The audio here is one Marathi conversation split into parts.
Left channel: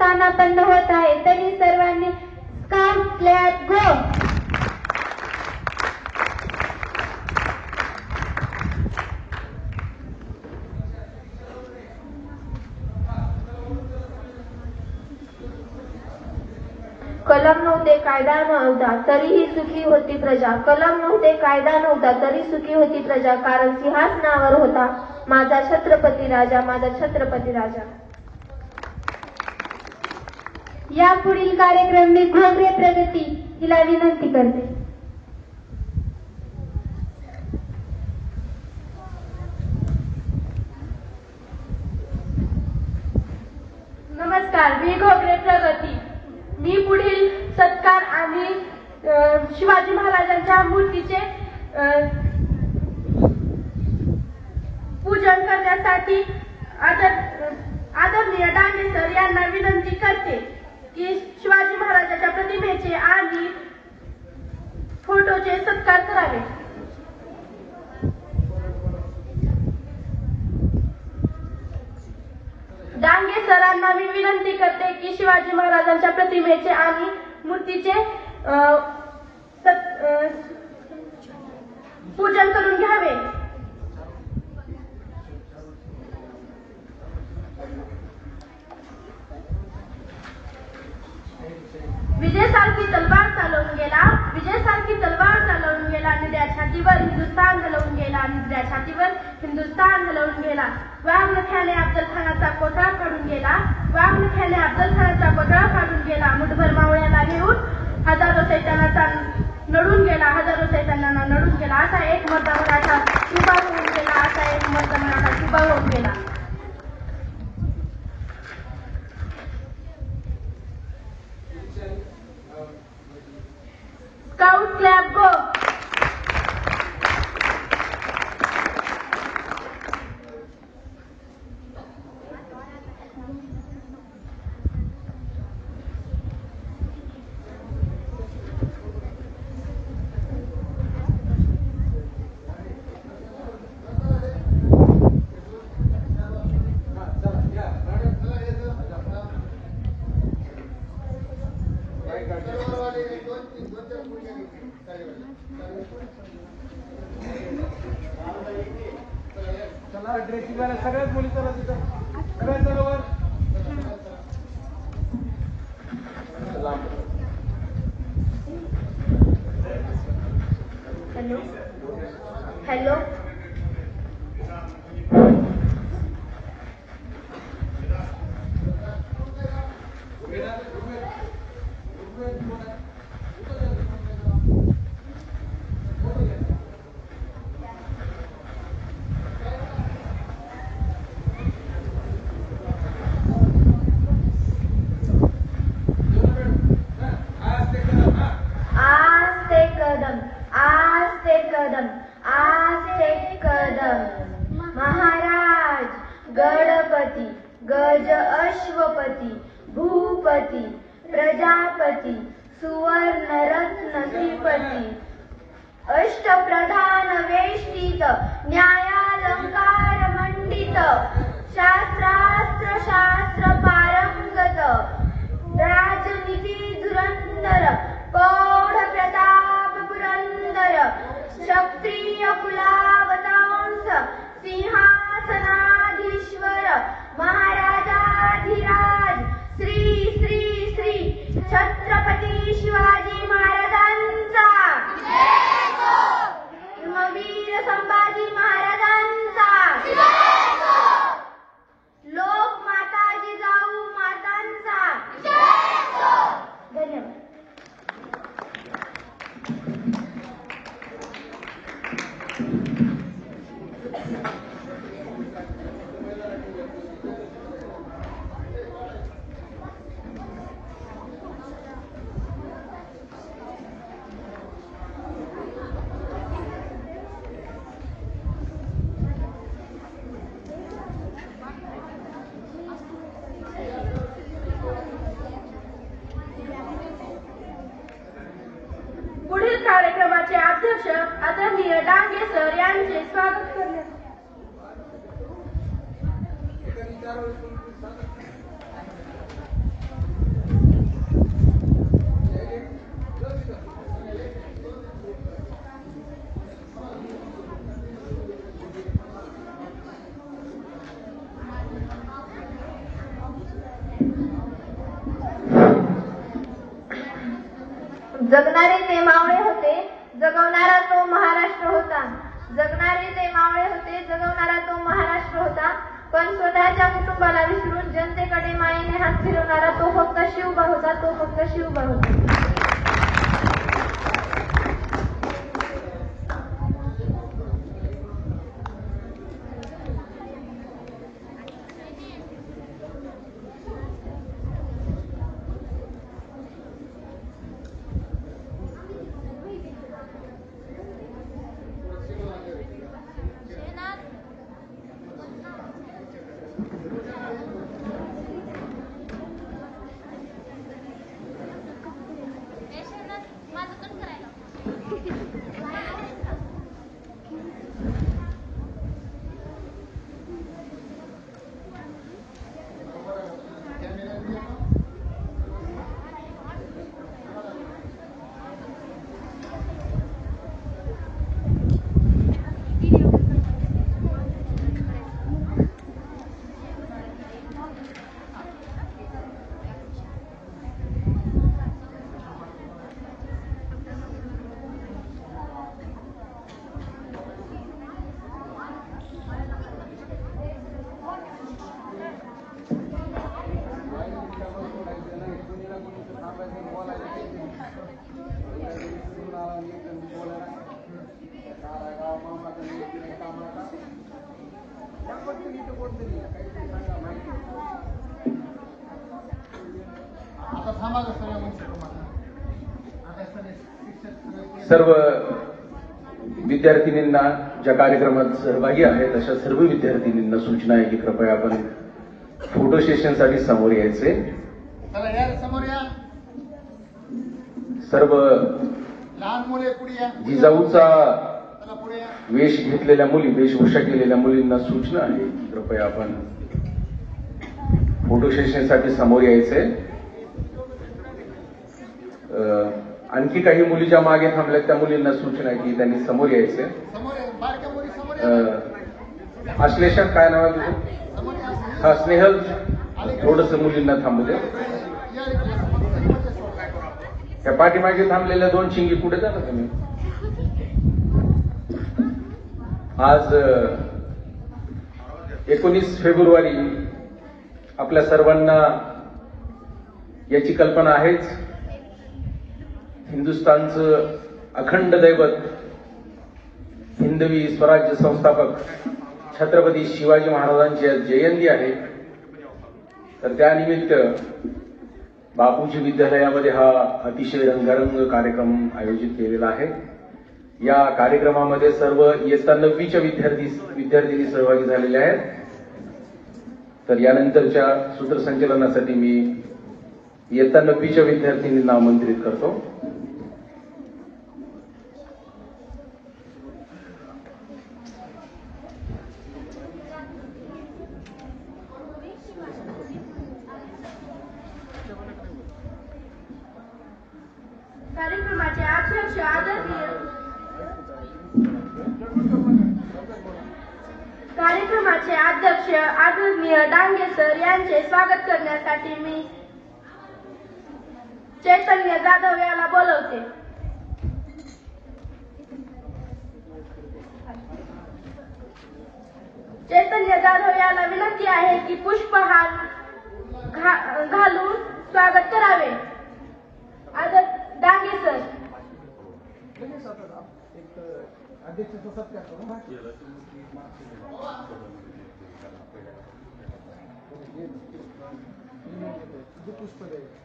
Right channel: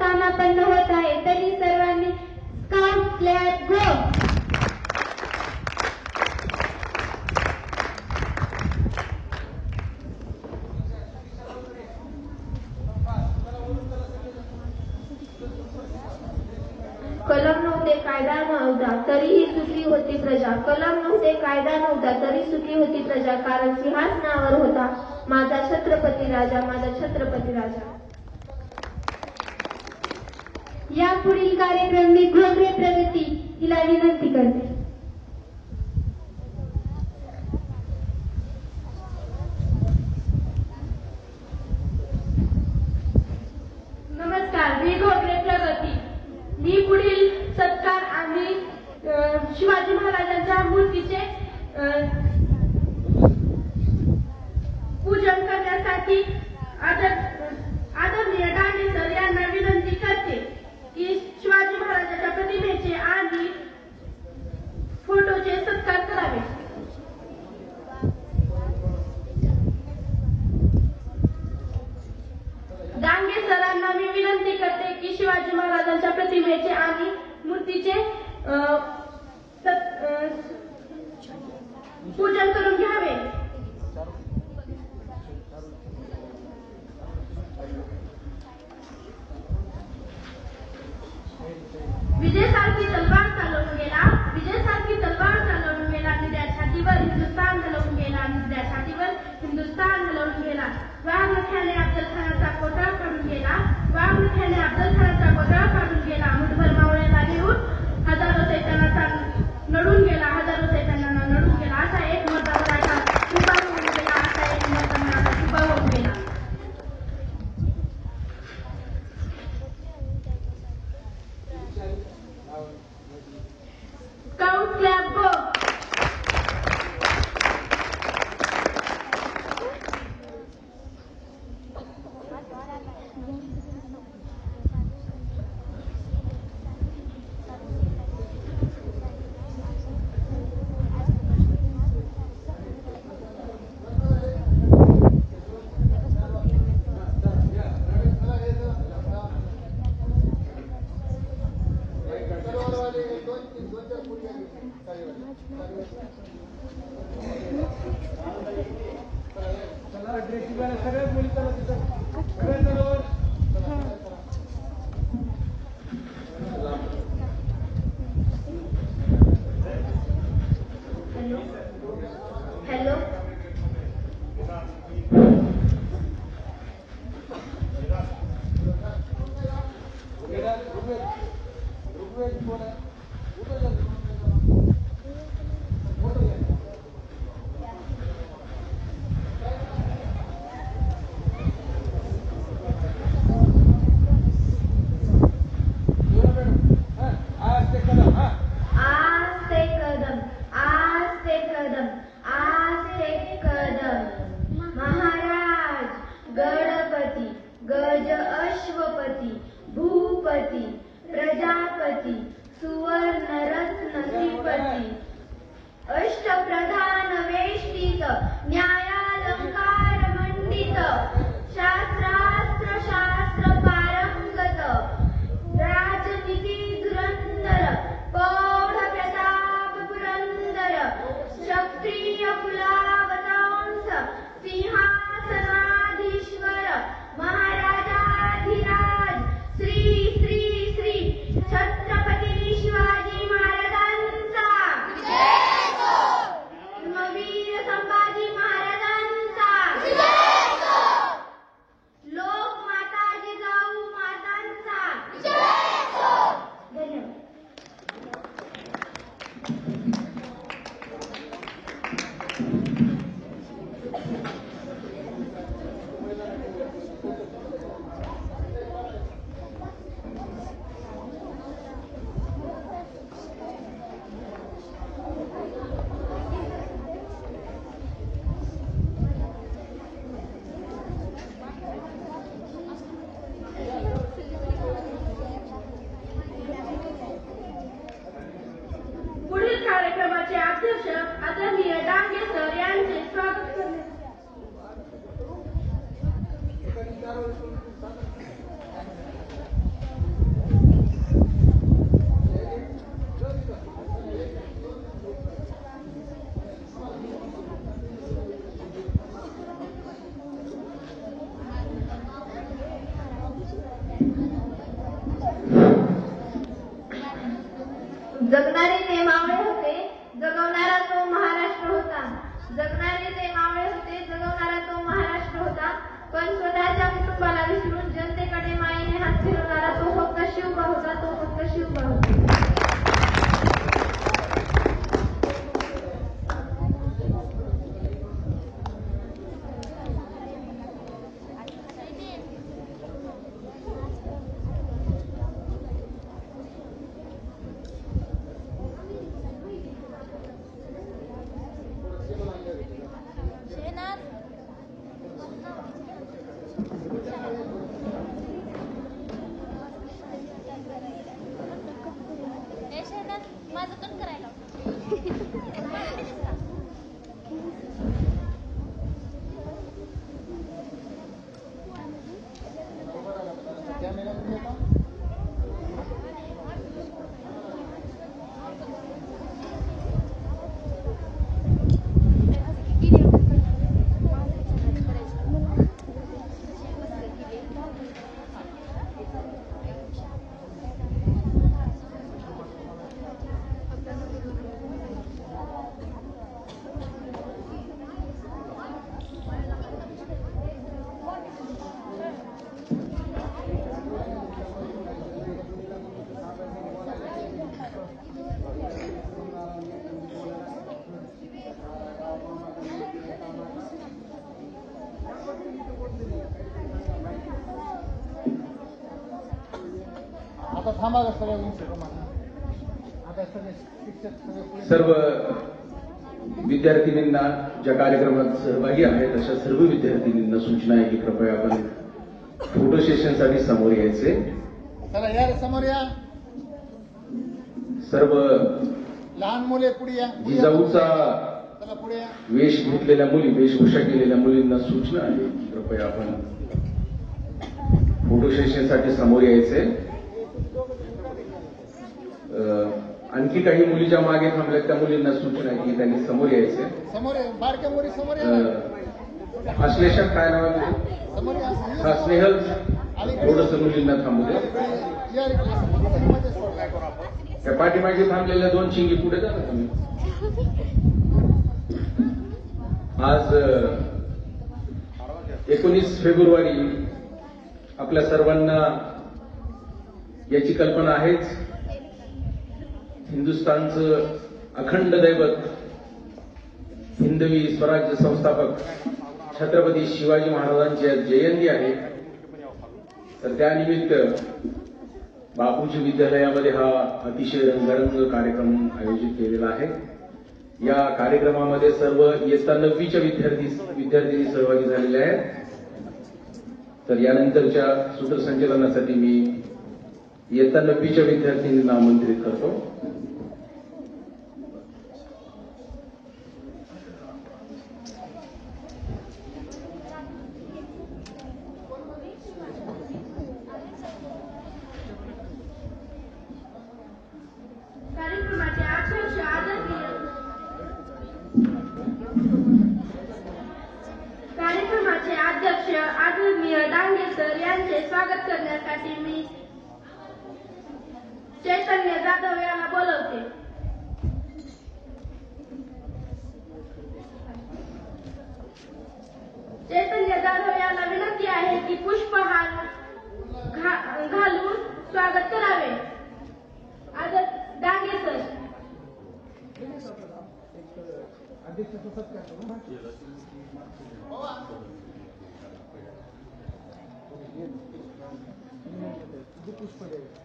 स्थानापन्न होत आहे, तरी सर्वांनी स्काउट लेट गो. कलम नव्हते कायदा नव्हता तरीही सुखी होती प्रजा. कलम नव्हते कायदा नव्हता तरी सुखी होती प्रजा. कारण सिंहासनावर होता माझा छत्रपती राजा, माझा छत्रपती राजा. यापुढील कार्यक्रम मी घोगरे प्रगती हिला विनंती करते. नमस्कार, मी घोगरे प्रगती. मी पुढील सत्कार आणि शिवाजी महाराजांच्या मूर्तीचे पूजन करण्यासाठी आदरणीय डांगे सर यांना विनंती करते की शिवाजी महाराजांच्या प्रतिमेचे आणि फोटोचे सत्कार करावे. डांगे सरांना मी विनंती करते की शिवाजी महाराजांच्या प्रतिमेचे आणि मूर्तीचे पूजन करून घ्यावे. विजयसारखी तलवार चालवून गेला, विजयसारखी तलवार चालवून गेला, निद्या छातीवर हिंदुस्थान हलवून गेला, निद्या छातीवर हिंदुस्थान हलवून गेला. वाघनख्याने अफजल खानाचा कोटा काढून गेला, वाघनख्याने अफजल खानाचा कोटा काढून गेला. मुठभर मावळ्याला घेऊन हजारो सैतानाचा नडून गेला, हजारो सैतानांना नडून गेला. असा एक मर्द मराठा उभा होऊन गेला, असा एक मर्द मराठा उभा होऊन गेला. स्काउट क्लॅप गो. चला ड्रेसिंग वाला सगळ्याच मुली चला तिथं सगळ्यात बरोबर. हॅलो महाराज गणपती गज अश्वपती भूपती प्रजापती सुवर्ण रत्न श्रीपती अष्टप्रधान वेष्टित न्यायालंकार मंडित शास्त्रास्त्र शास्त्र पारंगत राजनीती धुरंधर प्रौढ प्रताप पुरंदर क्षत्रिय कुलावतांस सिंहासनाधीश्वर महाराजाधिराज श्री श्री श्री छत्रपती शिवाजी महाराजांचा धर्मवीर संभाजी महाराजांचा लोकमाता जिजाऊ मातांचा धन्यवाद. कार्यक्रमाचे अध्यक्ष आदरणीय डांगे सर यांचे स्वागत करण्यात. जगणारे ते मावळे होते, जगवणारा तो महाराष्ट्र होता. जगणारे ते मावळे होते, जगवणारा तो महाराष्ट्र होता. पण स्वतःच्या कुटुंबाला विसरून जनतेकडे मायेने हात फिरवणारा तो फक्त शिवबा होता, तो फक्त शिवबा होता. सर्व विद्यार्थिनींना ज्या कार्यक्रमात सहभागी आहेत अशा सर्व विद्यार्थिनींना सूचना आहे की कृपया आपण फोटो सेशनसाठी समोर यायचे. सर्व लहान मुले पुढे या. जिजाऊचा वेश घेतलेल्या मुली, वेशभूषा केलेल्या मुलींना सूचना आहे की कृपया आपण फोटो सेशनसाठी समोर यायचे. आणखी काही मुली ज्या मागे थांबल्यात त्या मुलींना सूचना आहे की त्यांनी समोर यायचे. अश्लेषा काय नाव आहे तुझं? हा, स्नेहल, थोडस मुलींना थांबू दे. त्या पाठीमागे थांबलेल्या दोन चिंगी पुढे जा ना तुम्ही. आज 19 फेब्रुवारी आपल्या सर्वांना याची कल्पना आहेच. हिंदुस्थानचं अखंड दैवत, हिंदवी स्वराज्य संस्थापक छत्रपती शिवाजी महाराजांची आज जयंती आहे. तर त्यानिमित्त बापूजी विद्यालयामध्ये हा अतिशय रंगारंग कार्यक्रम आयोजित केलेला आहे. या कार्यक्रमामध्ये सर्व इयत्ता 9वीच्या विद्यार्थिनी सहभागी झालेल्या आहेत. तर यानंतरच्या सूत्रसंचलनासाठी मी इयत्ता 9वीच्या विद्यार्थिनींना आमंत्रित करतो. कार्यक्रमाचे अध्यक्ष आदरणीय डांगे सर यांचे स्वागत करण्यासाठी मी चैतन्य जाधव याला बोलवते. चैतन्य जाधव याला विनंती आहे की पुष्पहार घालून स्वागत करावे. डांगे सर. अध्यक्षाचा सत्कार करू. पुष्प द्यायचं.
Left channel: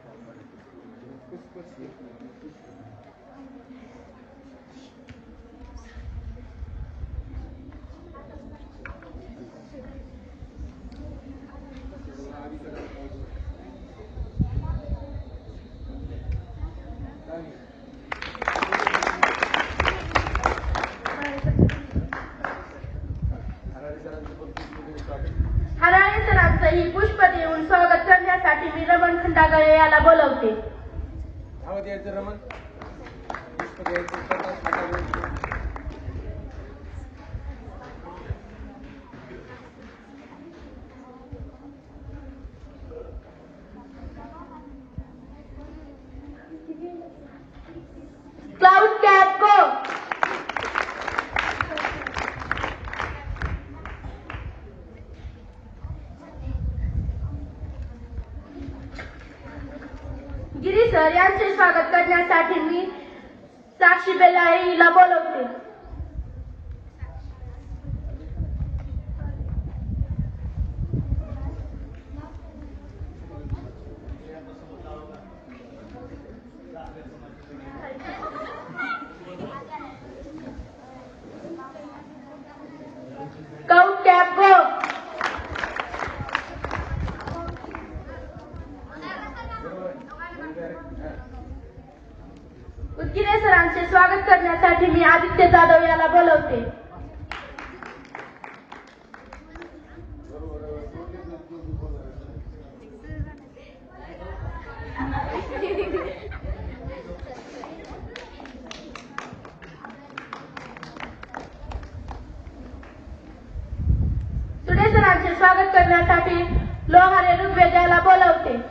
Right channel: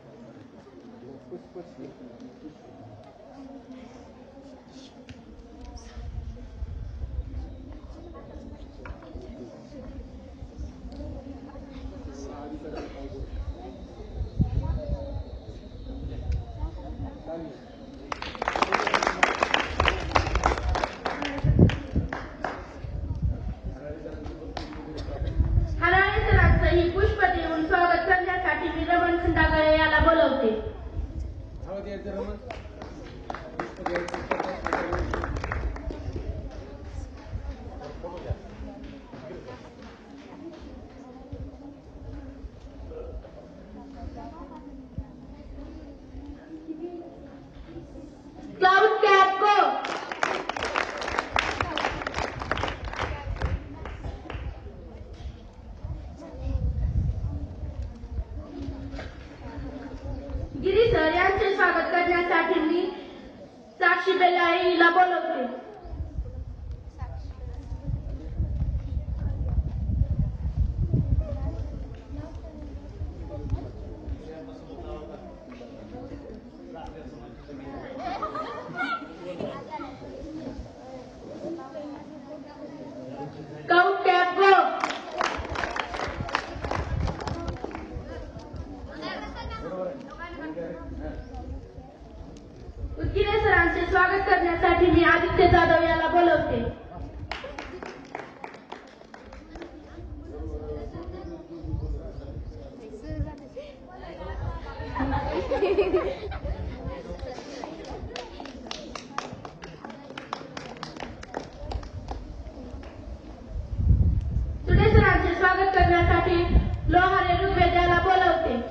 हराळे सरांचं ही पुष्प देऊन स्वागत करण्यासाठी मी रमण खंडागळे याला बोलवते. धाव द्यायचं रमण. पुष्प द्यायचं. सर यांचे स्वागत करण्यासाठी मी साक्षी बेलाळे हिला बोलवते. Count cap go. उदगीरे सरांचे स्वागत करण्यासाठी मी आदित्य जाधव याला बोलवते. सुडे सरांचे स्वागत करण्यासाठी लोहारे ऋग्वेद याला बोलवते.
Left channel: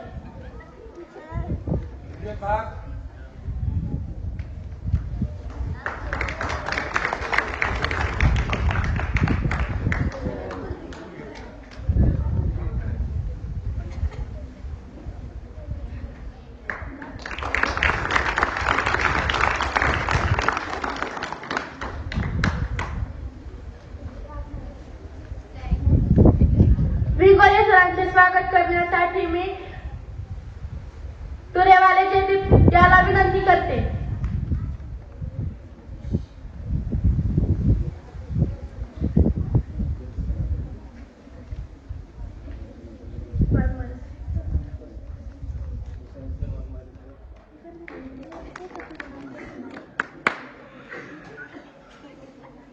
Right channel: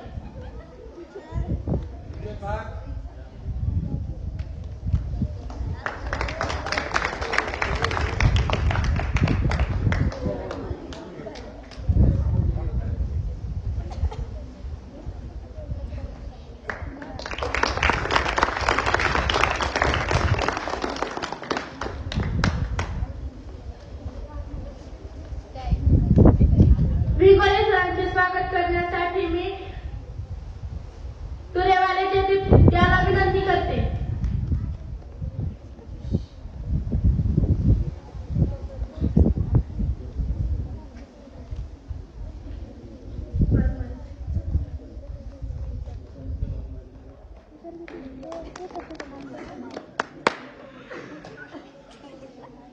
विंगोले सरांचे स्वागत करण्यासाठी मी तुरेवाले जयदीप याला विनंती करते.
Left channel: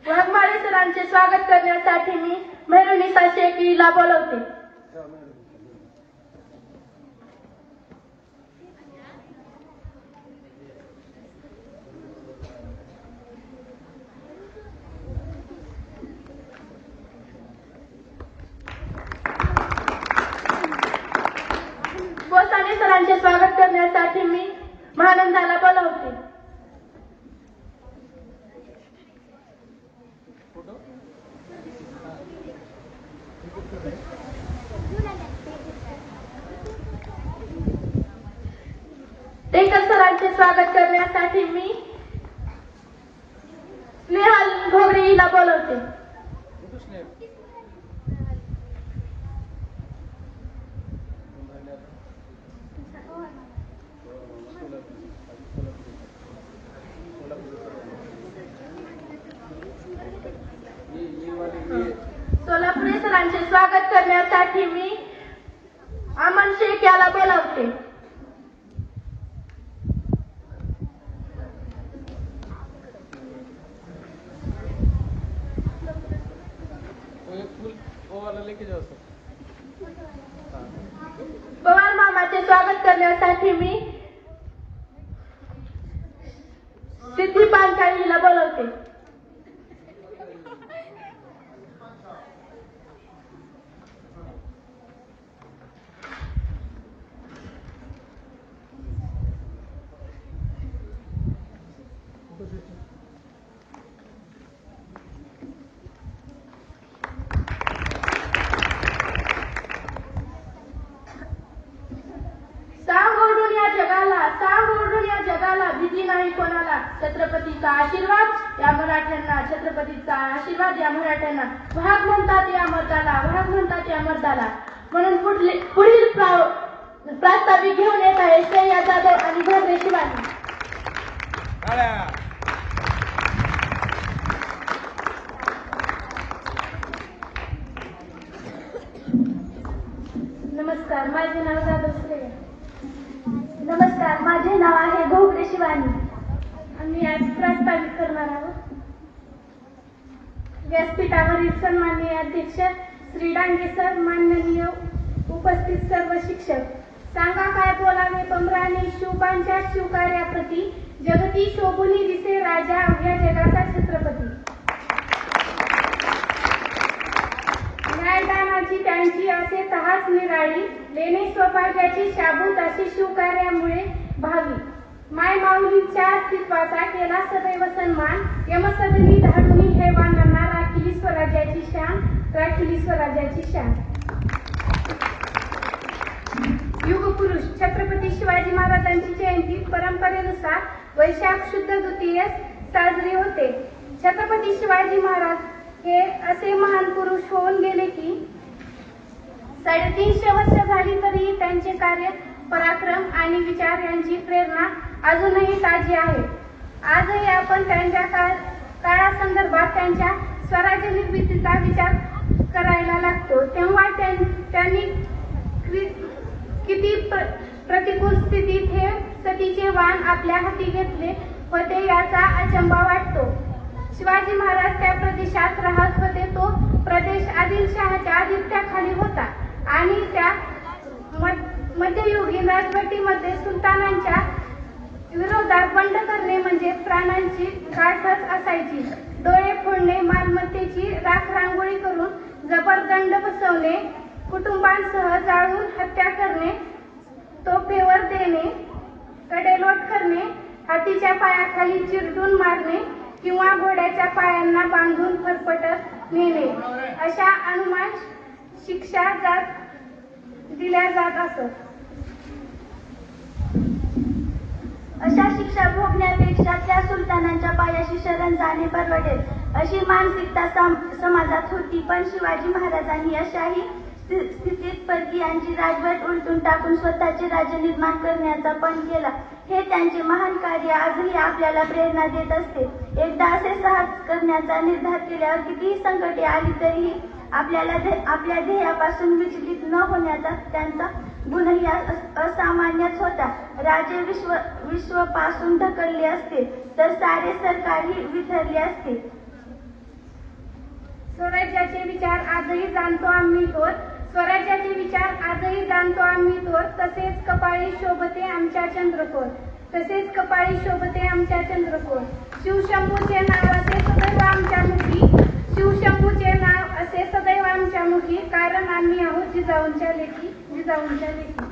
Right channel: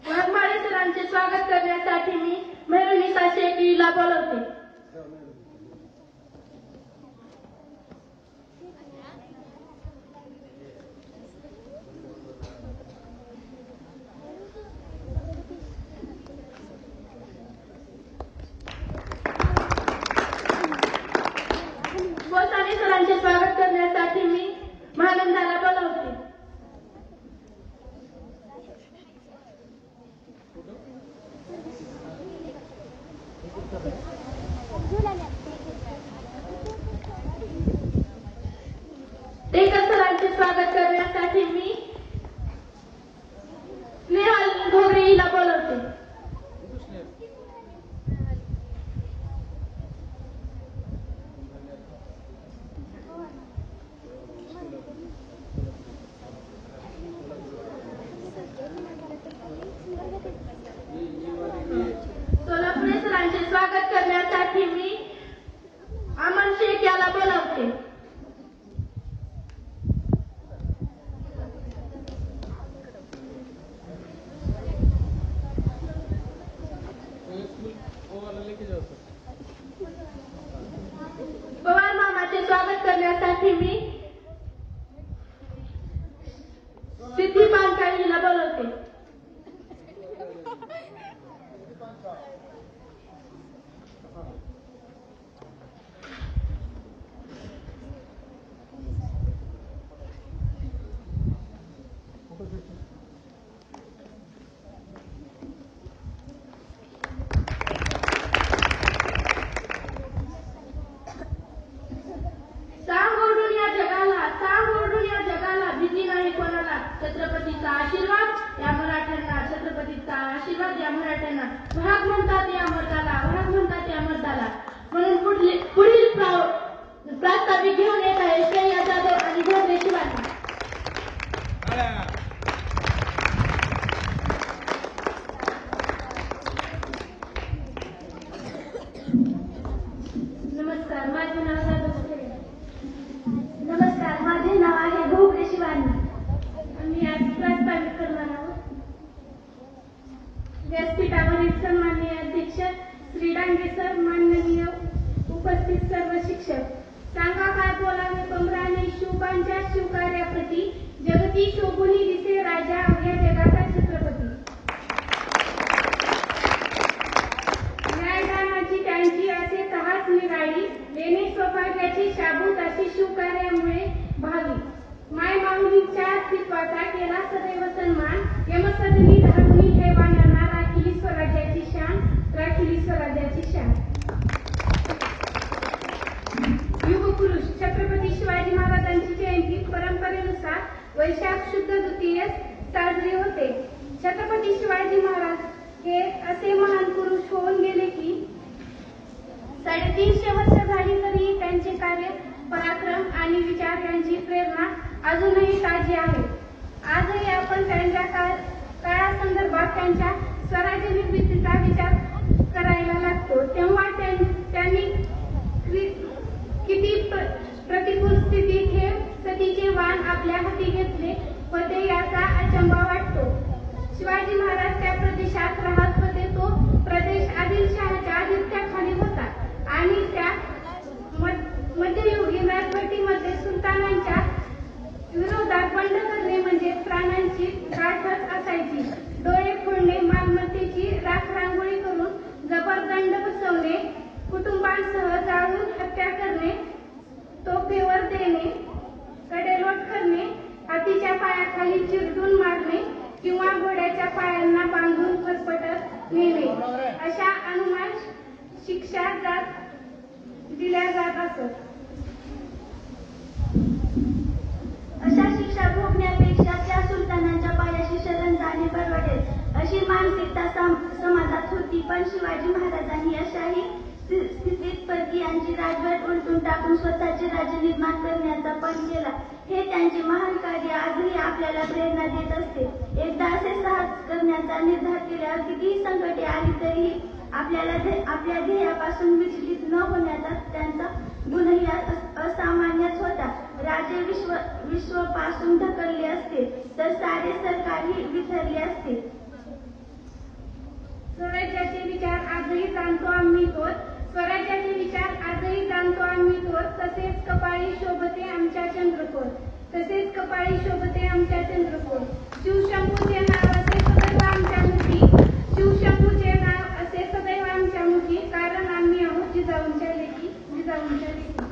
वाघमारे सरांचे स्वागत करण्यासाठी मी मेहरुनिसा शेख हिला बोलवते. बोसाने सरांचे स्वागत करण्यासाठी मी महानंदाला बोलवते. टेकर सरांचे स्वागत करण्यासाठी मी स्नेहल ढोबरे हिला बोलवते. सोलापुरे सरांचे स्वागत करण्यासाठी मी अमन शेख याला बोलवते. पवार मामाचे स्वागत करण्यासाठी मी सिद्धी पानकाळीला बोलवते. भीती नाही कोणाला, छत्रपतीचा आशीर्वाद या मराठ्यांना, छत्रपतीचा आशीर्वाद या मराठ्यांना. वाघ म्हणतात या मर्दाला, वाघ म्हणतात या मर्दाला. म्हणून पुढील प्रास्ताविक घेऊन येत आहे श्रेया जाधव आणि भोगरे शिवानी. नमस्कार, माझे नाव जाधव श्रेया. नमस्कार, माझे नाव आहे भोगरे शिवानी. आम्ही आज प्रास्ताविक करणार आहोत. व्यासपीठावरील सन्माननीय अध्यक्ष श्री डांगे सर, माननीय उपस्थित सर्व शिक्षक, सांगा काय बोलावे कमराने शिवबांच्या शिवकार्याप्रती, जगती शोभुनी दिसे राजा या जगाचा छत्रपती. न्यायदानाची त्यांची असे तहास निराळी, लेणे सौभाग्याची शाबूत अशी शिवकार्यामुळे भावी. माय माऊलीच्या अस्तित्वाचा केला सदैव सन्मान, यमसदनी धाडुनी हैवानांना राखिली स्वराज्याची शान, राखिली स्वराज्याची शान. युगपुरुष छत्रपती शिवाजी महाराजांची जयंती वैशाख शुद्ध द्वितीयेस साजरी होते. छत्रपती शिवाजी महाराज हे असे महान पुरुष होऊन गेले की 350 वर्ष झाली तरी त्यांचे कार्य, पराक्रम आणि विचार यांची प्रेरणा अजूनही ताजी आहे. आजही आपण त्यांच्या काळासंदर्भात त्यांच्या स्वराज्य निर्मितीचा विचार करायला लागतो. तेव्हा त्यांनी किती प्रतिकूल स्थितीत हे सतीचे वाण आपल्या हाती घेतले होते याचा अचंबा वाटतो. शिवाजी महाराज त्या प्रदेशात राहत होते. तो प्रदेश आदिलशहाच्या आधिपत्याखाली होता आणि त्या मध्ययुगीन राजवटीमध्ये सुलतानांच्या विरोधात बंड करणे म्हणजे प्राणांची गाठच असायची. डोळे फोडणे, मालमत्तेची राखरांगोळी करून जबरदंड बसवणे, कुटुंबांसह जाळून हत्या करणे, तोफेवर देणे, कडेलोट करणे, हातीच्या पायाखाली चिरडून मारणे किंवा घोड्याच्या पायांना बांधून फरफटत नेणे अशा अनुमान शिक्षा दिल्या जात असत. अशा शिक्षा भोगण्यापेक्षा त्या सुलतानांच्या पायाशी शरण जाणे परवडेल अशी मानसिकता समाजात होती. पण शिवाजी महाराजांनी अशाही स्थितीत परकीयांची राजवट उलटून टाकून स्वतःचे राज्य निर्माण करण्याचा पण केला. हे त्यांचे महान कार्य आजही आपल्याला प्रेरणा देत असते. एकदा असे साहस करण्याचा निर्धार केल्यावर कितीही संकटे आली तरीही आपल्या ध्येयापासून विचलित न होण्याचा त्यांचा गुणही असामान्यच होता. राजे विश्वापासून ढकलले असते तर सारे सरकारही विसरले असते. स्वराज्याचे विचार आजही जाणतो आम्ही तोच, स्वराज्याचे विचार आजही जाणतो आम्ही तोच. तसेच कपाळी शोभते आमच्या चंद्रकोर, तसेच कपाळी शोभते आमच्या चंद्रकोर. शिवशंभूचे नाव असे सदैव आमच्या मुखी, शिवशंभूचे नाव असे सदैव आमच्या मुखी, कारण आम्ही आहोत जिजाऊंच्या लेकी, जिजाऊंच्या लेकी.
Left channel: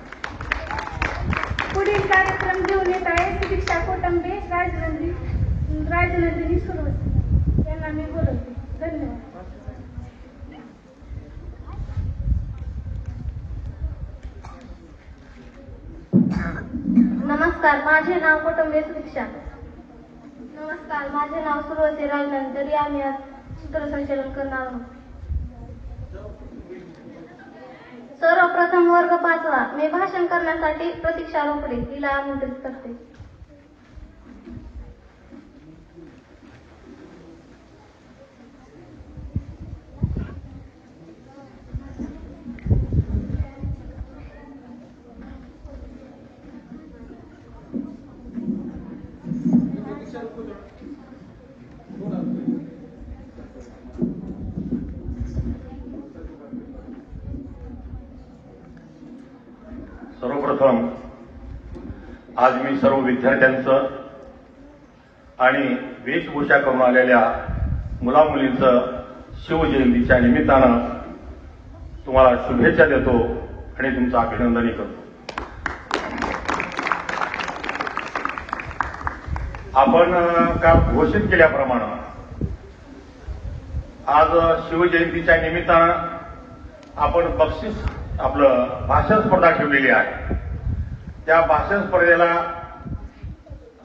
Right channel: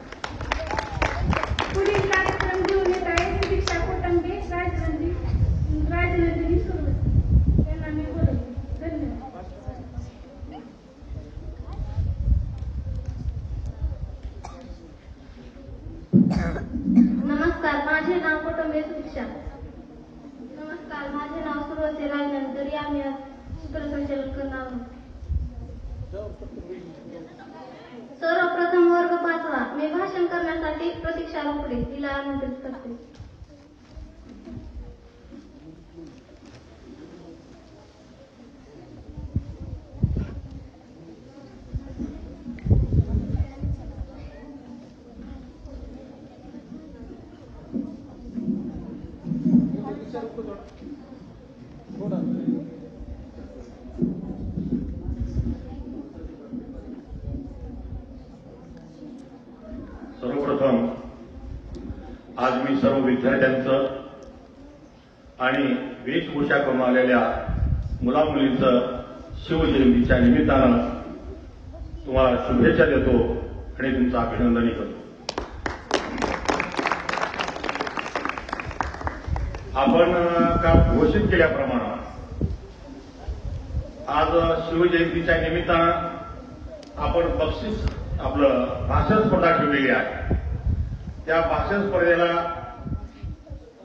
पुढील कार्यक्रम घेऊन येत आहे सुदीक्षा कोटंबे, राजनंदिनी सुरवसे यांना मी बोलवते. धन्यवाद. नमस्कार, माझे नाव कोटंबे सुदीक्षा. नमस्कार, माझे नाव सुरवसे राजनंदिनी. तरी आम्ही आज सूत्रसंचालन करणार आहोत. सर्वप्रथम वर्ग 5वा मी भाषण करण्यासाठी प्रतीक्षा रोकडे तिला आमंत्रित करते. सर्वप्रथम आज मी सर्व विद्यार्थ्यांचं आणि वेशभूषा करून आलेल्या मुलामुलींचं शिवजयंतीच्या निमित्तानं तुम्हाला शुभेच्छा देतो आणि तुमचं अभिनंदनही करतो. आपण काल घोषित केल्याप्रमाणे आज शिवजयंतीच्या निमित्तानं आपण बक्षीस आपलं भाषण स्पर्धा ठेवलेली आहे. त्या भाषण स्पर्धेला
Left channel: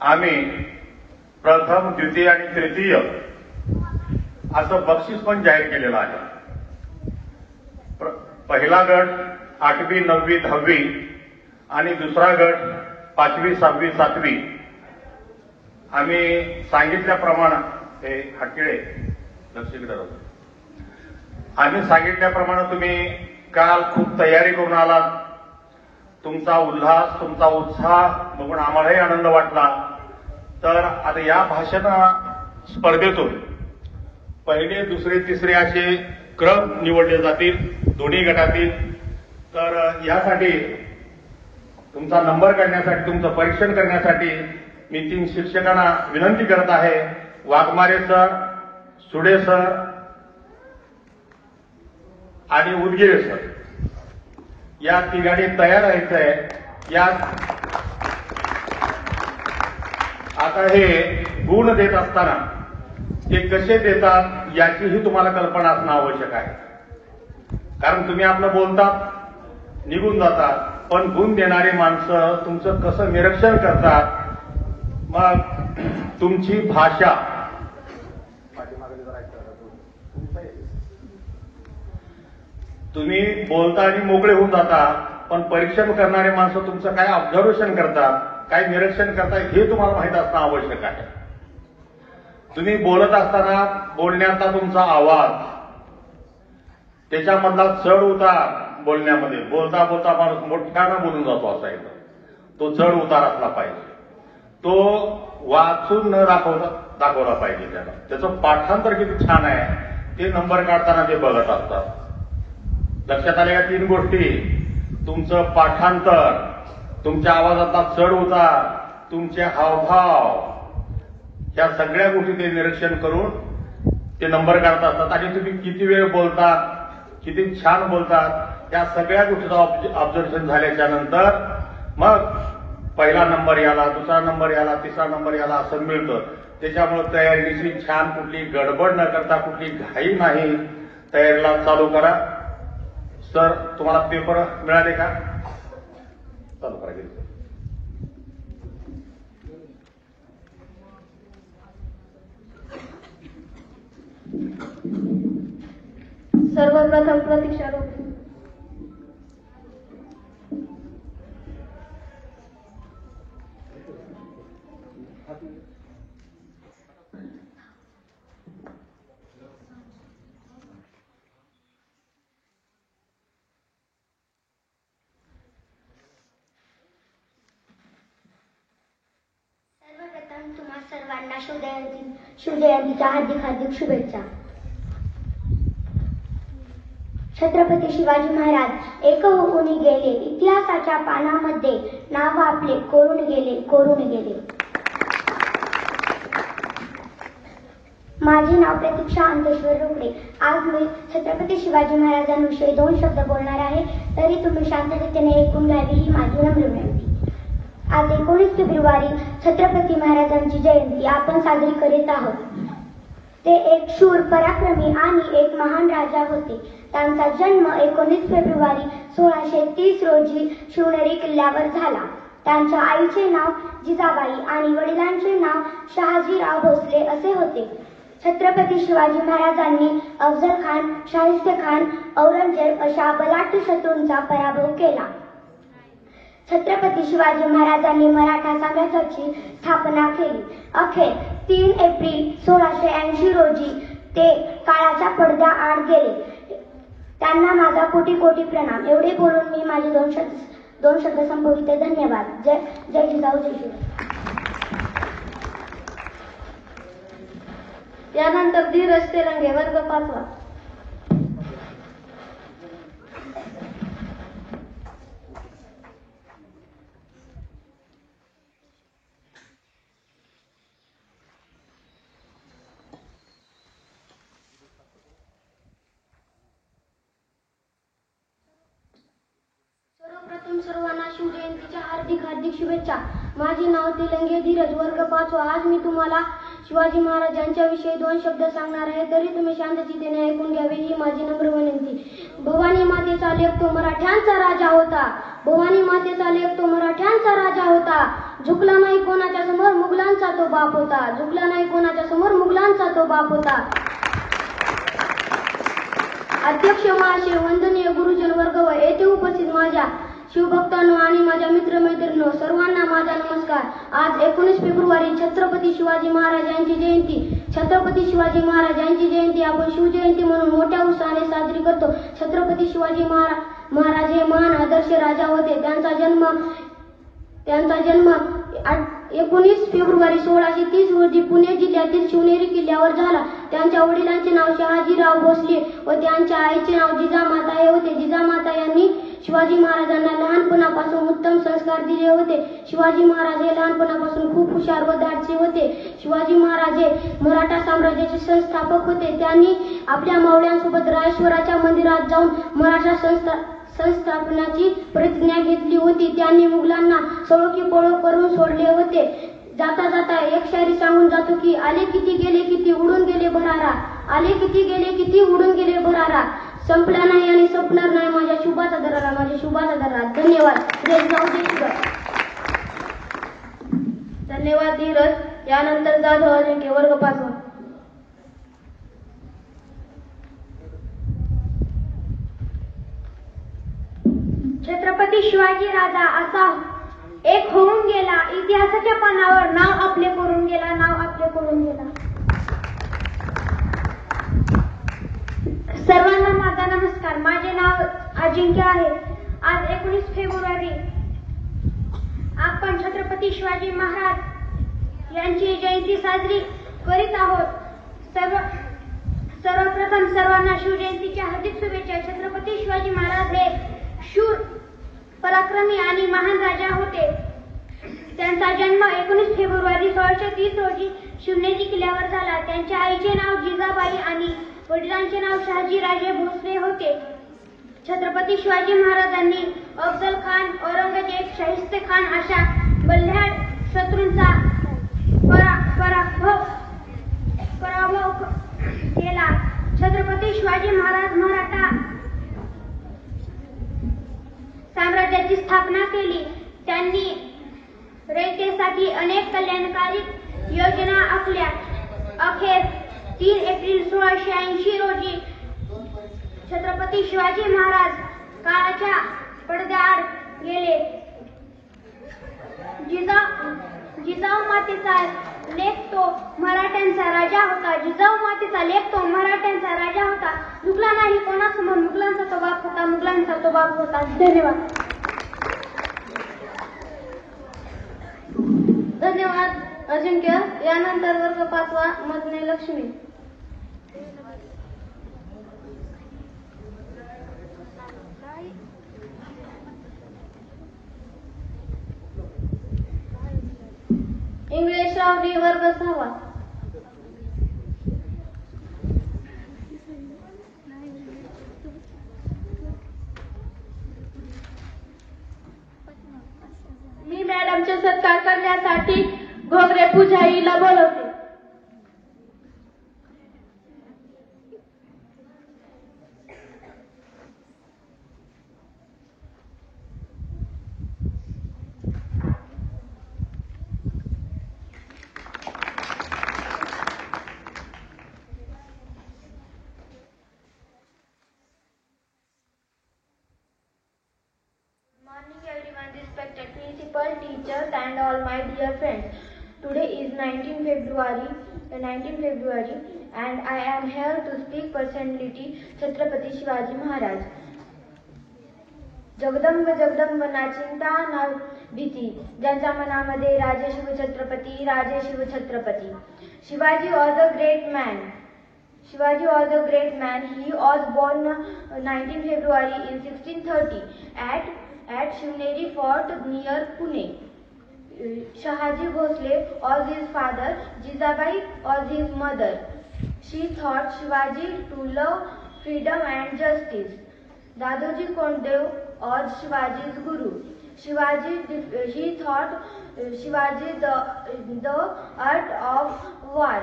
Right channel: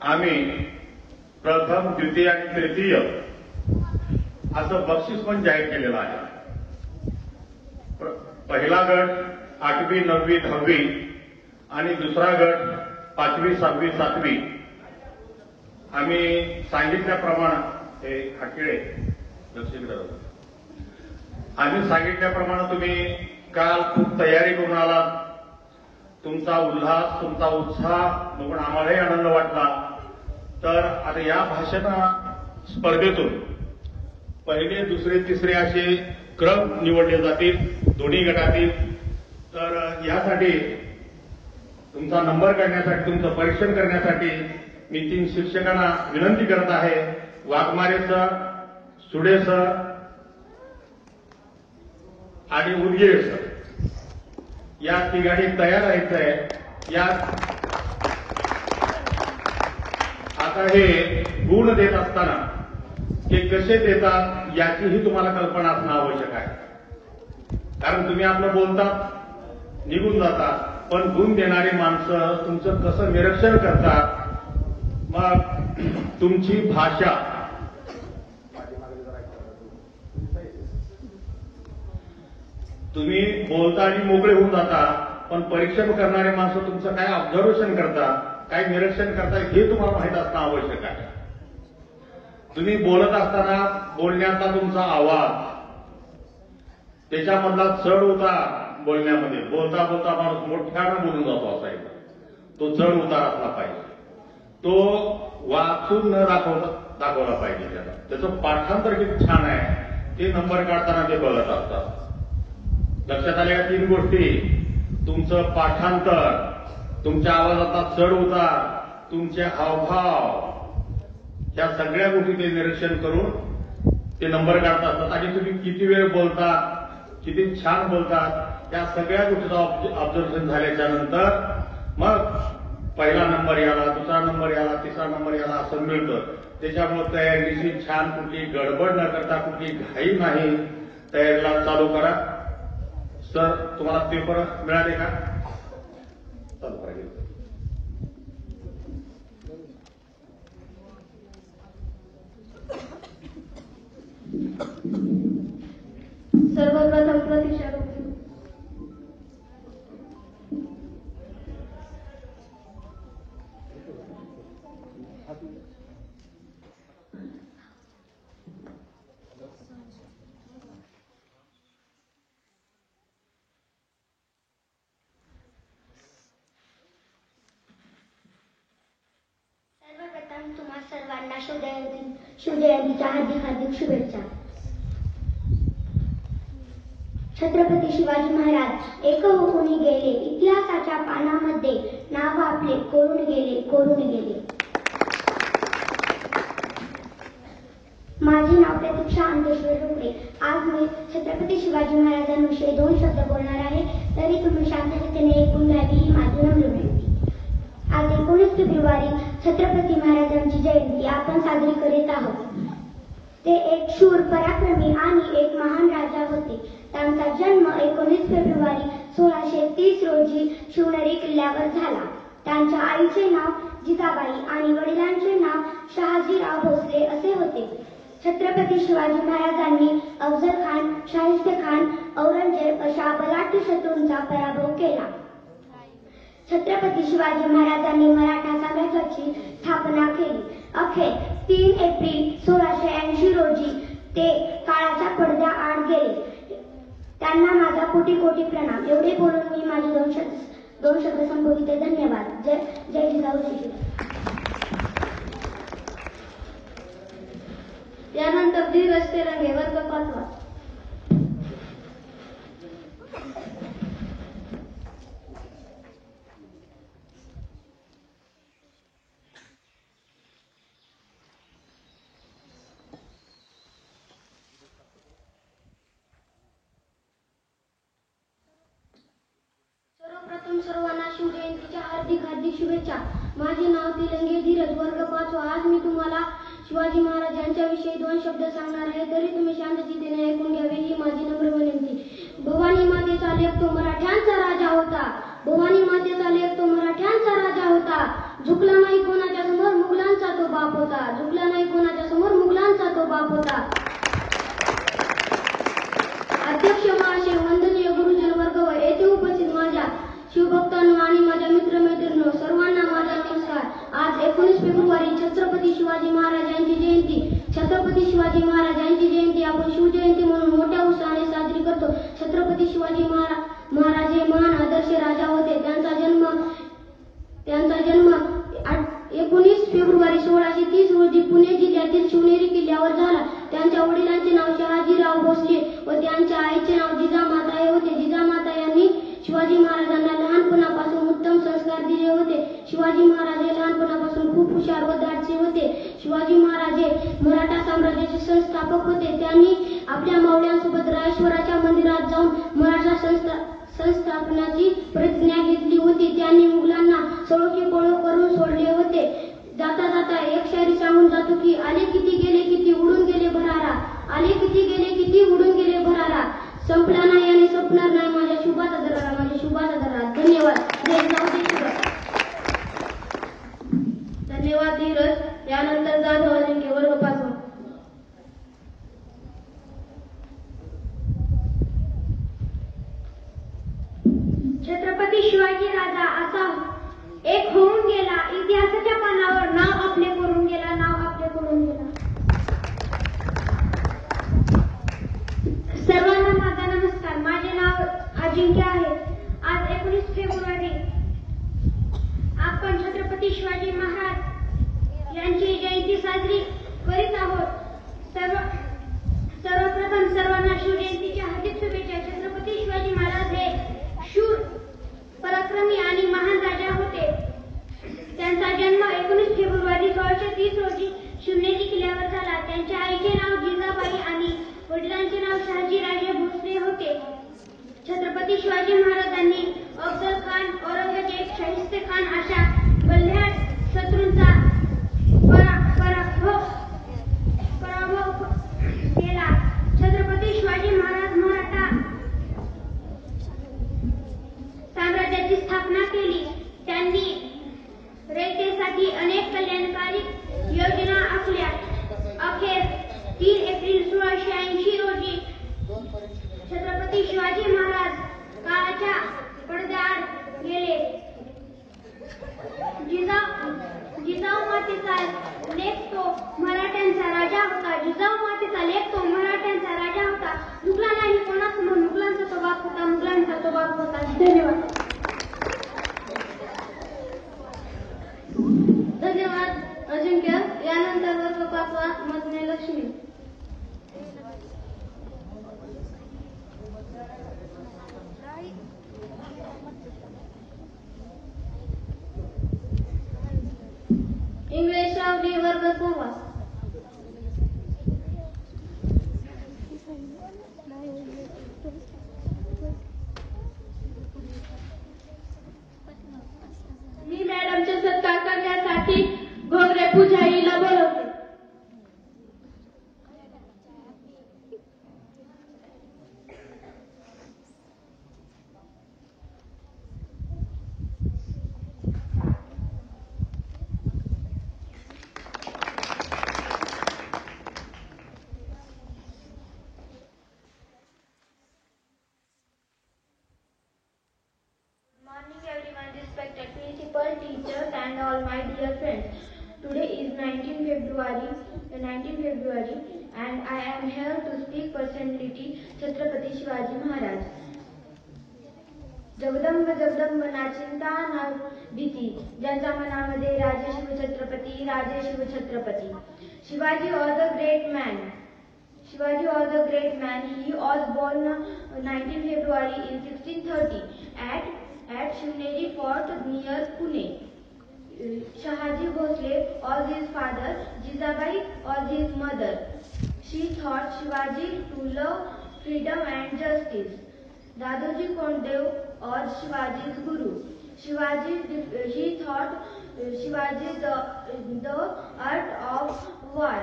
आम्ही प्रथम, द्वितीय आणि तृतीय असं बक्षीस पण जाहीर केलेलं आहे. पहिला गट 8वी, 9वी, 10वी आणि दुसरा गट 5वी, 6वी, 7वी. आम्ही सांगितल्याप्रमाणे हे हटकिळे लक्षिकडे होतं. आम्ही सांगितल्याप्रमाणे तुम्ही काल खूप तयारी करून आलात. तुमचा उल्हास, तुमचा उत्साह बघून आम्हालाही आनंद वाटला. तर आता या भाषण स्पर्धेतून पहिले, दुसरे, तिसरे असे क्रम निवडले जातील दोन्ही गटातील. तर यासाठी तुमचा नंबर करण्यासाठी, तुमचं परीक्षण करण्यासाठी मी 3 शिक्षकांना विनंती करत आहे. वाघमारे सर, सुडे सर आणि उदगीरे सर या तिघांनी तयार राहायचंय. आता हे गुण देत असताना ते कसे देतात याचीही तुम्हाला कल्पना असणं आवश्यक आहे. कारण तुम्ही आपलं बोलतात, निघून जातात, पण गुण देणारी माणसं तुमचं कसं निरीक्षण करतात, मग तुमची भाषा, तुम्ही बोलता आणि मोकळे होऊन जाता, पण परीक्षण करणारे माणसं तुमचं काय ऑब्झर्वेशन करतात, काय निरीक्षण करतात हे तुम्हाला माहित असणं आवश्यक आहे. तुम्ही बोलत असताना बोलण्याचा तुमचा आवाज, त्याच्यामधला चढ उतार बोलण्यामध्ये, बोलता बोलता माणूस मोठ्यानं बोलून जातो असायचा, तो चढ उतार असला पाहिजे. तो वाचून न दाखवला पाहिजे त्याला. त्याचं पाठांतर किती छान आहे ते नंबर काढताना ते बघत असतात. लक्षात आल्या या 3 गोष्टी, तुमचं पाठांतर, तुमच्या आवाजातला चढ उतार, तुमचे हावभाव, या सगळ्या गोष्टी ते निरीक्षण करून ते नंबर काढत असतात. आणि तुम्ही किती वेळ बोलतात, किती छान बोलतात, त्या सगळ्या गोष्टीचं ऑब्झर्वेशन झाल्याच्या नंतर मग पहिला नंबर याला, दुसरा नंबर याला, तिसरा नंबर याला असं मिळतं. त्याच्यामुळे तयारीची छान, कुठली गडबड न करता, कुठली घाई नाही, तयारीला चालू करा. सर तुम्हाला पेपर मिळाले का? चालू पाहिजे. सर्वप्रथम प्रतीक्षा करतो. सर्वप्रथम तुम्हा सर्वांना शिवजयंतीच्या हार्दिक शुभेच्छा. छत्रपती शिवाजी महाराज एक होऊन गेले, इतिहासाच्या पानामध्ये नाव आपले कोरून गेले. माझे नाव प्रतीक्षा अंतेश्वर रुपडे. आज मी छत्रपती शिवाजी महाराजांविषयी 2 शब्द बोलणार आहे, तरी तुम्ही शांततेने ऐकून घ्यावी ही माझी नम्र विनंती. आज 19 फेब्रुवारी छत्रपती महाराजांची जयंती आपण साजरी करीत आहोत. ते एक शूर, पराक्रमी आणि एक महान राजा होते. त्यांचा जन्म 19 फेब्रुवारी 1630 रोजी शिवनेरी किल्ल्यावर झाला. त्यांच्या आईचे नाव जिजाबाई आणि वडिलांचे नाव शहाजीराव भोसले असे होते. छत्रपती शिवाजी महाराजांनी अफजल खान, शाहिस्ते खान, औरंगजेब अशा बलाढ्य शत्रूंचा पराभव केला. छत्रपती शिवाजी महाराजांनी मराठा साम्राज्याची स्थापना केली. अखेर 3 एप्रिल 1680 रोजी ते काळाच्या पडद्याआड गेले. त्यांना माझा कोटी प्रणाम. एवढे बोलून मी माझे 2 शब्द संबोधिते. धन्यवाद. जय जिजाऊ, जय शिवराय. यानंतर धीरज तेलंगे, वर्ग 5. सर्वप्रथम सर्वांना शिवजयंतीच्या हार्दिक शुभेच्छा. माझे नाव तेलंगे धीरज, वर्ग 5. आज मी तुम्हाला शिवाजी महाराजांच्या विषयी 2 शब्द सांगणार आहे, तरी तुम्ही शांततेने ऐकून घ्यावे ही माझी नम्र विनंती. भवानी मातेचा लेक तो मराठ्यांचा राजा होता. भवानी मातेचा लेक तो मराठ्यांचा राजा होता. झुकला नाही कोणाच्या समोर, मुघलांचा तो बाप होता. झुकला नाही कोणाच्या समोर, मुघलांचा तो बाप होता. अध्यक्ष महाशय, वंदनीय गुरुजन वर्ग व येथे उपस्थित माझ्या शिवभक्तांनो आणि माझ्या मित्रमैत्रिणींनो, सर्वांना माझा नमस्कार. आज 19 फेब्रुवारी छत्रपती शिवाजी महाराज यांची जयंती. छत्रपती शिवाजी महाराज यांची जयंती आपण शिवजयंती म्हणून मोठ्या उत्साहाने साजरी करतो. छत्रपती शिवाजी महाराज हे महान आदर्श राजा होते. त्यांचा जन्म 19 फेब्रुवारी 1630 रोजी पुणे जिल्ह्यातील शिवनेरी किल्ल्यावर झाला. त्यांच्या वडिलांचे नाव शहाजीराव भोसले व त्यांच्या आईचे नाव जिजामाता हे होते. जिजामाता यांनी शिवाजी महाराजांना लहानपणापासून उत्तम संस्कार दिले होते. शिवाजी महाराज हे लहानपणापासून खूप हुशार व धाडसी होते. शिवाजी महाराज हे मराठा साम्राज्याचे संस्थापक होते. त्यांनी आपल्या मावळ्यांसोबत रायश्वराच्या मंदिरात जाऊन मराठा संस्थापनाची प्रतिज्ञा घेतली होती. त्यांनी मुघलांना सळोखीपळो करून सोडले होते. जाता जाता एक शायरी सांगून जातो की आले किती गेले किती उडून गेले भरारा. आले किती गेले किती उडून गेले भरारा. संपला नाही आणि संपणार नाही माझ्या शुभाचा दरारा, माझ्या शुभाचा दरारा. धन्यवाद. धन्यवाद धीरज. यानंतर जाधव अजिंक्य वर्ग 5. छत्रपती शिवाजी राजा असा एक होऊन गेला, इतिहासाच्या पानावर नाव आपले करून गेला, नाव आपले करून गेला. सर्वांना माझा नमस्कार. माझे नाव अजिंक्य आहे. आज 19 फेब्रुवारी आपण छत्रपती शिवाजी महाराज यांची जयंती साजरी करीत आहोत. सर्वप्रथम सर्वांना शिवजयंतीच्या हार्दिक शुभेच्छा. छत्रपती शिवाजी महाराज हे शूर, पराक्रमी आणि महान राजा होते. त्यांचा जन्म 19 फेब्रुवारी 1630 रोजी शिवनेरी किल्ल्यावर झाला. त्यांच्या आईचे नाव जिजाबाई आणि वडिलांचे नाव शहाजीराजे भोसले होते. छत्रपती शिवाजी महाराजांनी अफजल खान, औरंगजेब, शाहिस्ते खान अशा बल्ह्याड शत्रूंचा पराभव केला. छत्रपती शिवाजी महाराज मराठा साम्राज्याची स्थापना केली. त्यांनी रयतेसाठी अनेक कल्याणकारी योजना आखल्या. अखेर 3 एप्रिल 1680 रोजी छत्रपती शिवाजी महाराज काळाच्या पडद्याआड गेले. जिजाऊ मातेचा लेक तो मराठ्यांचा राजा होता. जिजाऊ मातेचा लेक तो मराठ्यांचा राजा होता. मुघला नाही कोणासमोर, मुघलांचा तो बाप होता, मुघलांचा तो बाप होता. धन्यवाद. धन्यवाद अजिंक्य. यानंतर वर्ग 5 मधने लक्ष्मी. इंग्लिश रावली वर्ग 6. मी मॅडमचे सत्कार करण्यासाठी Ghogre पुजारीला बोलवते. Respected principal, teachers and all my dear friends. Today is 19 February and I am here to speak personality Chhatrapati Shivaji Maharaj. Jagdamb Jagdamb नाचिंता ना भीती, ज्यांच्या मनामध्ये राजे शिव छत्रपती, राजे Shiv Chhatrapati. Shivaji was a great man. Shivaji was a great man. He was born 19 February in 1630 at Shivneri Fort near Pune. Shahaji Bhosle was his father. Jizabai was his mother. She taught Shivaji to love freedom and justice. Dadoji Kondev was Shivaji's guru. He taught Shivaji the art of war.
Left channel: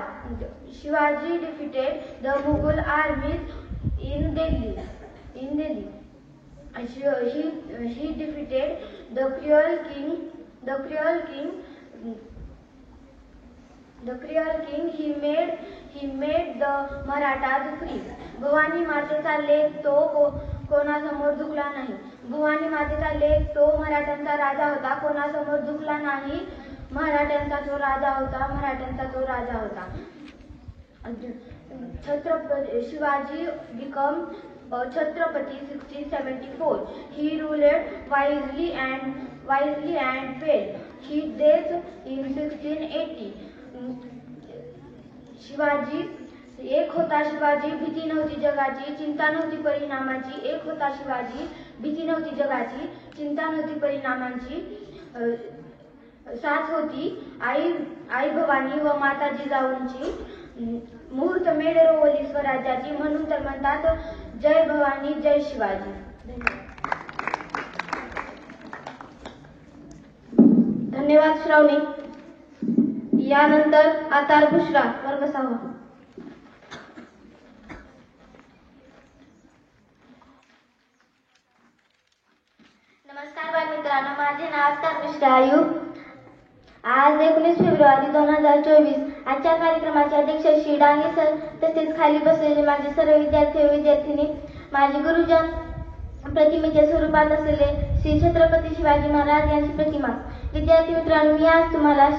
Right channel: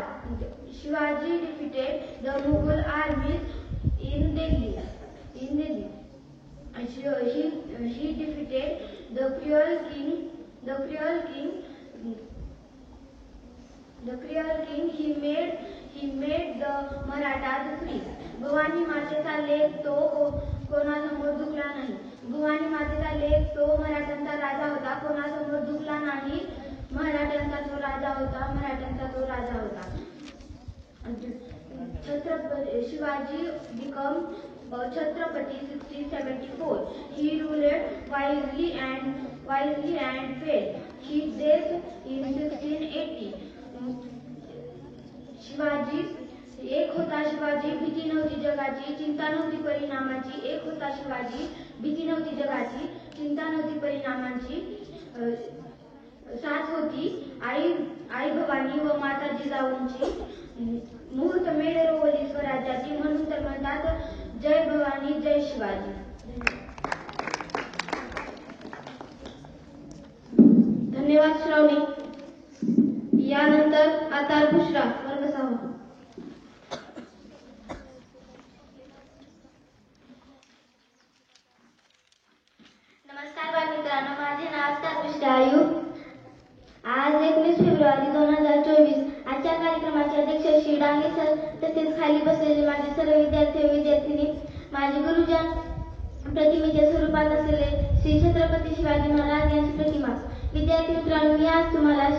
Shivaji defeated the Mughal armies in Delhi. He defeated the cruel king. He made the Marathas free. Bhavani मातेचा लेख तो कोणासमोर झुकला नाही. भवानी मातेचा लेख तो मराठ्यांचा राजा होता. कोणासमोर झुकला नाही. मराठ्यांचा तो राजा होता. Chhatrapati Shivaji became Chhatrapati 1674. He ruled wisely and fair. His death in 1680. Shivaji एक होता. शिवाजी भीती नव्हती जगाची, चिंता नव्हती परिणामाची. एक होता शिवाजी, भीती नव्हती जगाची, चिंता नव्हती परिणामांची. साथ होती आई भवानी व माता जिजाऊंची. मुहूर्त मेढ रोवली स्वराज्याची, म्हणून तर म्हणतात जय भवानी जय शिवाजी. धन्यवाद श्रावणी. यानंतर आतार बुशरा वर्ग 6. नमस्कार बालमित्रांनो, माझे नाव आतार बुशरा आयुब. आज 19 फेब्रुवारी फेब्रुवारी 2024. आजच्या कार्यक्रमाचे अध्यक्ष श्री डांगे सर तसेच खाली बसलेले माझे सर्व विद्यार्थी व विद्यार्थिनी, माझे गुरुजन, प्रतिमेच्या स्वरूपात असलेले श्री छत्रपती शिवाजी महाराज यांची प्रतिमा. विद्यार्थी मित्रांनो, मी आज तुम्हाला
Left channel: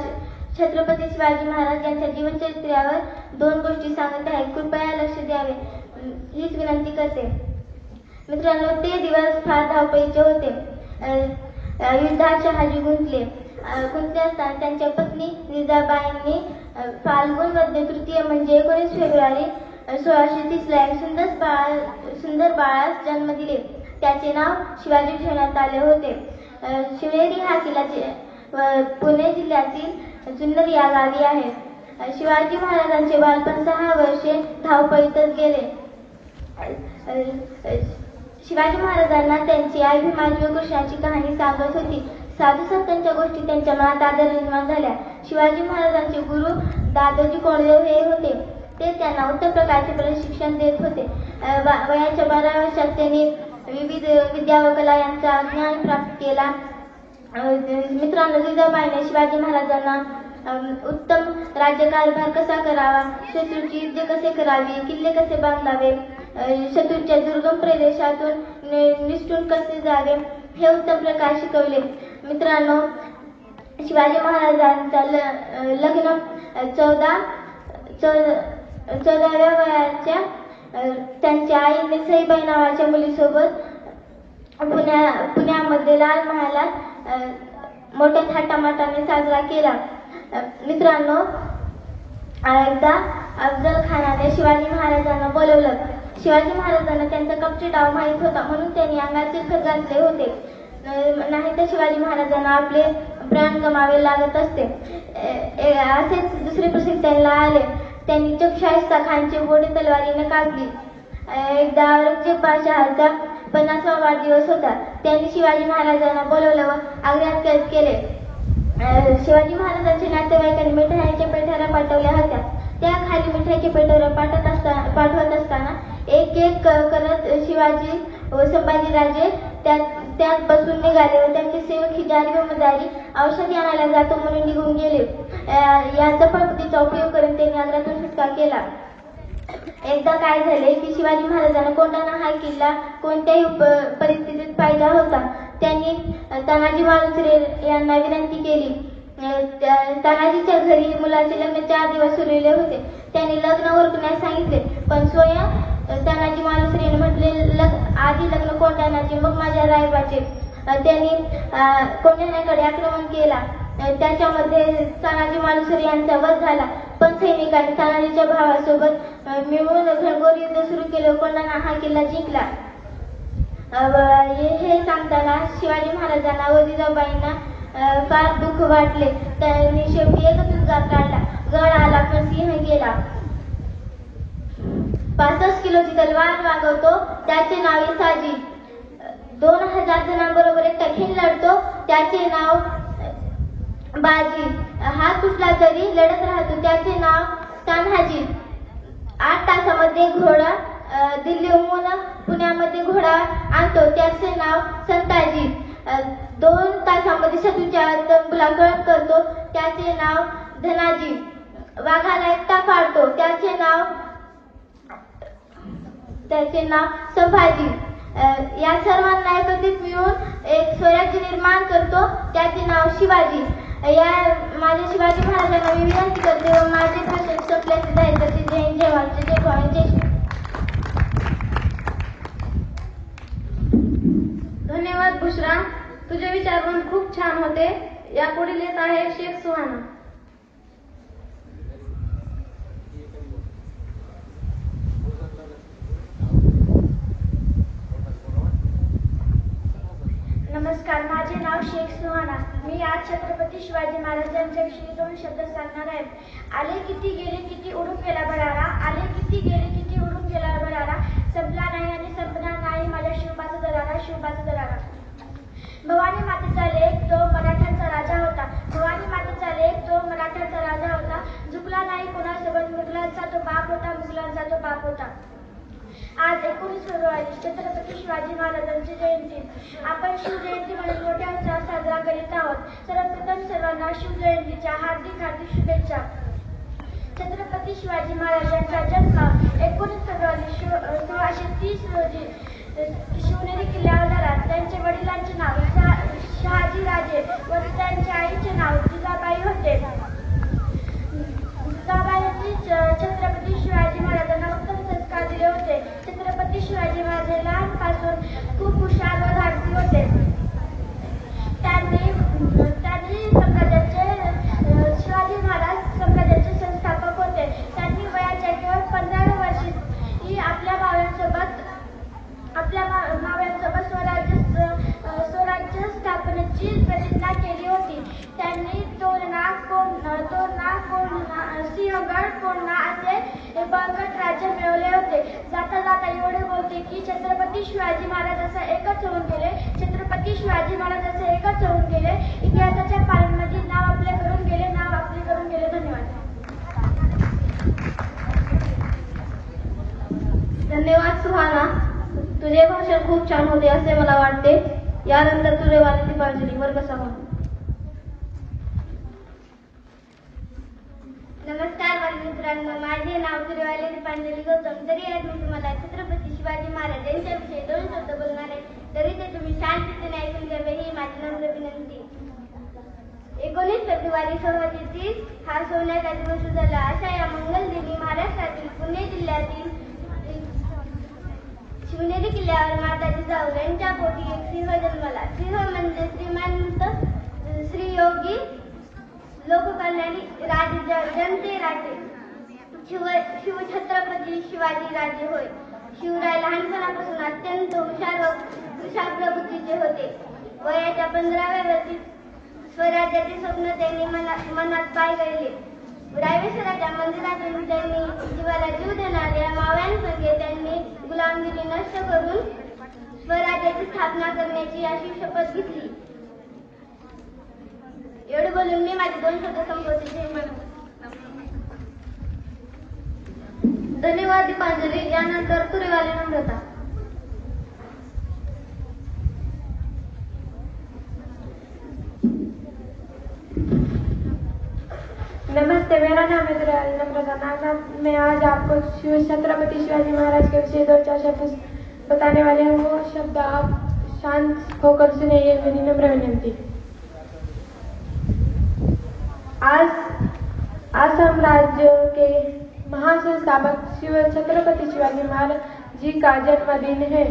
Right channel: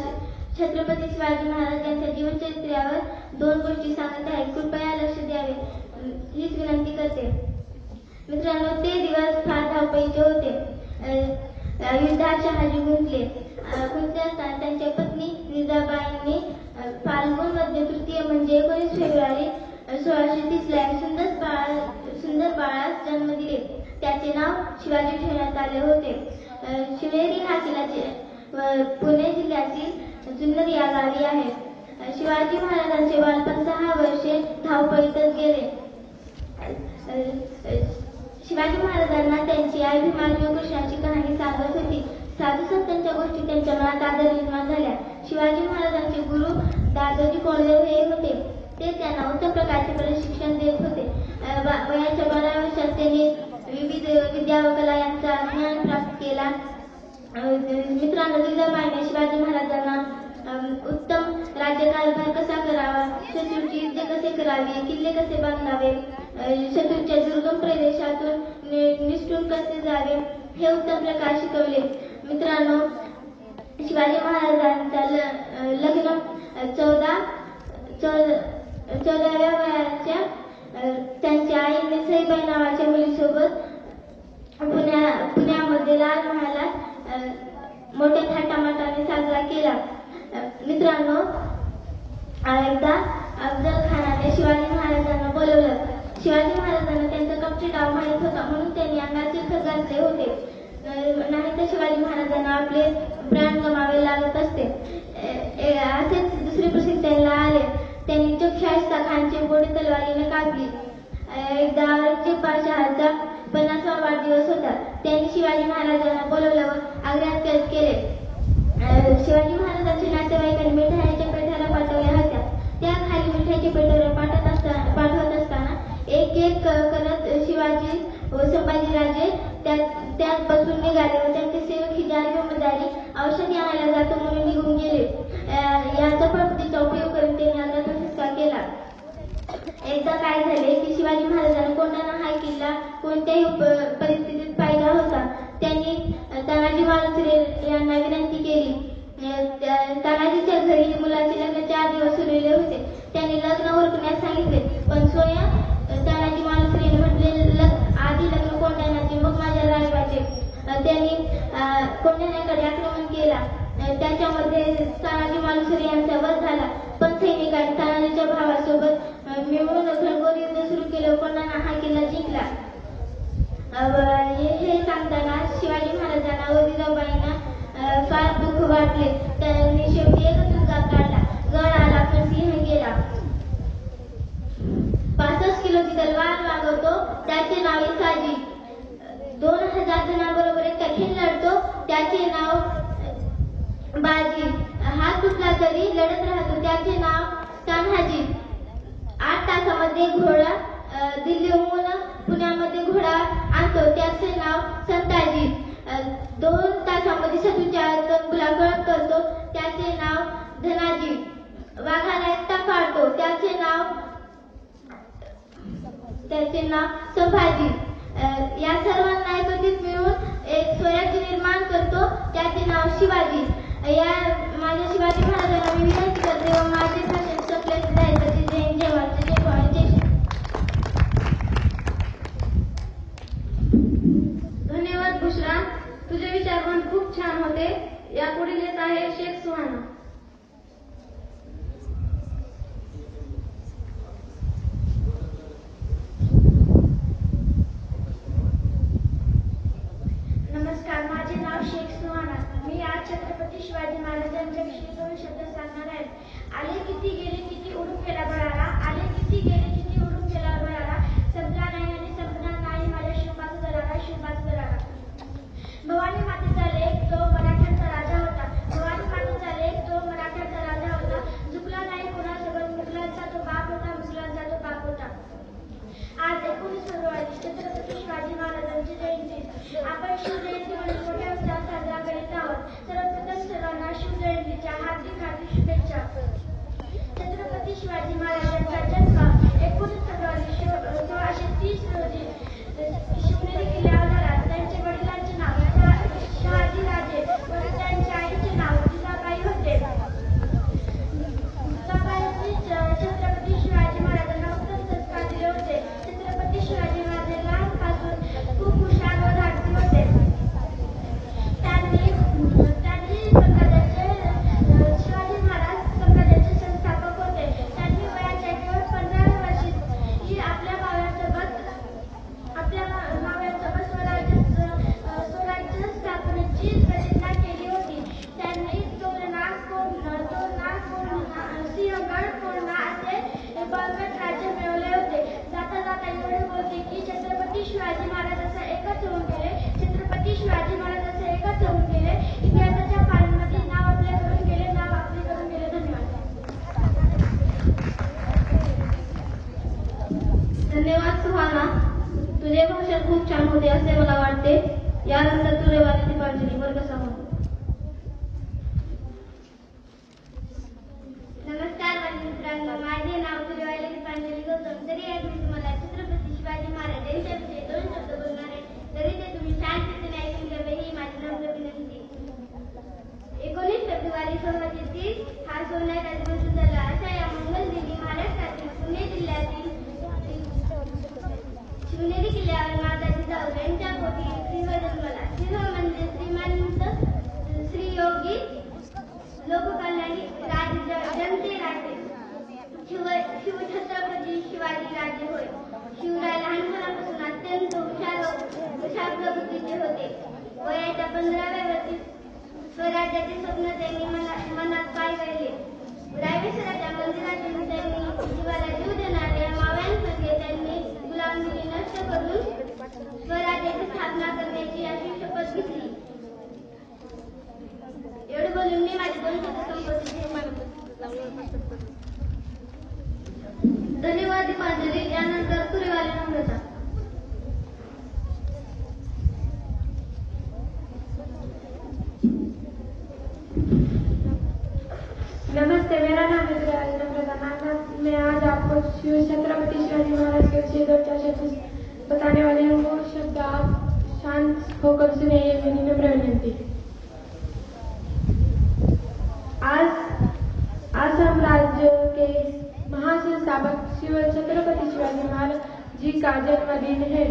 छत्रपती शिवाजी महाराज यांच्या जीवनचरित्रावर 2 गोष्टी सांगत आहे. कृपया लक्ष द्यावे हीच विनंती करते. मित्रांनो, ते दिवस फार धावपळीचे होते. युद्धात शहाजी गुंतले असताना त्यांच्या पत्नी जिजाबाईंनी फाल्गुन मध्य तृतीय म्हणजे 19 फेब्रुवारी 1630 ला एक सुंदर बाळास जन्म दिले. त्याचे नाव शिवाजी ठेवण्यात आले होते. शिवनेरी हा किल्ला पुणे जिल्ह्यातील जुन्नर या गावी आहे. शिवाजी महाराजांचे बालपण 6 वर्षे धावपळीतच गेले. शिवाजी महाराजांना त्यांची आई भीमाजी व कृष्णाची कहाणी सांगत होती. साधू संतांच्या गोष्टी त्यांच्या मनात आदर निर्माण झाल्या. शिवाजी महाराजांचे गुरु दादोजी कोंडदेव हे होते. ते त्यांना उत्तम प्रकारचे प्रशिक्षण देत होते. वयाच्या 12 वर्षात त्यांनी विविध विद्या व कला यांचा ज्ञान प्राप्त केला. मित्रांनो, जिजाबाईंनी शिवाजी महाराजांना उत्तम राज्यकारभार कसा करावा, शत्रूची युद्ध कसे करावी, किल्ले कसे बांधावे, शत्रूच्या दुर्गम प्रदेशातून निसटून कसे जावे हे उत्तम प्रकारे शिकवले. मित्रांनो, शिवाजी महाराजांचा लग्न 14व्या वयाच्या त्यांच्या आईने सईबाई नावाच्या मुलीसोबत पुण्यामध्ये लाल महालात मोठ्या थाटामाटाने साजरा केला. मित्रांनो, एकदा अफजल खानाने शिवाजी महाराजांना बोलवलं. शिवाजी महाराजांना त्यांचा कपटी डाव माहीत होता, म्हणून त्यांनी अंगात चिखल घातले होते. नाही तर शिवाजी महाराजांना आपले प्राण गमावे लागत असते. असेच दुसरे प्रसंग त्यांना आले. त्यांनी शाहिस्ता खानची गोडी तलवारीने कापली. एकदा औरंगजेब बादशहाचा 50वा वाढदिवस होता. त्यांनी शिवाजी महाराजांना बोलवलं व आग्र्यात कैद केले. शिवाजी महाराजांच्या नातेवाईकांनी मिठाईच्या पेट्या पाठवल्या होत्या. त्या खाली मिठाईच्या पेट्यावर पाठवत असताना एक एक करत शिवाजी व संभाजीराजे त्यात बसून निघाले व त्यांचे सेवक ही जारी व मदारी औषधी आणायला जातो म्हणून निघून गेले. या चपळपतीचा उपयोग करून त्यांनी आग्र्यातून सुटका केला. एकदा काय झाले की शिवाजी महाराजांना कोंढाणा हा किल्ला कोणत्याही परिस्थितीत पाहिला होता. त्यांनी तानाजी मालुसरे यांना विनंती केली. तानाजीच्या घरी मुलाचे लग्न 4 दिवस उरलेले होते. त्यांनी लग्न उरकण्यास सांगितले, पण स्वयं तानाजी मालुसरेने म्हटले, आधी लग्न कोंढाण्याचे मग माझ्या रायबाचे. त्यांनी कोंढाण्याकडे आक्रमण केला. त्याच्यामध्ये तानाजी मालुसरे यांचा वध झाला. पण सैनिकांनी तानाजीच्या भावासोबत मिळून घनघोर युद्ध सुरू केले. कोंढाणा हा किल्ला जिंकला. हे सांगताना शिवाजी महाराजांना व जिजाबाईंना फार दुःख वाटले. त्यांनी शेवटी एकच मुद्दा काढला, गड आला पण सिंह गेला. 65 किलोची तलवार वागवतो त्याचे नाव इसाजी. 2000 जणांबरोबर एक कठीण लढतो त्याचे नाव बाजी. हा कुठला तरी लढत राहतो त्याचे नाव तान्हाजी. 8 तासामध्ये घोडा दिल्लीहून पुण्यामध्ये घोडा आणतो त्याचे नाव संताजी. 2 तासामध्ये शत्रूच्या गुलाकळप करतो त्याचे नाव धनाजी. वाघाला एकटा पाडतो त्याचे नाव संभाजी. या सर्वांना एकत्रित मिळून एक स्वराज्य निर्माण करतो त्याचे नाव शिवाजी. या माझ्या शिवाजी महाराजांना मी विनंती करते व माझे भाषण संपल्याचे जाहीर करते. जय हिंद, जय महाराष्ट्र, जय भवानी, जय श्री. धन्यवाद बुशरा, तुझे विचार पण खूप छान होते. यापुढील येत आहे शेख सुहाना. नमस्कार, माझे नाव शेख सुहाना. मी आज छत्रपती शिवाजी महाराजांच्या विषयी 2 शब्द सांगणार आहेत. आले किती गेले किती उडून गेला बरारा, आले किती गेले किती उडून गेला बरारा, संपला नाही आणि संपणार नाही माझ्या शिवबाचा दरारा, शिवबाचा दरारा. भवानी मातेचा लेक जो मराठ्यांचा राजा होता, भवानी मातेचा लेक जो मराठ्यांचा राजा होता, झुकला नाही कोणासोबत, मुघलांचा तो बाप होता, मुघलांचा तो बाप होता. आज 19 फेब्रुवारी छत्रपती शिवाजी महाराजांची जयंती. आपण शिवजयंती म्हणून मोठ्या उत्साहात साजरा करीत आहोत. सर्वप्रथम सर्वांना शिवजयंतीच्या हार्दिक शुभेच्छा. छत्रपती शिवाजी महाराजांचा जन्म 19 फेब्रुवारी 1630 रोजी शिवनेरी किल्ल्यावर झाला. त्यांच्या वडिलांचे नाव शहाजी राजे व त्यांच्या आईचे नाव जिजाबाई होते. जिजाबाईंनी छत्रपती शिवाजी महाराजांना उत्तम संस्कार दिले होते. छत्रपती शिवाजी महाराज लहानपासून खूप हुशार व धाडसी होते. त्यांनी शिवाजी महाराज संघाचे संस्थापक होते. त्यांनी वयाच्या केवळ 15 वर्षी आपल्या भावांसोबत स्वराज्य स्थापनेची प्रतिज्ञा केली होती. त्यांनी तोरणा सिंहगड तोरणा असे बळकट राज्य मिळवले होते. जाता जाता एवढे बोलते की छत्रपती शिवाजी महाराज असं एकच होऊन गेले. छत्रपती शिवाजी महाराज असे एकच होऊन गेले. इतिहासाच्या पानांमध्ये नाव आपले करून गेले. धन्यवाद. धन्यवाद सुहाना. तुझे भाषण खूप छान होते असे मला वाटते. यानंतर तुझे वाली दीपांजली वर्ग सभा. नमस्कार मित्रांनो, माझे नाव तुरेवाली दीपांजली गौतम. तरी आज मी तुम्हाला छत्रपती शिवाजी महाराज यांच्याविषयी 2 शब्द बोलणार आहे. तरी ते तुम्ही शांततेने ऐकून घ्यावे ही माझी नम्र विनंती. 19 फेब्रुवारी 1630 हा सोन्या राजवंश झाला. अशा या मंगल दिनी महाराष्ट्रातील पुणे जिल्ह्यातील शिवनेरी किल्ल्यावर माता जिजाऊ यांच्या पोटी एक सिंह जन्मला. सिंह म्हणजे श्रीमंत श्रीयोगी लोककल्याणी जनते राजे शिवछत्रपती शिवाजी राजे होय. शिवराय लहानपणापासून अत्यंत हुशार प्रवृत्तीचे होते. वयाच्या 15व्या वर्षी स्वराज्याचे स्वप्न त्यांनी मनात पाहिले. रायवेश्वराच्या मंदिरातून त्यांनी जीवाला जीव देणाऱ्या मावळ्यांसंगे त्यांनी गुलामगिरी नष्ट करून स्वराज्याची स्थापना करण्याची अशी शपथ घेतली. एवढे बोलून मी माझे 2 शब्द संपवते. धन्यवाद दीपांजली. यानंतर तुरेवाली नम्रता. नमस्ते, मेरा नाम है तुरेवाली नम्रता. मैं आज आपको छत्रपति शिवाजी महाराज के विषय 2-4 शब्द बताने वाले हैं. वो शब्द आप शांत होकर सुने, ये मेरी नम्र विनंती. आज असम राज्य के महासंस्थापक छत्रपति शिवाजी महाराज जी का जन्मदिन है.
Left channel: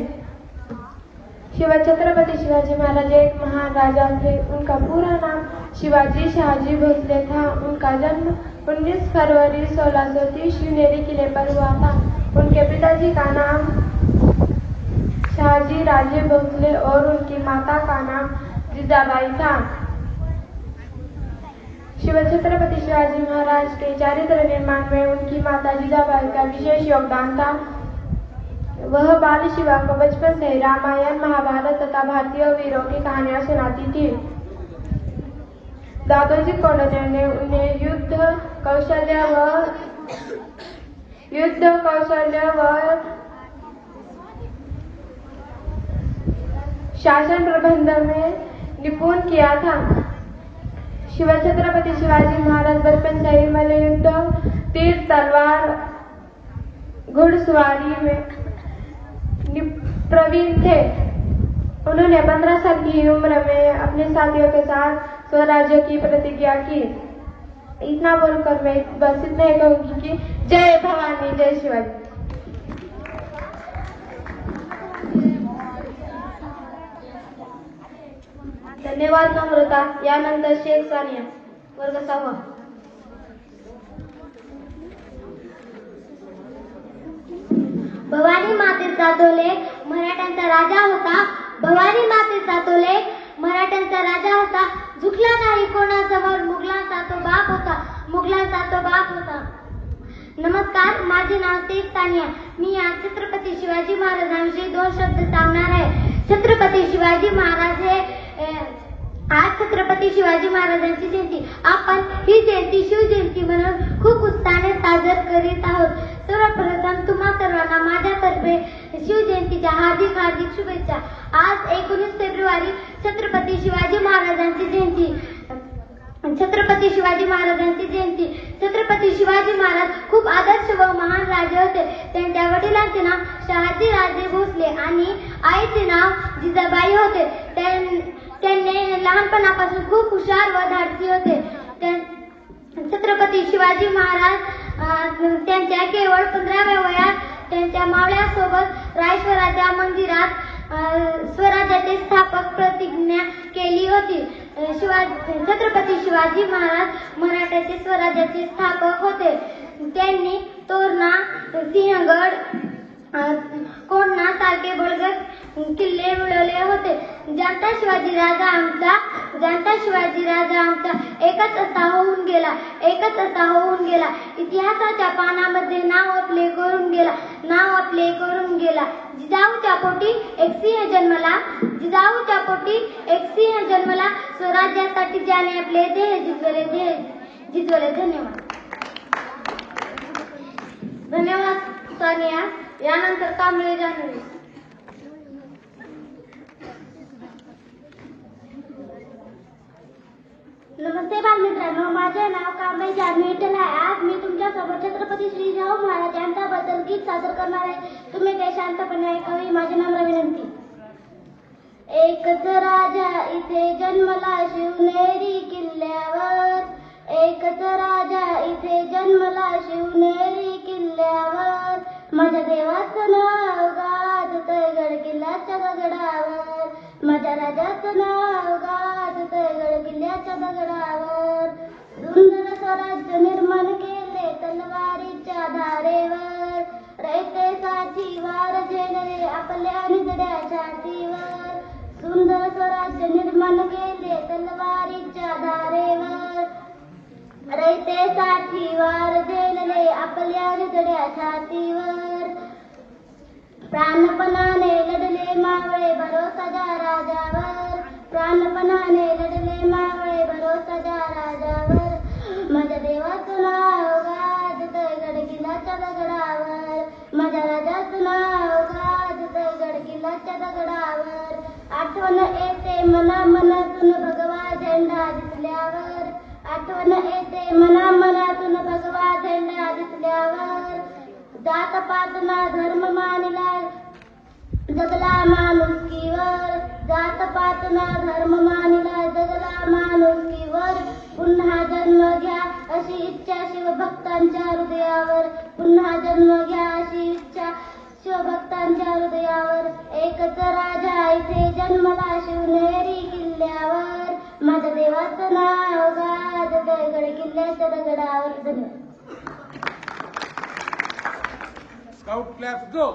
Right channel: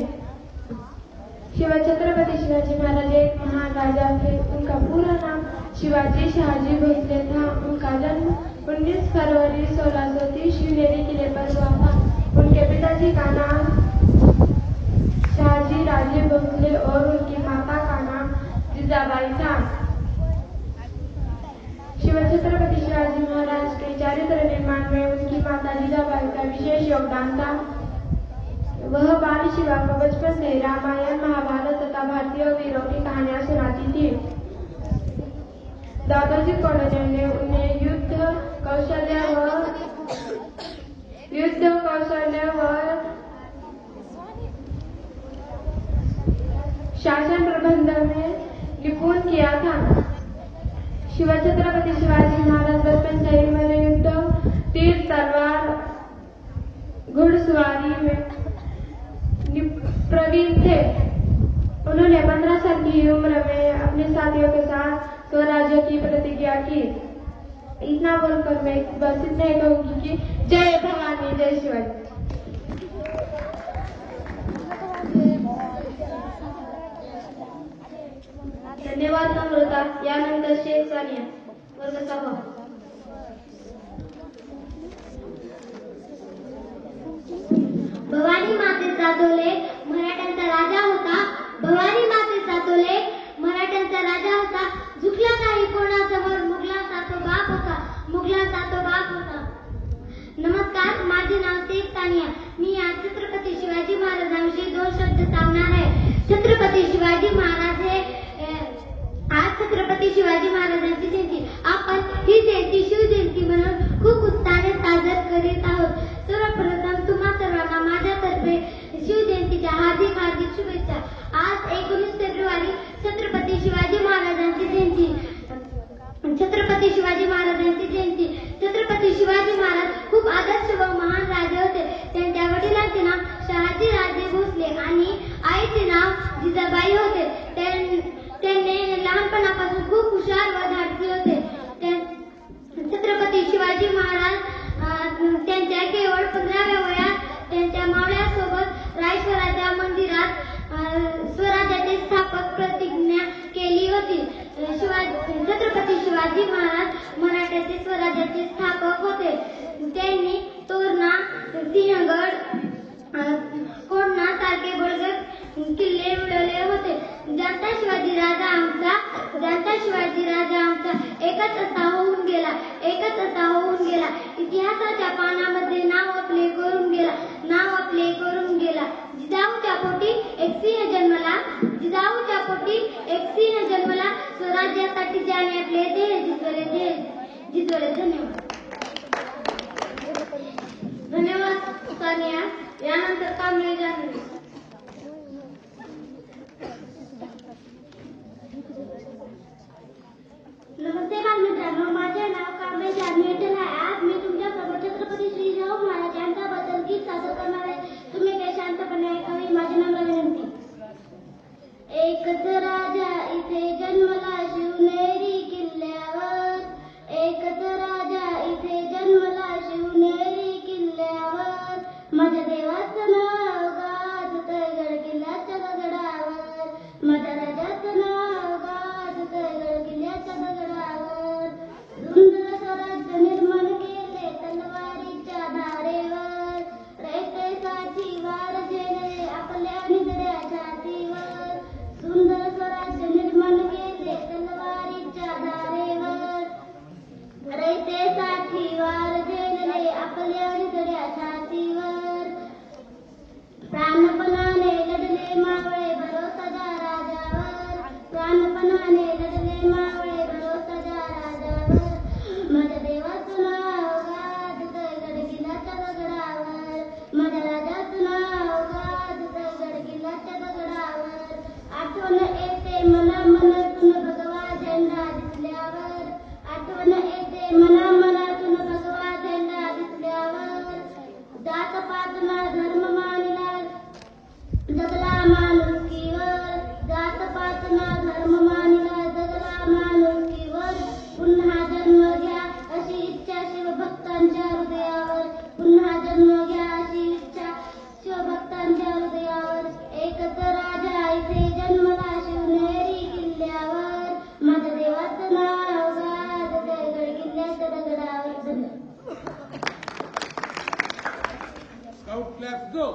छत्रपति शिवाजी महाराज एक महान राजा थे. उनका पूरा नाम शिवाजी शाहजी भोसले था. उनका जन्म 19 फरवरी 1630 शिवनेरी किले पर हुआ था. उनके पिताजी का नाम शाहजी राजे भोसले और उनकी माता का नाम जिजाबाई था. छत्रपति शिवाजी महाराज के चारित्र निर्माण में उनकी माता जिजाबाई का विशेष योगदान था. वह बाल शिवा को बचपन से रामायण, महाभारत तथा भारतीय वीरों की कहानियां सुनाती थी. दादोजी कोंडदेव ने उन्हें युद्ध कौशल्य व शासन प्रबंध में निपुण किया था. छत्रपति शिवाजी महाराज बचपन से ही मल्लयुद्ध, तीर तलवार, घुड़सवारी में प्रवीण थे. उन्होंने 15 साल की उम्र में अपने साथियों के साथ स्वराज्य की प्रतिज्ञा की. इतना बोलकर मैं बस इतना ही कहूंगी कि जय भवानी, जय शिवाजी. धन्यवाद नम्रता. यानंतर शेख सानिया वर्ग सभा. भवानी मातेचा तो लेक मराठ्यांचा राजा होता. भवानी मातेचा तो लेक मराठ्यांचा राजा होता. झुकला नाही कोणासमोर, मुघलांचा तो बाप होता. नमस्कार, माझे नाव शेख सानिया. मी आज छत्रपती शिवाजी महाराजांविषयी 2 शब्द सांगणार आहे. छत्रपती शिवाजी महाराज हे आज छत्रपती शिवाजी महाराजांची जयंती. आपण ही जयंती शिवजयंती म्हणून खूप उत्साहाने साजरी करीत आहोत. सर्वप्रथम तुम्हा सर्वांना माझ्यातर्फे शिवजयंतीच्या हार्दिक शुभेच्छा. आज 19 फेब्रुवारी छत्रपती शिवाजी महाराजांची जयंती. छत्रपती शिवाजी महाराज खूप आदर्श व महान राजे होते. त्यांच्या वडिलांचे नाव शहाजी राजे भोसले आणि आईचे नाव जिजाबाई होते. त्यांनी लहानपणापासून खूप हुशार व धाडसी होते. छत्रपती शिवाजी महाराज त्यांच्या केवळ 15व्या वयात त्यांच्या मावळ्यासोबत रायश्वराच्या मंदिरात स्वराज्याचे स्थापक प्रतिज्ञा केली होती. छत्रपती शिवाजी महाराज मराठ्याचे स्वराज्याचे स्थापक होते. त्यांनी तोरणा, सिंहगड, कोंढणा सारखे बळगत किल्ले मिळवले होते. जाणता शिवाजी राजा आमचा एकच असा होऊन गेला. इतिहासाच्या पानामध्ये नाव आपले करून गेला. जिजाऊच्या पोटी एक सिंह जन्मला, स्वराज्यासाठी ज्याने आपले देह जिजवले. धन्यवाद सानिया. यानंतर कांबळे जान्हवी. नमस्ते बालमित्रांनो, माझे नाव कांबळे जान्हवी विठ्ठल आहे. आज मी तुमच्यासोबत छत्रपती श्री शाहू महाराज यांच्याबद्दल गीत सादर करणार आहे. तुम्ही ते शांतपणे ऐकावे. माझी नम्र विनंती. एकच राजा इथे जन्मला शिवनेरी किल्ल्यावर, एकच राजा इथे जन्मला शिवनेरी किल्ल्यावर, माझ्या देवाचं नाव गाजतंय गड किल्ल्याच्या दगडावर, माझ्या राजाचं नाव गाजतंय गड किल्ल्याच्या दगडावर. सुंदर स्वराज्य निर्माण केले तलवारीच्या धारेवर, रयतेसाठी वार झेलले आपल्या निगड्या छातीवर. सुंदर स्वराज्य निर्माण केले तलवारीच्या धारेवर, रयतेसाठी वार झेलले आपल्या निगड्या छातीवर. प्राणपणाने लढले मावळे भरोसाच्या राजावर, प्राणपणाने लढले मावळे भरोसाच्या राजावर, माझ्या देवाचं नाव गाजतंय गड किल्ल्याच्या दगडावर, माझ्या राजाचं नाव गाजतंय गड किल्ल्याच्या दगडावर. आठवण येते मनामनातून भगवा झेंडा दिसल्यावर, आठवण येते मनामनातून भगवा झेंडा दिसल्यावर. जात पात ना धर्म मानला जगला माणुसकीवर, जात पात ना धर्म मानला जगला माणुसकीवर. पुन्हा जन्म घ्या अशी इच्छा शिवभक्तांच्या हृदयावर, पुन्हा जन्म घ्या अशी इच्छा शिवभक्तांच्या हृदयावर. एकच राजा इथे जन्मला शिवनेरी किल्ल्यावर, माझ्या देवाचं नाव गाजतंय गड किल्ल्याच्या दगडावर. स्काउट क्लॅप गो.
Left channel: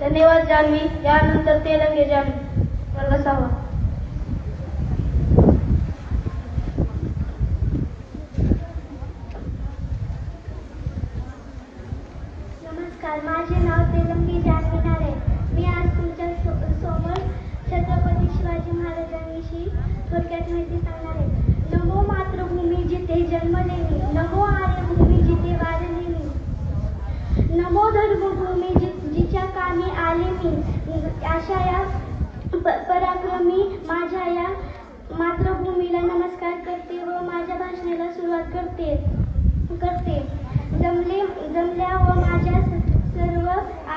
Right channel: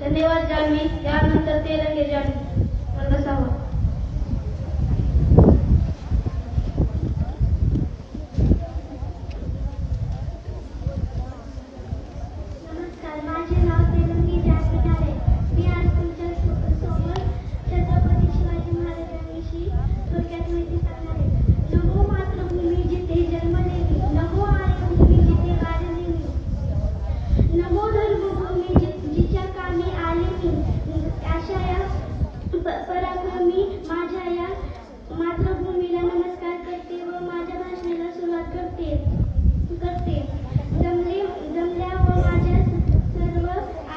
धन्यवाद जान्हवी. यानंतर तेलंगे जान्हवी. वर्ग 6. नमस्कार, माझे नाव तेलंगी जान्हवी नारे. मी आज तुमच्या सोबत छत्रपती शिवाजी महाराजांविषयी थोडक्यात माहिती सांगणार आहे. नमो मातृभूमी जिथे जन्मले मी, नमो आर्यभूमी जिथे वाढले मी, नमो धर्मभूमी जिच्या कामी आले मी. अशा या पराक्रमी माझ्या या मातृभूमीला नमस्कार करते व माझ्या भाषणाला सुरुवात करते. जमल्या व माझ्या सर्व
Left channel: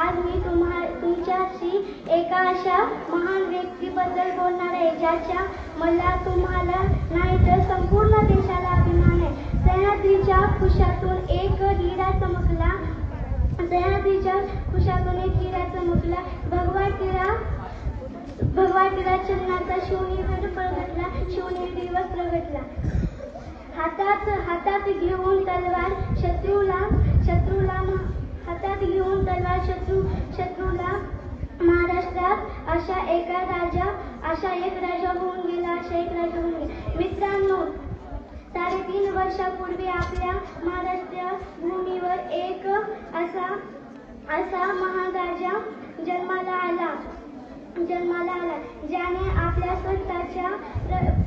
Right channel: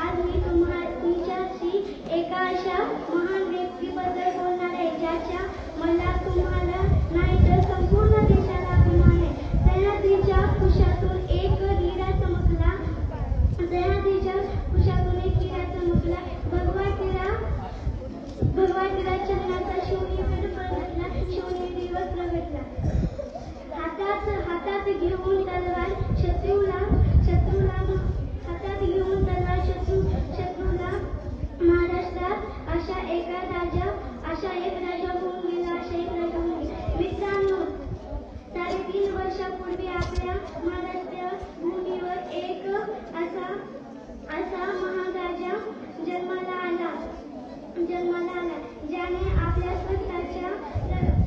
आज मी तुमच्याशी एका अशा महान व्यक्तीबद्दल बोलणार आहे ज्याच्या मला तुम्हाला नाही तर संपूर्ण देशाला अभिमान आहे. सह्याद्रीच्या कुशातून एक हिरा चमकला, सह्याद्रीच्या कुशातून एक हिरा चमकला, भगवा टिरा चंदनाचा शिवनेरी परतला, शिवनेरी वस्त्र भेटला. हातात घेऊन तलवार शत्रूला महाराष्ट्रात अशा एक राजा होऊन गेला. मित्रांनो, 3.5 वर्षापूर्वी आपल्या महाराष्ट्र भूमीवर एक असा महान राजा जन्माला आला ज्याने आपल्या स्वतःच्या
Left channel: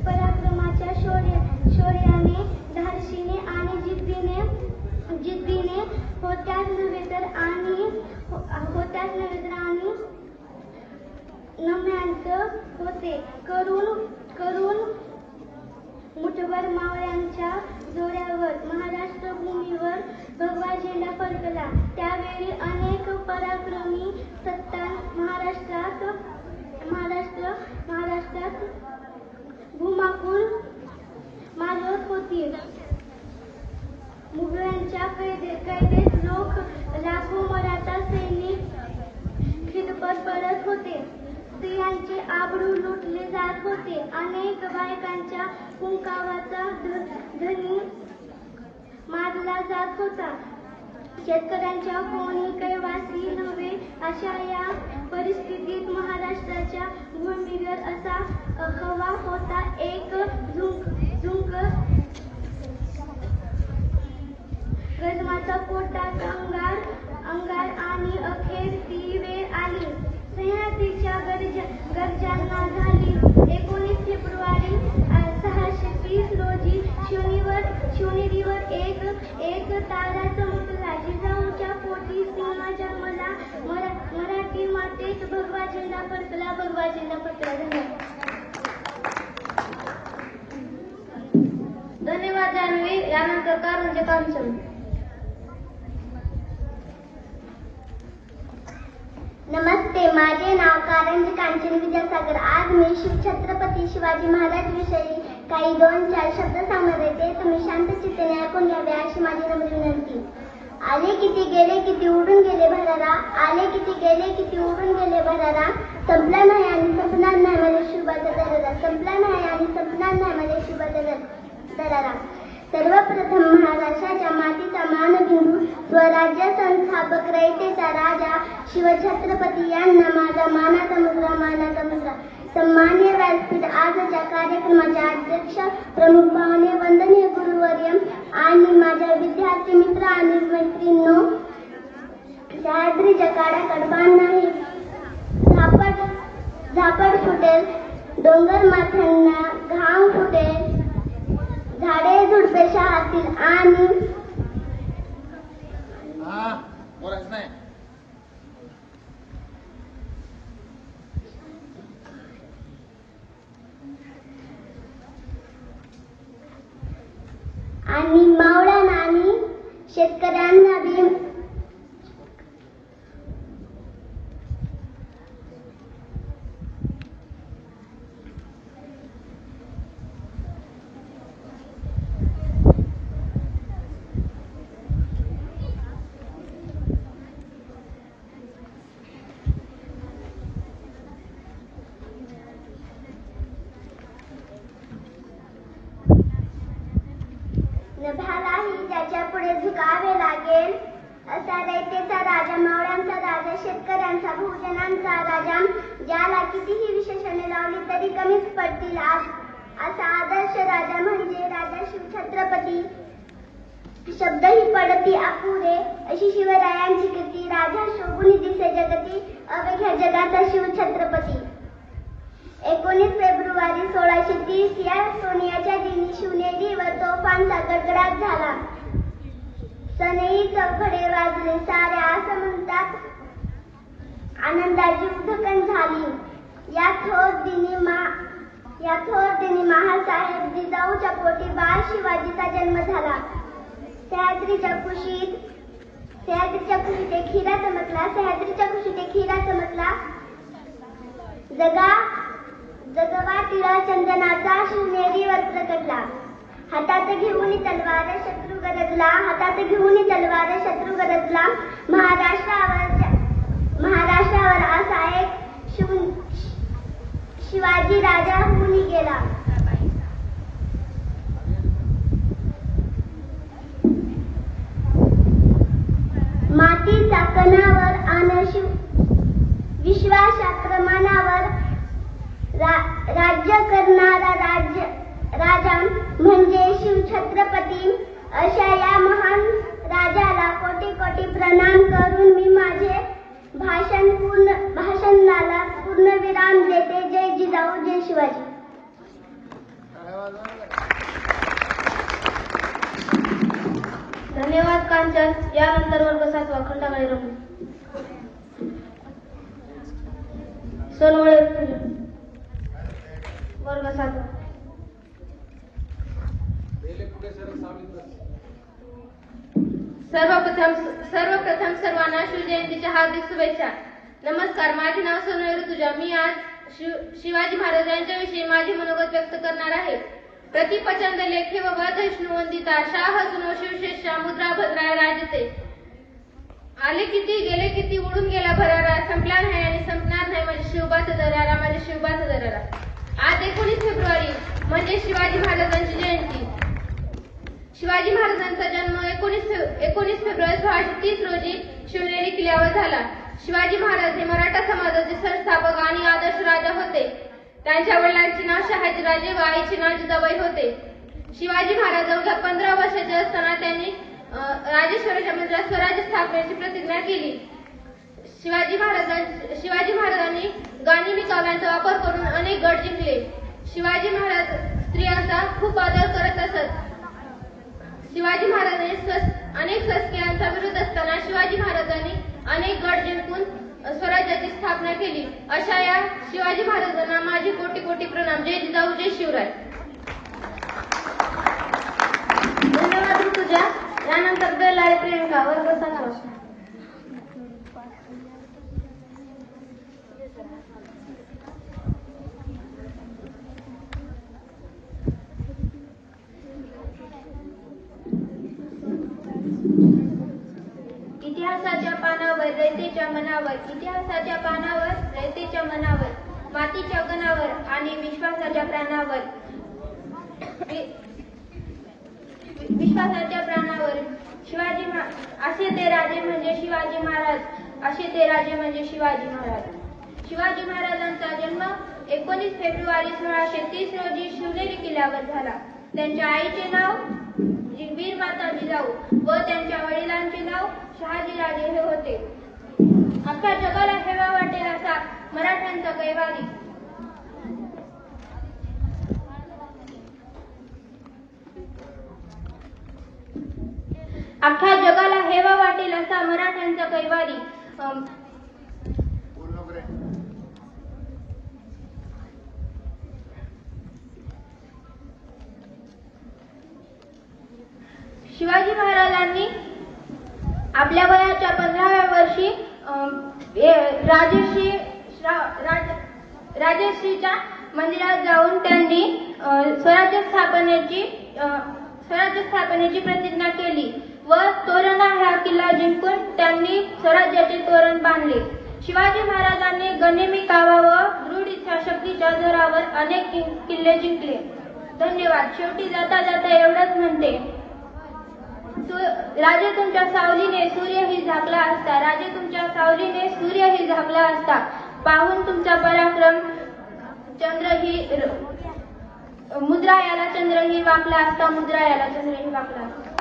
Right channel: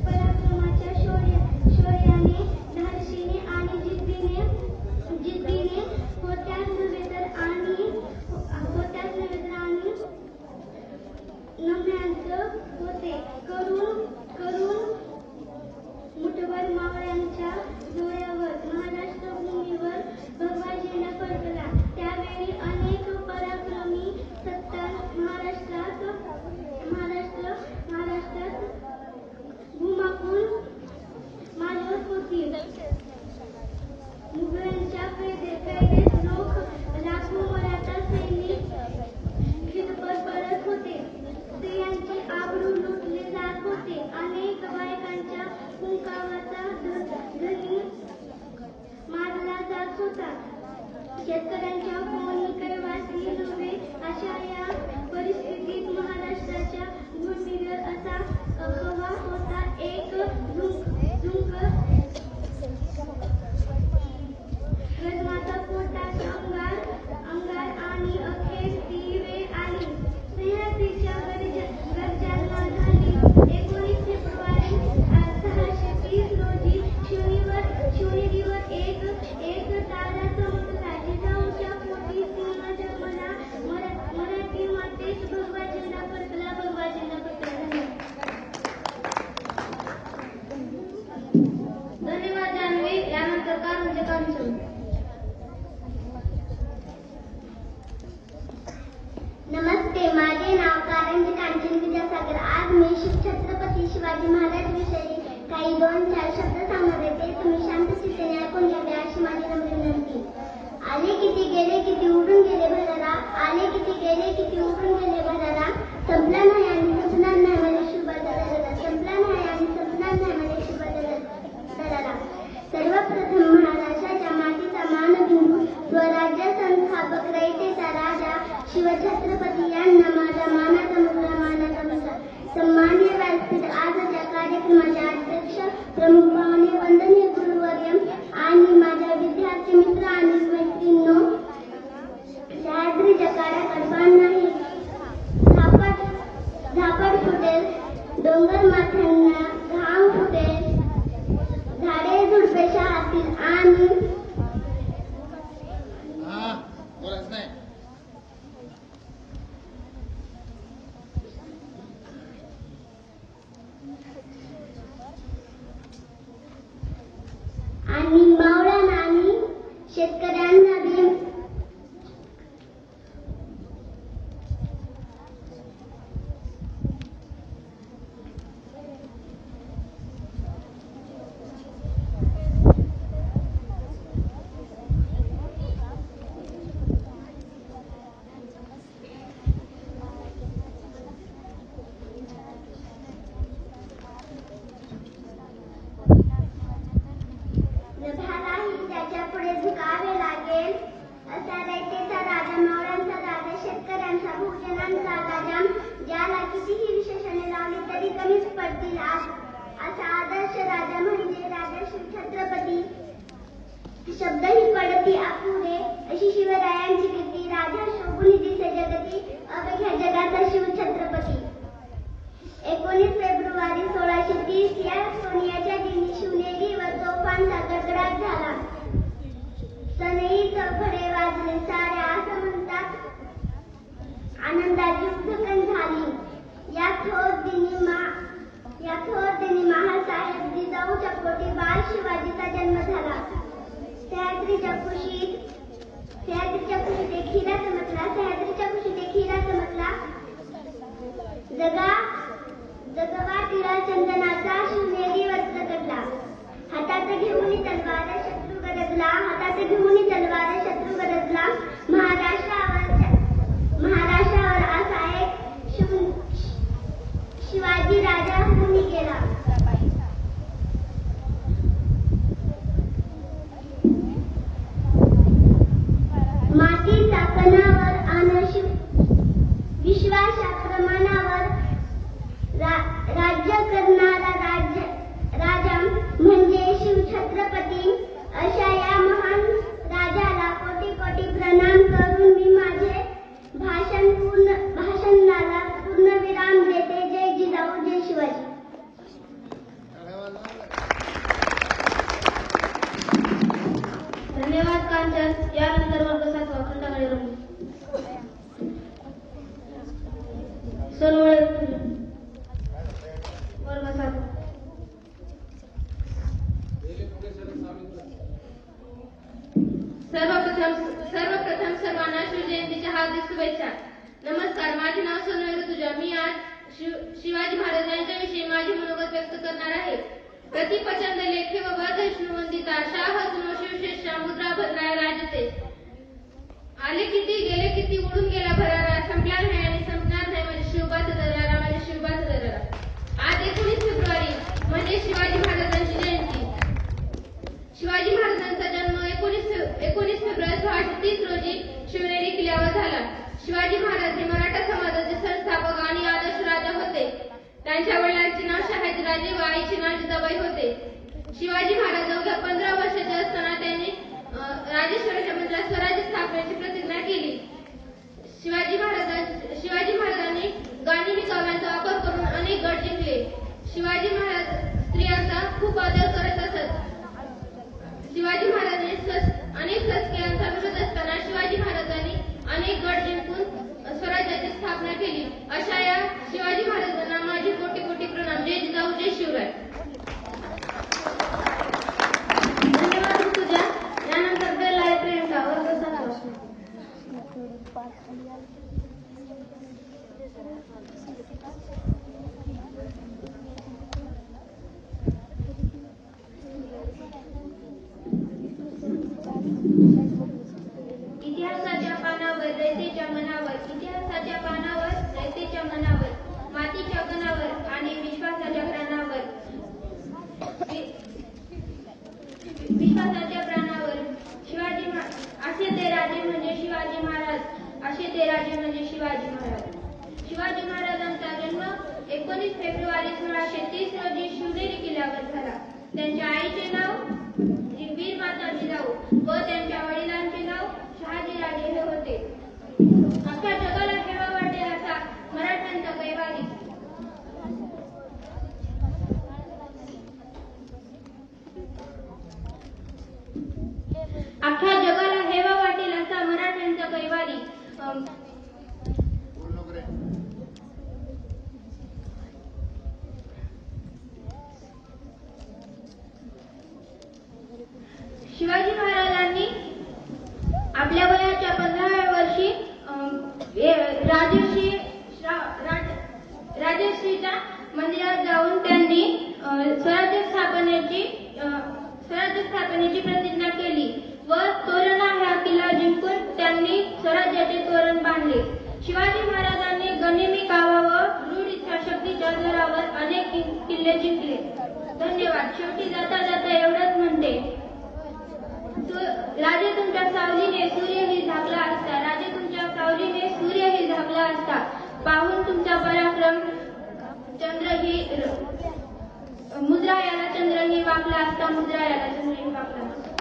पराक्रमाच्या शौर्याने, धाडसीने आणि जिद्दीने होत्याच नव्हे तर नम्यात होते करून शेतकऱ्यांच्या कोणी कैवासी नव्हे अशा या परिस्थितीत महाराष्ट्राच्या भूमीवर असा खवा होता एक झुंक गजमाचा पोटाचा अंगार आणि अखेर ती वेळ आली सह्याद्रीच्या गर्जना झाली 19 फेब्रुवारी 630 रोजी शिवनेरीवर एक तारा चमकला जिजाऊच्या पोटी सिंह जन्मला मराठी मातेत भगवा झेंडा फडकला धन्यवाद जान्हवी. यानंतर कारंजे कामचंद. नमस्ते, माझे नाव कारंजे कांचन विद्यासागर. आज मी छत्रपती शिवाजी महाराज विषयी काही 2-4 शब्द सांगणार आहे. ते तुम्ही शांत चित्ताने ऐकून घ्यावे अशी माझी नम्र विनंती. आले किती गेले किती उडून गेले भरारा, आले किती गेले किती उडून गेले भरारा, संपला नाही आणि संपणार नाही माझ्या शिवाचा दरारा, संपला नाही आणि संपणार नाही माझ्या शिवाचा दरारा. सर्वप्रथम महाराष्ट्राच्या मातीचा मानबिंदू स्वराज्य संस्थापक रयतेचा राजा शिवछत्रपती यांना माझा मानाचा मुलगा. सन्मान्य व्यासपीठ आजच्या कार्यक्रमाचे अध्यक्ष, प्रमुख पाहुणे, वंदनीय गुरुवर्य आणि माझ्या विद्यार्थी मित्र आणि मैत्रिणींनो, सह्याद्रीच्या काड्या कडबान नाही, झापड फुटेल, डोंगर माथ्यांना घाम फुटेल, झाडे झुडपे शहातील आणि मावळण आणि शेतकऱ्यांना बी नभालाही त्याच्या पुढे झुकावे लागेल असा रयतेचा राजा, मावळ्यांचा राजा, शेतकऱ्यांचा, बहुजनांचा राजा, ज्याला कितीही विशेषणे लावली तरी कमीच पडतील असा आदर्श राजा म्हणजे राजा शिवछत्रपती. शब्दही पडती अपुरे अशी शिवरायांची कीर्ती. राजा शोभुनी दिसे जगती, अवघ्या जगाचा शिवछत्रपती. 19 फेब्रुवारी 1630 या सोनियाच्या दिनी शिवनेरीवर तोफांचा गडगडाट झाला. सनई चौघडे वाजले सारे असं म्हणतात, आनंदाची उधळण झाली. या थोर दिनी महासाहेब जिजाऊच्या पोटी बाळ शिवाजीचा जन्म झाला. सह्याद्रीच्या खुशीत एक हिरा चमकला. जगवा टिळा चंदनाचा शिवनेरीवर प्रकटला. हातात घेऊन तलवार शत्रू गरजला. महाराष्ट्रावर असा एक शिवाजी राजा होऊन गेला. मातीचा कणावर आणि विश्वासात्र मनावर राज्य करणारा राजा म्हणजे शिवछत्रपती. अशा या महान राजाला कोटी कोटी प्रणाम करून मी माझे भाषणाला पूर्णविराम देते. जय जिजाऊ, जय शिवाजी. धन्यवाद कांचन. यानंतर वर्ग 7वा खंडागळे रंग सोनवळे वर्ग 7. सर्वप्रथम सर्वांना शिवजयंतीच्या हार्दिक शुभेच्छा. नमस्कार, माझे नाव सोनवळे ऋतुजा. मी आज शिवाजी महाराज यांच्याविषयी माझे मनोगत व्यक्त करणार आहे. प्रतिप्रचंड लेखे व वैष्णवंदिता शाह सुनो शिवशेषा मुद्रा भरणारे राजते. आले किती गेले किती उडून गेला भरारा, संपला नाही आणि संपणार नाही माझ्या शिवबाचा दरारा. आज 19 फेब्रुवारी म्हणजे शिवाजी महाराजांची जयंती. शिवाजी महाराजांचा जन्म 19 फेब्रुवारी 1630 किल्ल्यावर झाला. शिवाजी महाराज हे मराठा समाजाचे संस्थापक आणि आदर्श राजा होते. त्यांच्या वडिलांचे नाव शहाजीराजे व आईचे नाव जिजाबाई होते. शिवाजी महाराज अवघ्या 15 वर्षाचे असताना त्यांनी राजेश्वराच्या मंदिरात स्वराज्य स्थापनेची प्रतिज्ञा केली. शिवाजी महाराजांनी गांधीनी काव्यांचा वापर करून अनेक गड जिंकले. शिवाजी महाराज स्त्रियांचा खूप आदर करत असत. शिवाजी महाराजांनी अनेक शस्त्रांचा विरोध असताना शिवाजी महाराजांनी अनेक गड जिंकून स्वराज्याची स्थापना केली. अशा या शिवाजी महाराजांना माझे कोटी कोटी प्रणाम. जय जिजाऊ, जय शिवराय. धन्यवाद ऋतुजा. यानंतर बेलारी प्रियंका वर्ग 7. इतिहासाच्या पानावर रयतेच्या मनावर, इतिहासाच्या पानावर रयतेच्या मनावर, मातीच्या कणावर आणि विश्वासाच्या प्राणावर, विश्वासाच्या प्राणावर असे ते राजे म्हणजे शिवाजी महाराज, असे ते राजे म्हणजे शिवाजी महाराज. शिवाजी महाराजांचा जन्म 19 फेब्रुवारी 1630 रोजी शिवनेरी किल्ल्यावर झाला. त्यांच्या आईचे नाव वीरमाता जिजाऊ व त्यांच्या वडिलांचे नाव शहाजीराजे हे होते. अख्ख्या जगाला हेवा वाटेल असा मराठ्यांचा कैवारी. अख्ख्या जगाला हेवा वाटेल असा मराठ्यांचा कैवारी. शिवाजी महाराजांनी आपल्या वयाच्या 15व्या वर्षी राजश्रीच्या मंदिरात जाऊन त्यांनी स्वराज्य स्थापनेची प्रतिज्ञा केली व तोरणा हा किल्ला जिंकून त्यांनी स्वराज्याचे तोरण बांधले. शिवाजी महाराजांनी गनिमी कावा व दृढ इच्छाशक्तीच्या जोरावर अनेक किल्ले जिंकले. धन्यवाद. शेवटी जाता जाता एवढंच म्हणते, राजे तुमच्या सावलीने सूर्यही झाकला असता, राजे तुमच्या सावलीने सूर्यही झाकला असता, पाहून तुमचा पराक्रम चंद्रही मुद्रायाला चंद्रही वाकला असता, मुद्रायाला चंद्रही वाकला असता.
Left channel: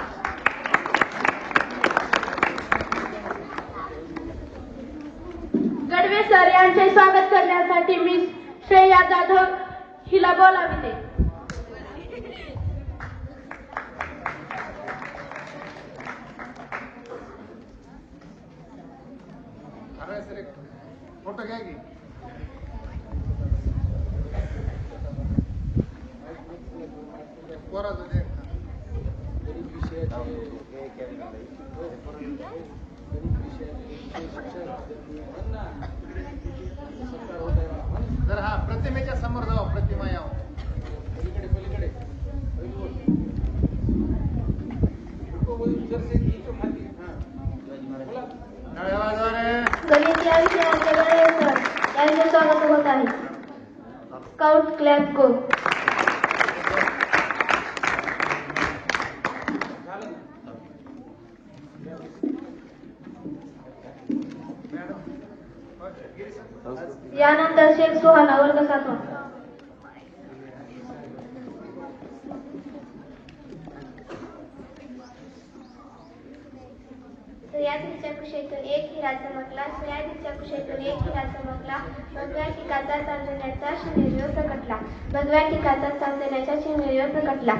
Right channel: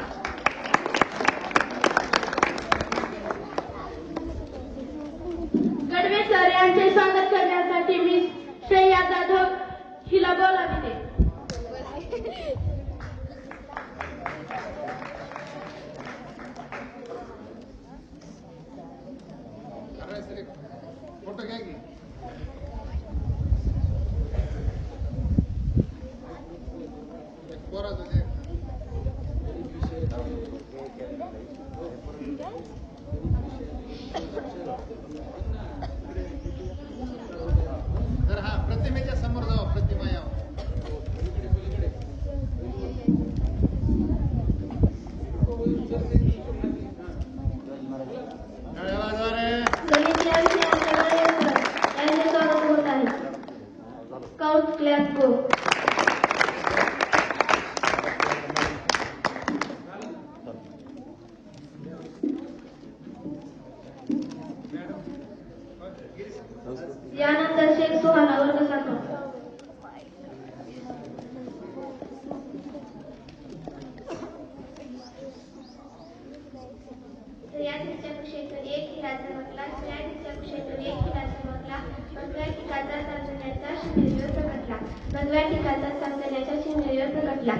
गडवे सर यांचे स्वागत करण्यासाठी मी श्रेया जाधव हिला बोलाविते. फोटो घ्या की. जर हा प्रतिमेच्या समोर जाऊ, प्रतिमा यावं. गणित या विषयाचे यांचे स्वागत होत आहे. स्काउट क्लॅप गो. यानंतर शेख सुहाना वर्ग 7. स्त्रियांच्या कुशेतून एक हिरा चमकला, स्त्रियांच्या कुशेतून एक हिरा चमकला, भगव्या टिकाचा चांदण्याचा शिंगेरीवर प्रकटला, भगव्या टिकाचा चांदण्याच्या शिंगेरीवर प्रकटला.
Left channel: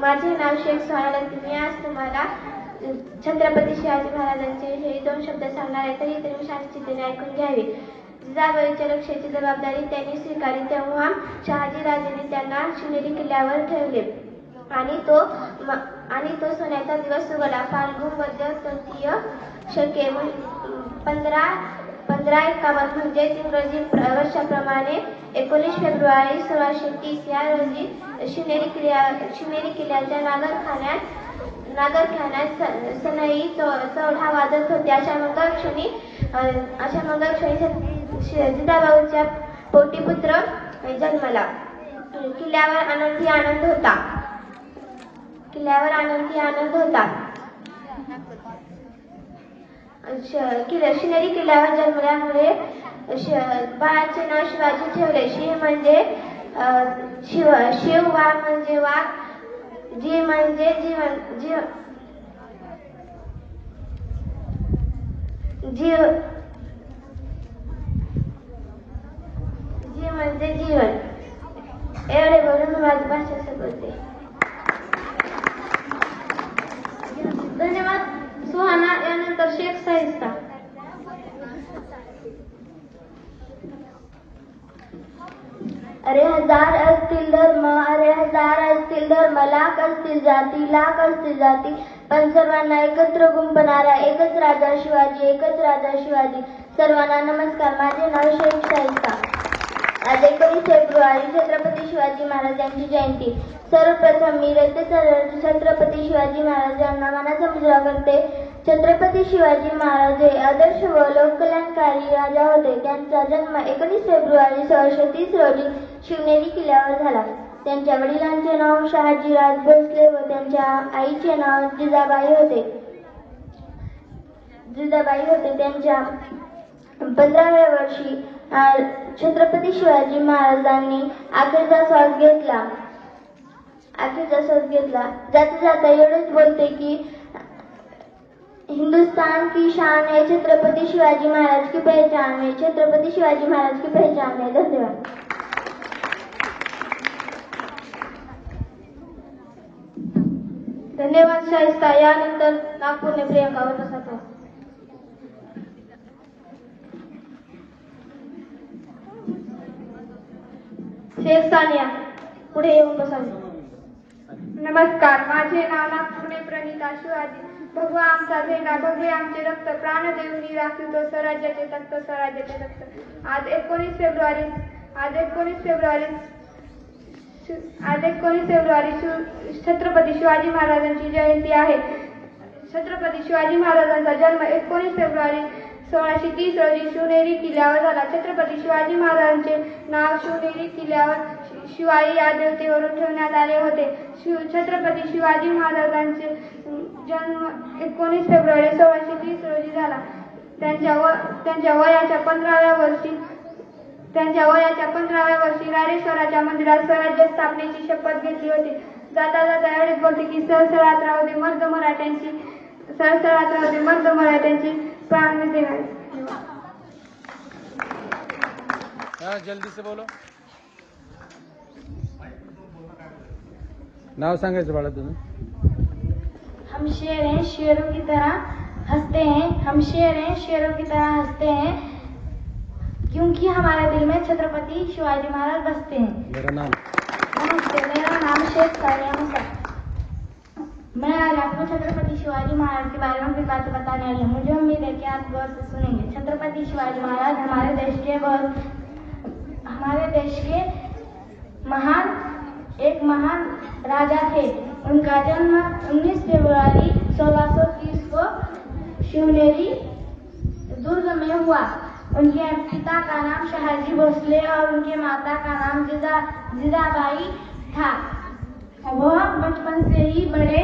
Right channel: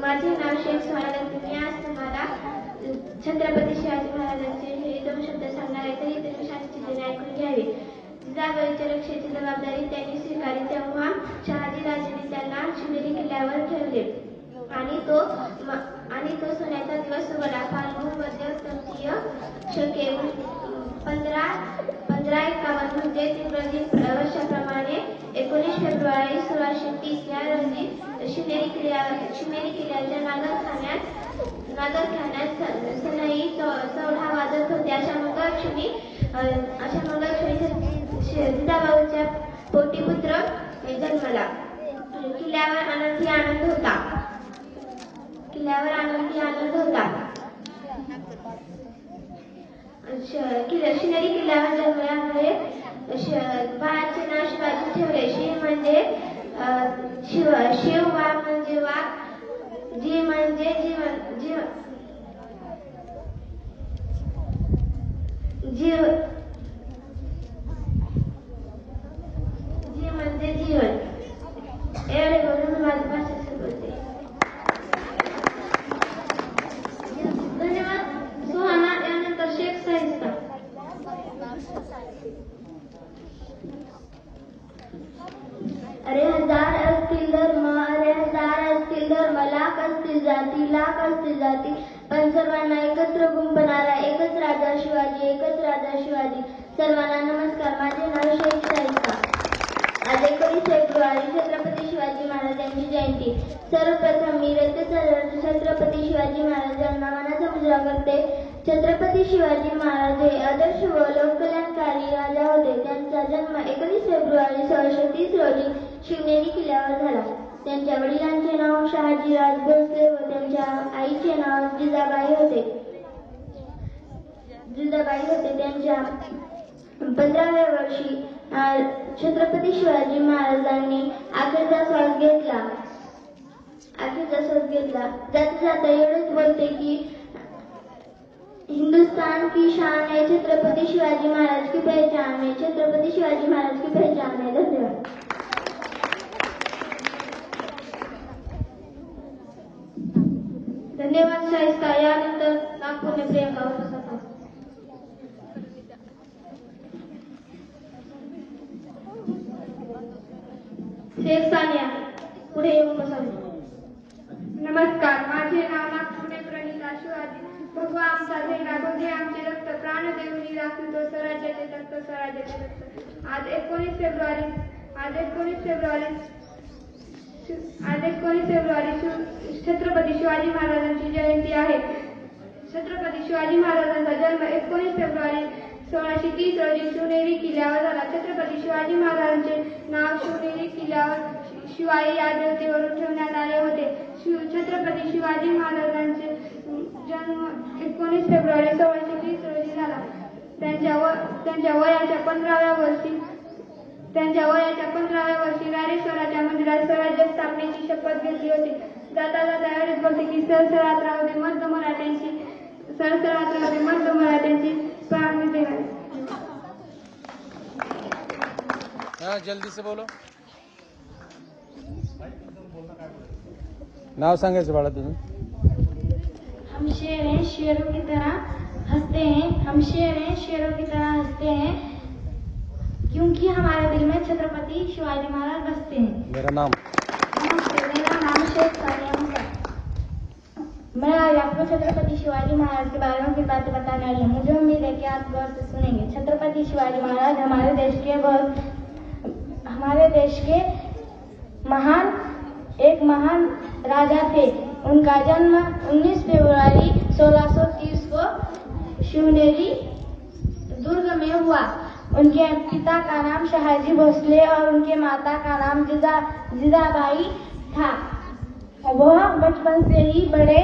माझे नाव शेख सुहाना. मी आज तुम्हाला छत्रपती शिवाजी महाराजांचे हे 2 शब्द सांगणार आहे, तरी तुम्ही शांततेने ऐकून घ्यावे. जिजाबाईच्या रक्षेची जबाबदारी त्यांनी स्वीकारली तेव्हा शहाजीराजेंनी त्यांना शिवनेरी किल्ल्यावर ठेवले आणि तो सोन्याचा दिवस उगवला. फाल्गुन मध्य तृतीय शके 1551 म्हणजे इंग्रजी वर्षाप्रमाणे 19 फेब्रुवारी 1630 या रोजी शिवनेरी किल्ल्याच्या नागरखान्यात सनई 14 वाजत होते. अशा मंगळक्षणी जिजाबाईच्या पोटी पुत्र जन्मला. किल्ल्यावर आनंदी आनंद होता. शिवनेरी किल्ल्यावर जन्मल्यामुळे बाळाचे नाव शिवाजी ठेवले. शिव म्हणजे शिव, वाघ म्हणजे वाघ, जी म्हणजे जीव म्हणजे जीवन. एवढे बोलून मी माझी भाषा संपवते. धन्यवाद. सुहाना. यानंतर शेख साहिस्ता. अरे हजार असतील धर्म, अरे हजार असतील धर्म, लाख असतील जाती, पण सर्वांना एकत्र गुंफणारा एकच राजा शिवाजी. सर्वांना नमस्कार. माझे नाव शेख साहिस्ता. आज 19 फेब्रुवारी छत्रपती शिवाजी महाराजांची जयंती. सर्वप्रथम मी छत्रपती शिवाजी महाराजांना मानाचा मुजरा करते. छत्रपती शिवाजी महाराज हे आदर्श व लोककल्याणकारी राजा होते. त्यांचा जन्म 19 फेब्रुवारी 1630 रोजी शिवनेरी किल्ल्यावर झाला. त्यांच्या वडिलांचे नाव शहाजीराज भोसले व त्यांच्या आईचे नाव जिजाबाई होते. त्यांच्या 15व्या वर्षी छत्रपती शिवाजी महाराजांनी अखेरचा श्वास घेतला. जाता एवढेच बोलते की हिंदुस्तान की शान है छत्रपती शिवाजी महाराज की पहचान है. धन्यवाद. धन्यवाद शाहिस्ता. यानंतर नागपूरने प्रियंका वर्षाचा. शेख सानिया पुढे येऊन बसावे. नमस्कार. माझे नाव नागपूरने प्रणिता शिवाजी. भगवा आमचा झेंडा, भगवे आमचे रक्त, प्राण देऊनी राखीव तो स्वराज्याचे तख्त. आज 19 फेब्रुवारी छत्रपती शिवाजी महाराजांची जयंती आहे. छत्रपती शिवाजी महाराजांचा जन्म 19 फेब्रुवारी 1630 रोजी शिवनेरी किल्ल्यावर झाला. छत्रपती शिवाजी महाराजांचे नाव शिवनेरी किल्ल्यावर शिवाई या देवतेवरून ठेवण्यात आले होते. छत्रपती शिवाजी महाराजांचे जन्म 19 फेब्रुवारी 1630 रोजी झाला. त्यांच्या वयाच्या 15व्या वर्षी राडेश्वराच्या मंदिरात स्वराज्य स्थापनेची शपथ घेतली होती. जाता एवढेच बोलते की सरसरात राहू दे मर्द मराठ्यांची प्राण देणार. जल्दी से बोलो. नाव सांगायचं बाळा तुझं. हम शेर हैं शेरों की तरह हंसते हैं, क्योंकि हमारे दिल में छत्रपति शिवाजी महाराज बसते हैं. मेरा नाम. नमस्ते, मेरा नाम शेख सानिया मुसा. मैं आज आपको छत्रपति शिवाजी महाराज के बारे में कुछ बातें बताने आई हूँ. मुझे उम्मीद है कि आप गौर से सुनेंगे. छत्रपति शिवाजी महाराज हमारे देश के महान राजा थे. उनका जन्म 19 फरवरी 1630 को शिवनेरी दुर्ग में हुआ. उनके पिता का नाम शहाजी भोसले और उनके माता का नाम जिजाबाई था. वह बचपन से ही बड़े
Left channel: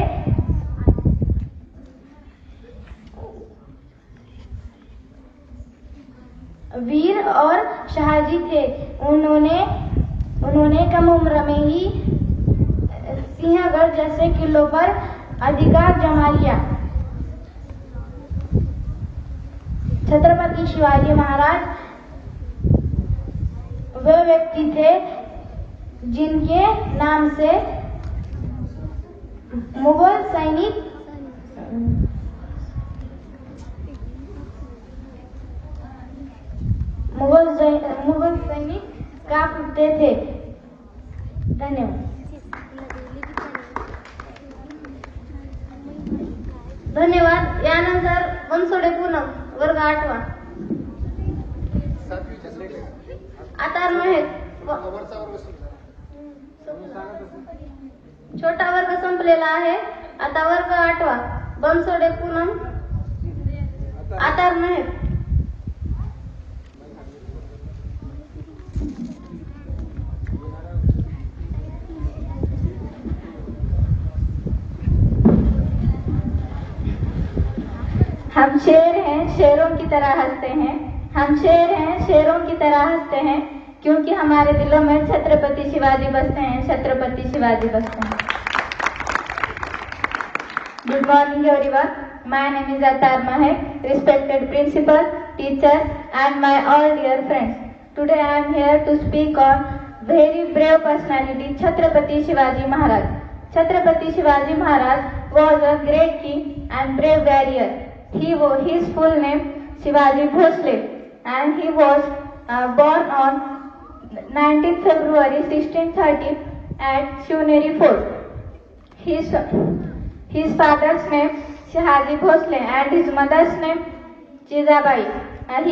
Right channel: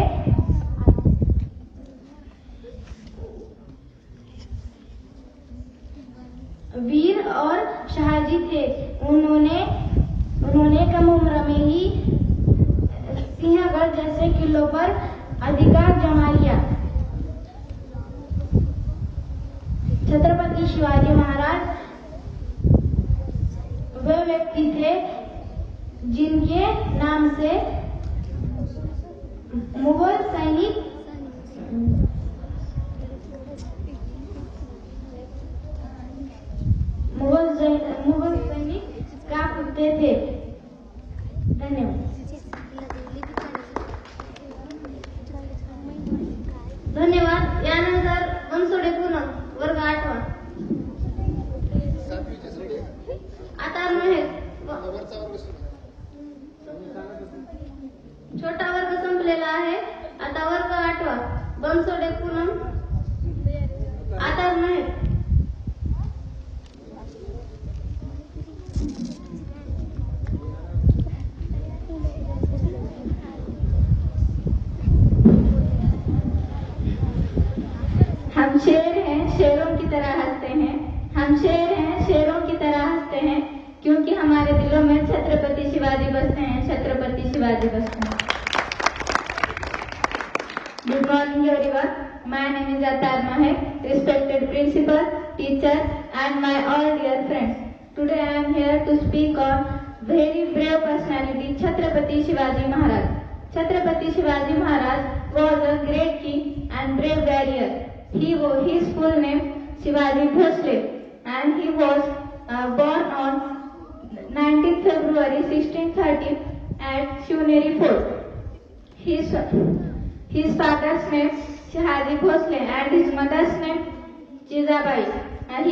वीर और साहसी थे. उन्होंने कम उम्र में ही सिंहगढ़ जैसे किलों पर अधिकार जमा लिया. छत्रपति शिवाजी महाराज वे व्यक्ति थे जिनके नाम से मुगल सैनिक कांपते थे. धन्यवाद. यानंतर बनसोडे पूनम वर्ग 8वा. आता छोटा वर्ग संपलेला आहे. आता वर्ग 8वा बनसोडे पूनम आता नाही. हम शेर हैं, शेरों की तरह हंसते हैं। हम शेर हैं, शेरों की तरह हंसते हैं, क्योंकि हमारे दिलों में छत्रपति शिवाजी बसते हैं, छत्रपति शिवाजी बसते हैं। Good morning everyone. My name is Atar Maher, respected principal, teachers and my all dear friends. Today I am here to speak on very brave personality, Chhatrapati Shivaji Maharaj. Chhatrapati Shivaji Maharaj was a great king and brave warrior. His full name Shivaji Bhosle, and he was born on 19 February 1630 at Shivneri Fort. His father's name Shivaji Bhosle and his mother's name Jizabai. And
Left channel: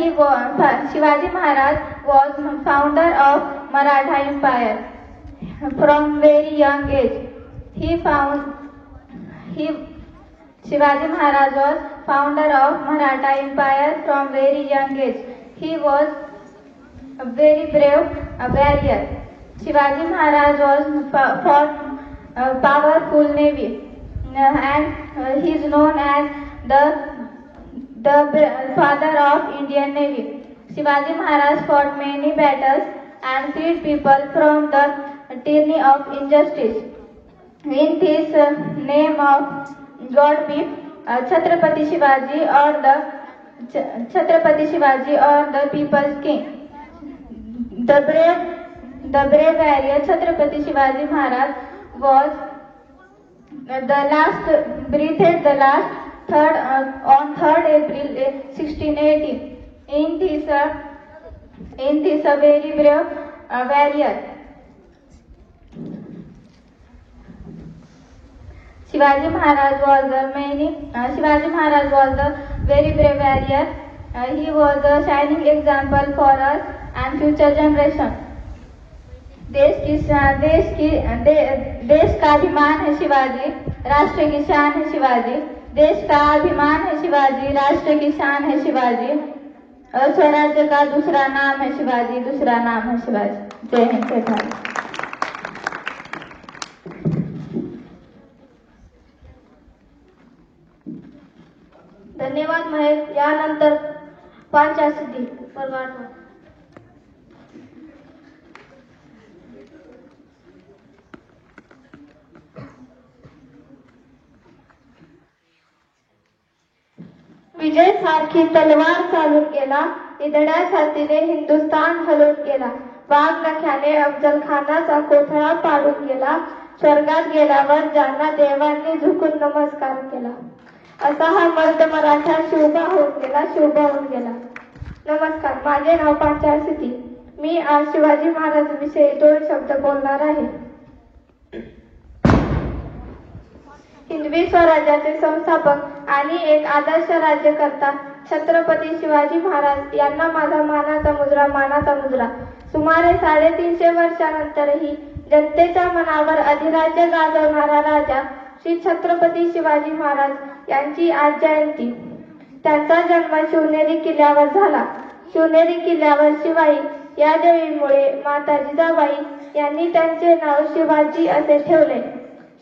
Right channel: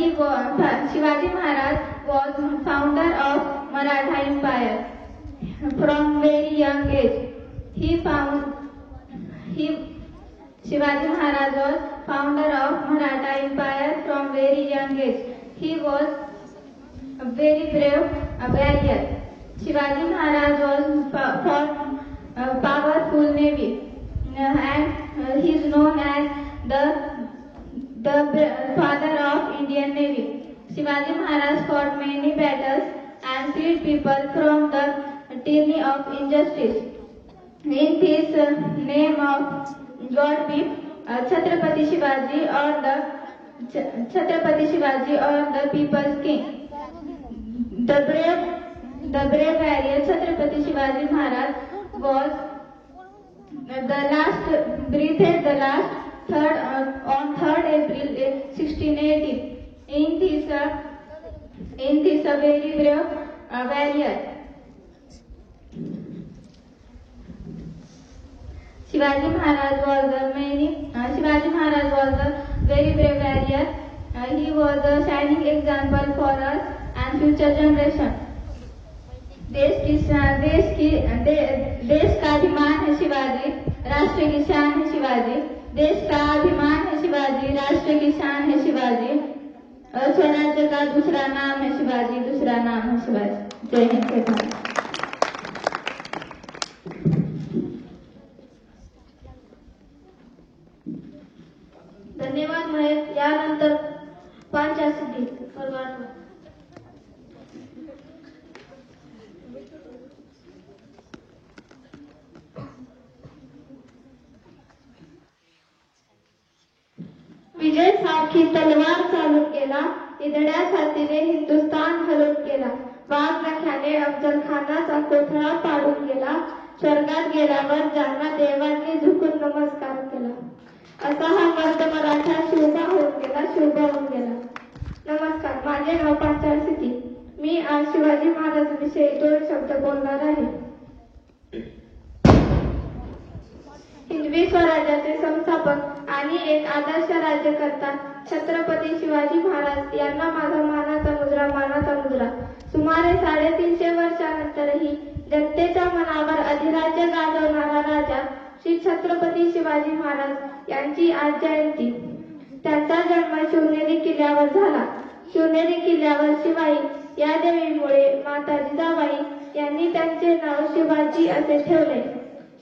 Shivaji Maharaj was founder of Maratha Empire. From very young age, Shivaji Maharaj was founder of Maratha Empire from very young age. He was a very brave warrior. Shivaji Maharaj was fought a powerful navy, and he is known as the father of Indian Navy. Shivaji Maharaj fought many battles and freed people from the tyranny of injustice. In this name of God be Chhatrapati Shivaji or the people's king. The brave warrior Chhatrapati Shivaji Maharaj was breathed the last on 3rd April 1618. In this a very brave warrior. Shivaji Maharaj was a very brave warrior. He was a shining example for us and future generation. देश का अभिमान है शिवाजी, राष्ट्र की शान है शिवाजी। देश का अभिमान है शिवाजी, राष्ट्र की शान है शिवाजी। और स्वराज्य का दूसरा नाम है शिवाजी, दूसरा नाम है शिवाजी। जय हिंद, जय भारत। धन्यवाद महेश। यानंतर पंचासिद्धी सर्वांना विजय सारखी तलवार चालून गेला, इदड्या छातीने हिंदुस्थान हलून गेला। वाघ नख्याने अफजल खानाचा कोथळा पाडून गेला, स्वर्गात गेल्यावर ज्यांना देवांनी झुकून नमस्कार केला। असा हा मर्द मराठा शिवबा होऊन गेला, शिवबा होऊन गेला। नमस्कार, माझे नाव पंचासिद्धी। मी आज शिवाजी महाराजांविषयी 2 शब्द बोलणार आहे। हिंदवी स्वराज्याचे संस्थापक आणि एक आदर्श राज्यकर्ता छत्रपती शिवाजी महाराज यांना माझा मानाचा मुजरा, मानाचा मुजरा। सुमारे 350 वर्षानंतरही जनतेच्या मनावर अधिराज्य गाजवणारा राजा श्री छत्रपती शिवाजी महाराज यांची आज जयंती। त्यांचा जन्म शिवनेरी किल्ल्यावर झाला। शिवनेरी किल्ल्यावर शिवाई या देवीमुळे माता जिजाबाई यांनी त्यांचे नाव शिवाजी असे ठेवले।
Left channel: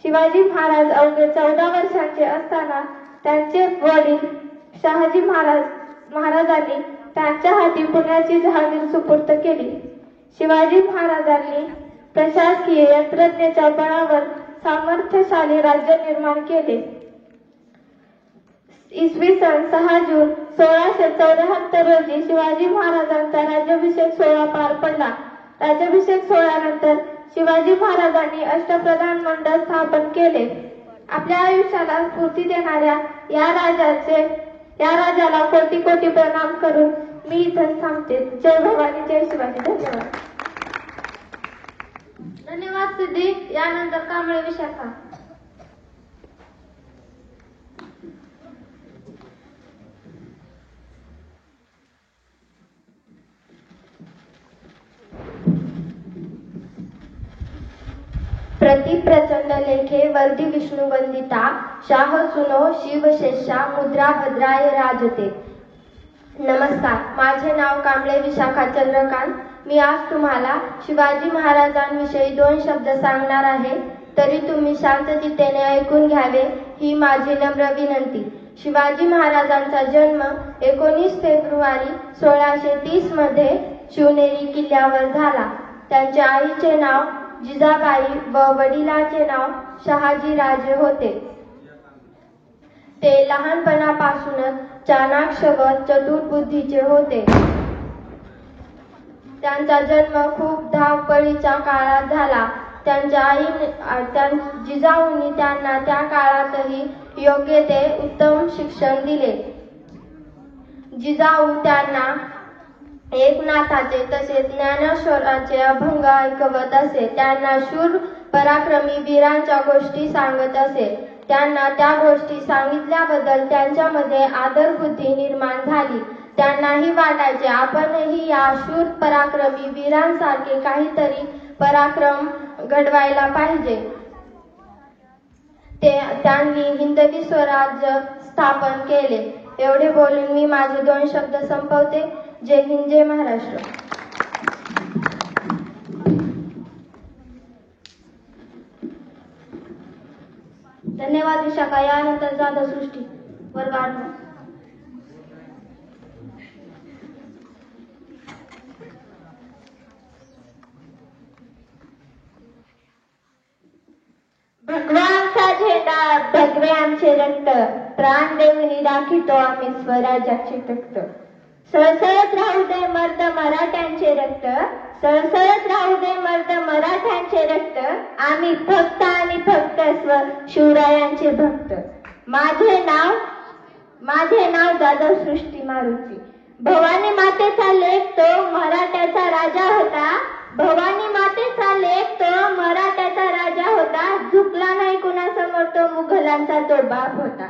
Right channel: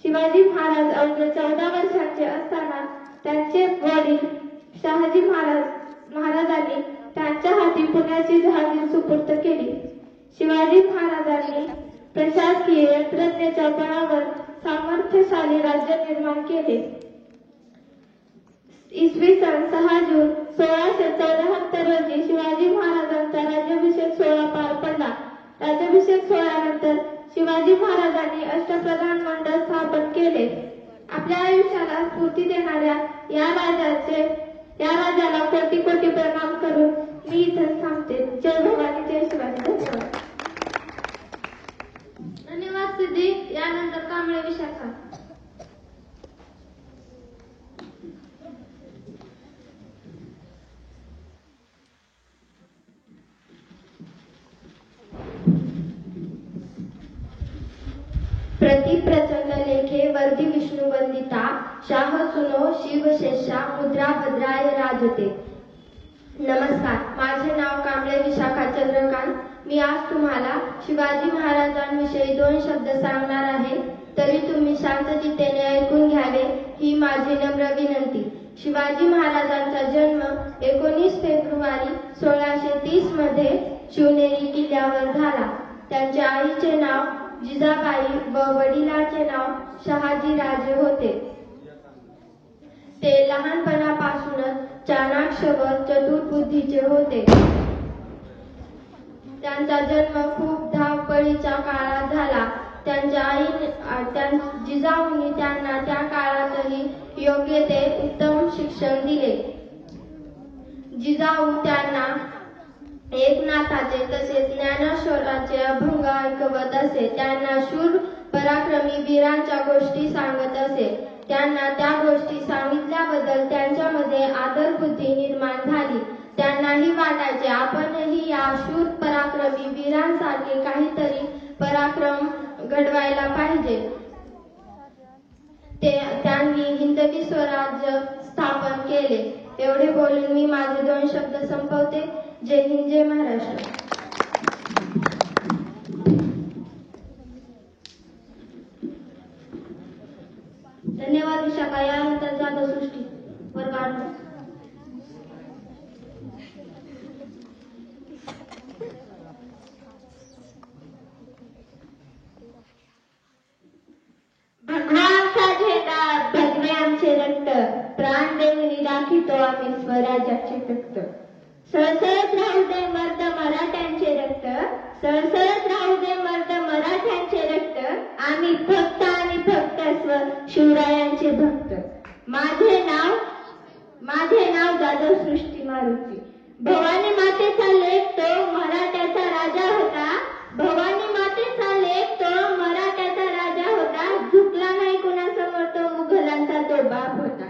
शिवाजी महाराज अवघे 14 वर्षांचे असताना त्यांचे वडील शहाजी महाराजांनी त्यांच्या हाती पुण्याची जहागीर सुपूर्द केली। शिवाजी महाराजांनी प्रशासकीय यंत्रणेच्या बळावर सामर्थ्यशाली राज्य निर्माण केले। इसवी सन 6 जून 1674 रोजी शिवाजी महाराजांचा राज्याभिषेक सोहळा पार पडला। राज्याभिषेक सोहळ्यानंतर शिवाजी महाराजांनी अष्टप्रधान मंडळ स्थापन केले। आपल्या आयुष्याला स्फूर्ती देणाऱ्या या राजाला कोटी कोटी प्रणाम करून मी इथं थांबते। जय भवानी, जय शिवाजी। धन्यवाद। धन्यवाद सिद्धी। यानंतर कांबळे विशाखा। प्रति प्रचंड लेखे वर्दी विष्णु वंदिता, शाह सुनो शिवशेषा मुद्रा भद्राय राजते। नमस्कार, माझे नाव कांबळे विशाखा चंद्रकांत। मी आज तुम्हाला शिवाजी महाराजांविषयी 2 शब्द सांगणार आहे, तरी तुम्ही शांततेने ऐकून घ्यावे ही माझी नम्र विनंती। शिवाजी महाराजांचा जन्म 19 फेब्रुवारी 1630 मध्ये शिवनेरी किल्ल्यावर झाला. त्यांच्या आईचे नाव जिजाबाई व वडिलांचे नाव शहाजीराजे होते. ते लहानपणापासूनच चाणाक्ष व चतुर्बुद्धीचे होते. त्यांचा जन्म खूप धावपळीच्या काळात झाला. त्यांच्या जिजाऊंनी त्यांना त्या काळातही योग्य ते उत्तम शिक्षण दिले. जिजाऊ त्यांना एकनाथाचे तसेच ज्ञानेश्वराचे अभंग ऐकवत असे. त्यांना शूर पराक्रमी वीरांच्या गोष्टी सांगत असे. त्यांना त्या गोष्टी सांगितल्याबद्दल त्यांच्यामध्ये आदरबुद्धी निर्माण झाली. त्यांनाही वाटायचे आपणही या शूर पराक्रमी वीरांसारखे काहीतरी पराक्रम घडवायला पाहिजे. त्यांनी हिंदवी स्वराज्य स्थापन केले. एवढे बोलून मी माझे 2 शब्द संपवते. जय हिंद, जय महाराष्ट्र. धन्यवाद विशाखा. यानंतर जाधव सृष्टी वर्गात. भगव्यांचा झेंडा भगवे आमचे रक्त, प्राण देऊन राखीतो आम्ही स्वराज्याचे तख्त. सळसळत राहू दे मर्द मराठ्यांचे रक्त, सळसळत राहू दे मर्द मराठ्यांचे रक्त, आम्ही फक्त आणि फक्त शिवरायांचे भक्त. माझे नाव जाधव सृष्टी मारुती. भवानी मातेचा लेक तो मराठ्याचा राजा होता. भवानी मातेचा लेक तो मराठ्याचा राजा होता. झुकला नाही कुणासमोर तो मुघलांचा तो बाप होता.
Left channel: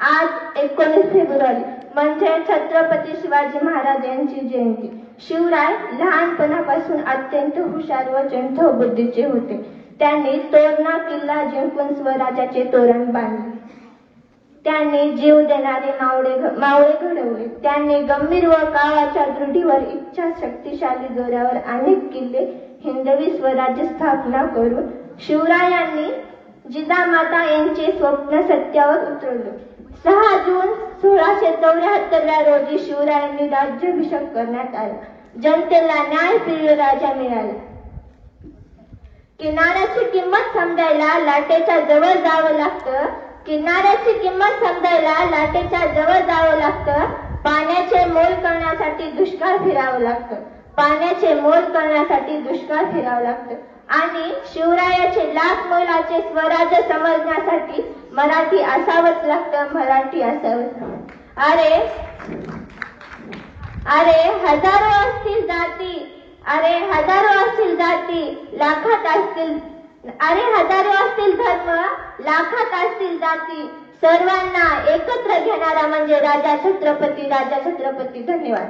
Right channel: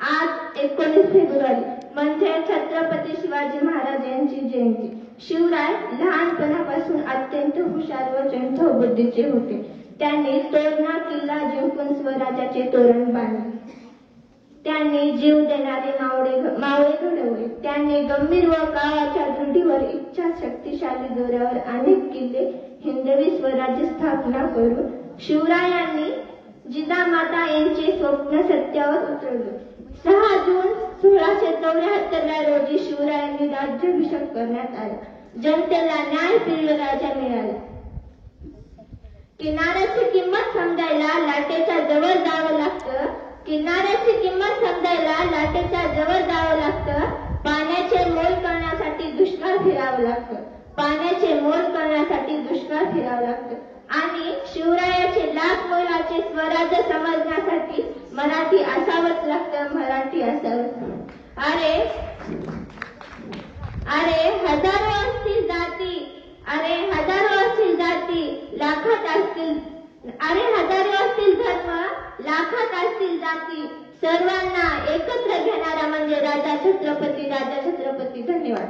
आज 19 फेब्रुवारी म्हणजे छत्रपती शिवाजी महाराज यांची जयंती. शिवराय लहानपणापासून अत्यंत हुशार व चंचल बुद्धीचे होते. त्यांनी तोरणा किल्ला जिंकून स्वराज्याचे तोरण बांधले. त्यांनी जीव देणारे मावळे घडवले. त्यांनी गंभीर व काळाच्या दृढीवर इच्छा शक्तिशाली जोरावर अनेक किल्ले हिंदवी स्वराज्य स्थापना करून शिवरायांनी जिजामाता यांचे स्वप्न सत्यावर उतरवले. 6 जून 1674 रोजी शिवरायांनी राज्याभिषेक करण्यात आला. जनतेला न्यायप्रिय राजा मिळाला. किनाऱ्याची किंमत समजायला लाटेच्या जवळ जावं लागतं. किनाऱ्याची किंमत समजायला लाटेच्या जवळ जावं लागतं. पाण्याचे मोल करण्यासाठी दुष्काळ फिरावं लागतं. पाण्याचे मोल करण्यासाठी दुष्काळ फिरावं लागतं. आणि शिवरायाचे लाख मोलाचे स्वराज्य समजण्यासाठी मराठी असावंच लागतं. मराठी असावंच. अरे हजारो असतील जाती, अरे हजारो असतील जाती, लाखात असतील, अरे हजारो असतील धर्म, लाखात असतील जाती, सर्वांना एकत्र घेणारा म्हणजे राजा छत्रपती, राजा छत्रपती. धन्यवाद.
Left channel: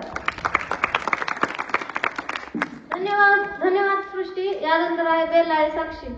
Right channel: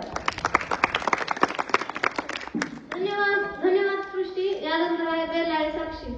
धन्यवाद सृष्टी. यानंतर आहे बेलाळे साक्षी.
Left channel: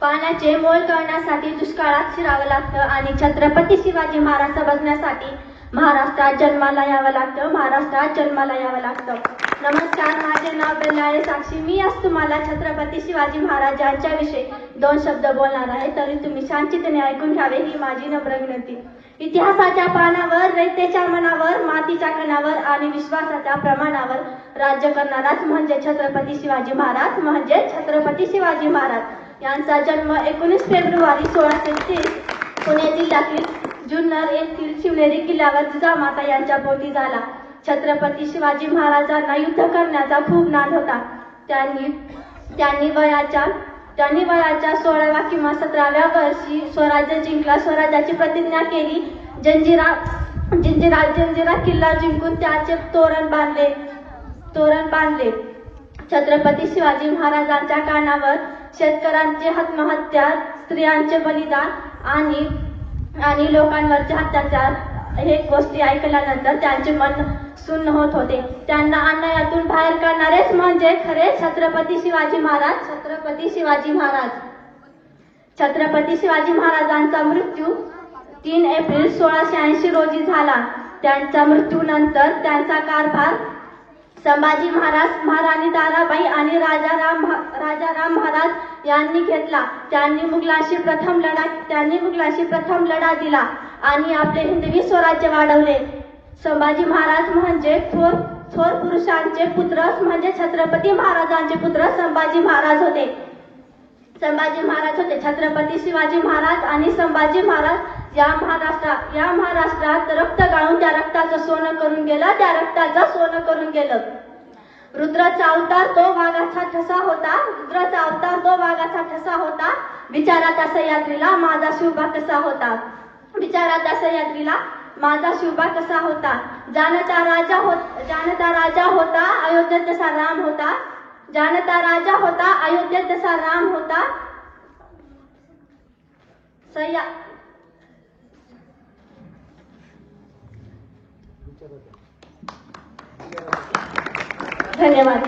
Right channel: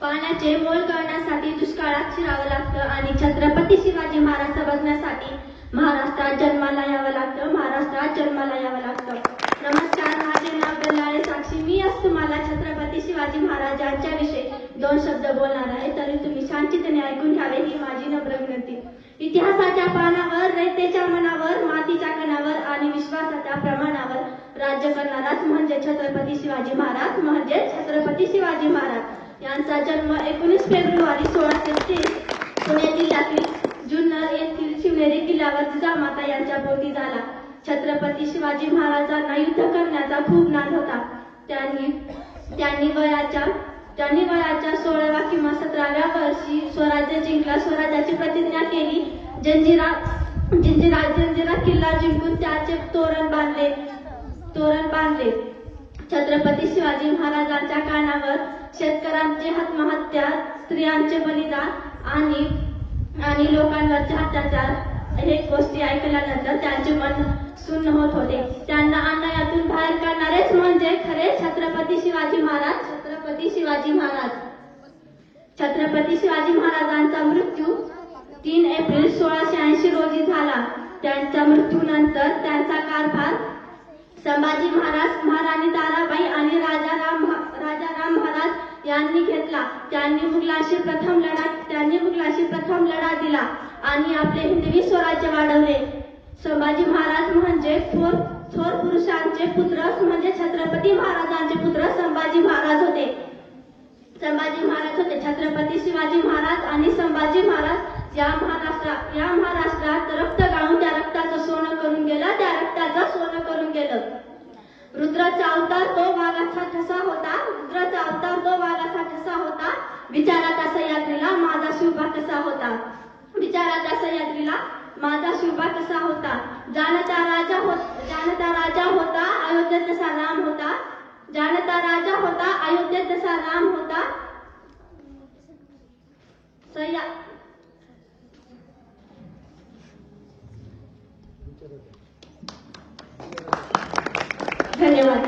पाण्याचे मोल करण्यासाठी दुष्काळात शिरावं लागतं आणि छत्रपती शिवाजी महाराज बघण्यासाठी महाराष्ट्रात जन्माला यावं लागतं. महाराष्ट्रात जन्माला यावं लागतं. नमस्कार, माझे नाव बेलाळे साक्षी. मी आज तुम्हाला छत्रपती शिवाजी महाराजांच्या विषयी 2 शब्द बोलणार आहे. तरी तुम्ही शांततेने ऐकून घ्यावे ही माझी नम्र विनंती. इतिहासाच्या पानावर, रयतेच्या मनावर, मातीच्या कणावर आणि विश्वासाच्या प्रमाणावर राज्य करणाराच म्हणजे छत्रपती शिवाजी महाराज, म्हणजे छत्रपती शिवाजी महाराज. यांचा जन्म 19 फेब्रुवारी 1630 पुणे जिल्ह्यातील जुन्नर येथील शिवनेरी किल्ल्यावर जिजामाता यांच्या पोटी झाला. छत्रपती शिवाजी महाराजांना युद्ध करण्याचा खूप नाद होता. त्यांनी वयाच्या 16व्या किंवा 17व्या वर्षी स्वराज्य जिंकला. स्वराज्याची प्रतिज्ञा केली. जंजिरा किल्ला जिंकून त्याचे तोरण बांधले. छत्रपती शिवाजी महाराजांच्या कानावर शेतकऱ्यांची आत्महत्या, स्त्रियांचे बलिदान आणि लोकांवरचे अत्याचार हे गोष्टी ऐकल्यानंतर त्यांचे मन सुन्न होत होते. त्यांना अन्यायातून बाहेर काढणारेच म्हणजे खरे छत्रपती शिवाजी महाराज. छत्रपती शिवाजी महाराजांचा मृत्यू 3 एप्रिल 1680 रोजी झाला. त्यांच्या मृत्यूनंतर त्यांचा कारभार संभाजी महाराज, महाराणी ताराबाई आणि राजाराम महाराज यांनी घेतला. त्यांनी मुघलाशी प्रथम लढा दिला आणि आपले हिंदवी स्वराज्य वाढवले. संभाजी महाराज म्हणजे थोर पुरुषांचे पुत्र, म्हणजे छत्रपती महाराजांचे पुत्र संभाजी महाराज होते. छत्रपती शिवाजी महाराज आणि संभाजी महाराज या महाराष्ट्रात रक्त गाळून त्या रक्ताचं सोनं करून गेलं. रुद्राचा अवतार तो वाघाचा ठसा होता. विचारा त्या सह्याद्रीला माझा शिवबा कसा होता. जानता राजा होता अयोध्येत जसा राम होता. धन्यवाद.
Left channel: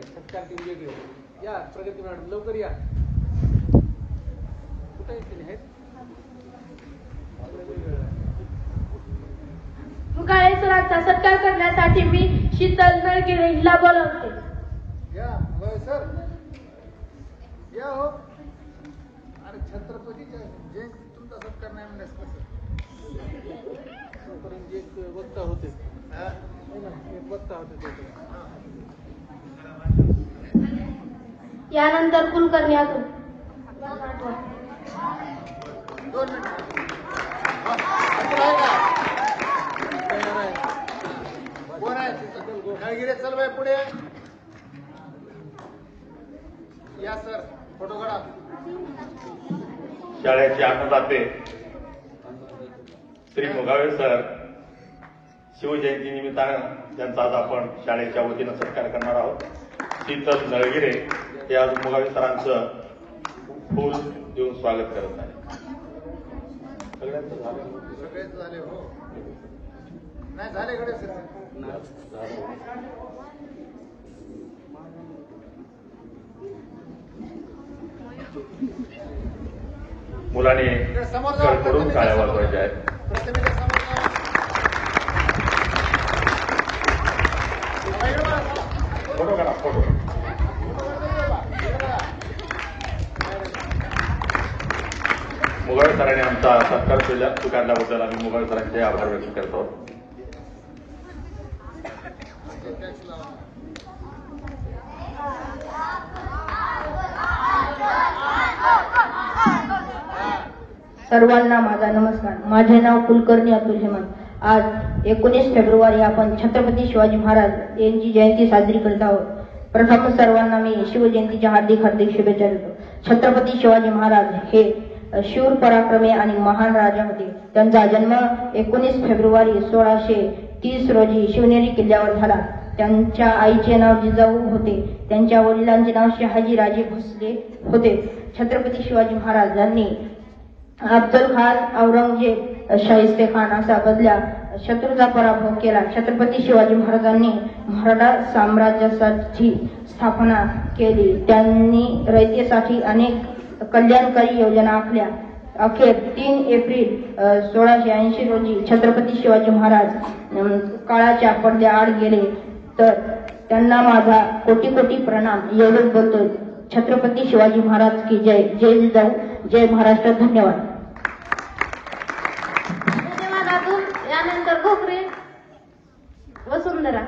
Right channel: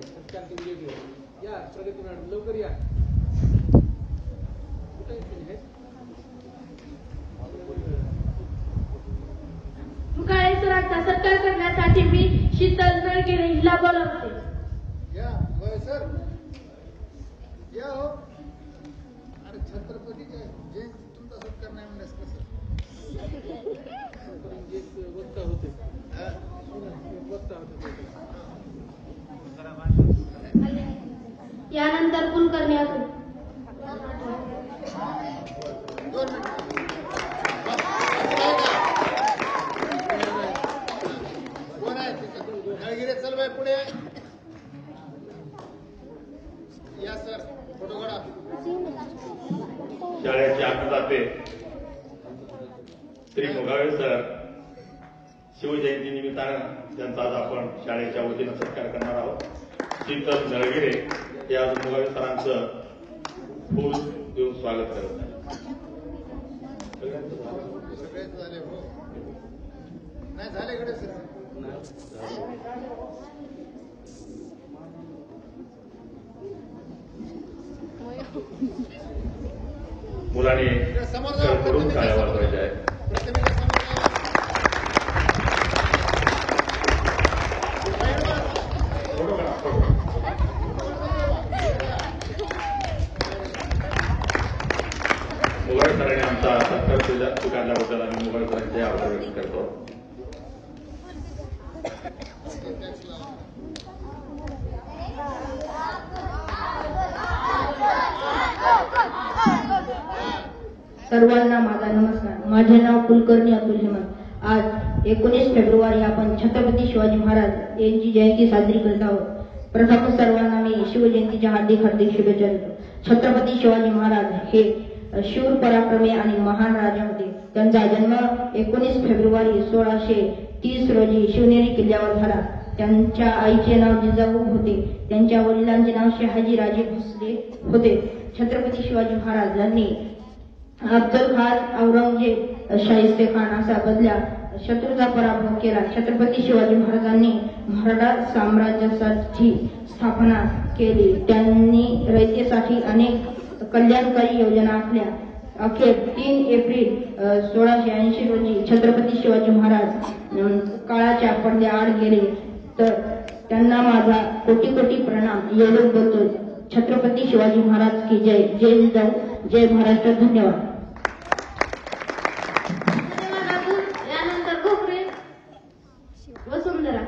सत्कार टीम या प्रगती मॅडम लवकर या. कुठे आहेत? मुकाळे सरांचा सत्कार करण्यासाठी मी शीतल नळगिरे हिला बोलवते. या सर या हो. अरे छत्रपतीच्या जयंती तुमचा सत्कार नाही म्हणण्यास कसं वक्ता होते. यानंतर कुलकर्णी अतुल. कोण आहे नळगिरे? चल बाई पुढे या. सर फोटो काढा. शाळेचे अन्नदाते श्री मुगावे सर शिवजयंती निमित्तानं त्यांचा आज आपण शाळेच्या वतीनं सत्कार करणार आहोत. शीतल नळगिरे हे आज मुगावे सरांचं फूल देऊन स्वागत करत आहे. सगळेच झाले हो. नाही झाले कडे सर. मुलांनी करून टाळ्या वाजवायच्या आहेत. फोटो काढा फोटो. मुगाळे सरांनी आमचा सत्कार स्वीकारल्याबद्दल आम्ही मुगाळे सरांचे आभार व्यक्त करतो. सर्वांना माझा नमस्कार. माझे नाव कुलकर्णी अतुल हेमंत. आज 19 फेब्रुवारी आपण छत्रपती शिवाजी महाराज यांची जयंती साजरी करत आहोत. प्रथम सर्वांना मी शिवजयंतीच्या हार्दिक शुभेच्छा देतो. छत्रपती शिवाजी महाराज हे शूर पराक्रमी आणि महान राजा होते. त्यांचा जन्म 19 फेब्रुवारी 1630 रोजी शिवनेरी किल्ल्यावर झाला. त्यांच्या आईचे नाव जिजाऊ होते. त्यांच्या वडिलांचे नाव शहाजी राजे भोसले होते. छत्रपती शिवाजी महाराजांनी अफजल खान, औरंगजेब, शाहिस्ते खान असा बदल्या शत्रूचा पराभव केला. छत्रपती शिवाजी महाराजांनी मराठा साम्राज्याची स्थापना केली. त्यांनी रयतेसाठी अनेक कल्याणकारी योजना आखल्या. अखेर 3 एप्रिल 1680 रोजी छत्रपती शिवाजी महाराज काळाच्या पडद्याआड गेले. तर त्यांना माझा कोटी कोटी प्रणाम. एवढंच बोलतो. छत्रपती शिवाजी महाराज की जय. जय जिजाऊ, जय महाराष्ट्र. धन्यवाद. यानंतर घोकरे वसुंधरा.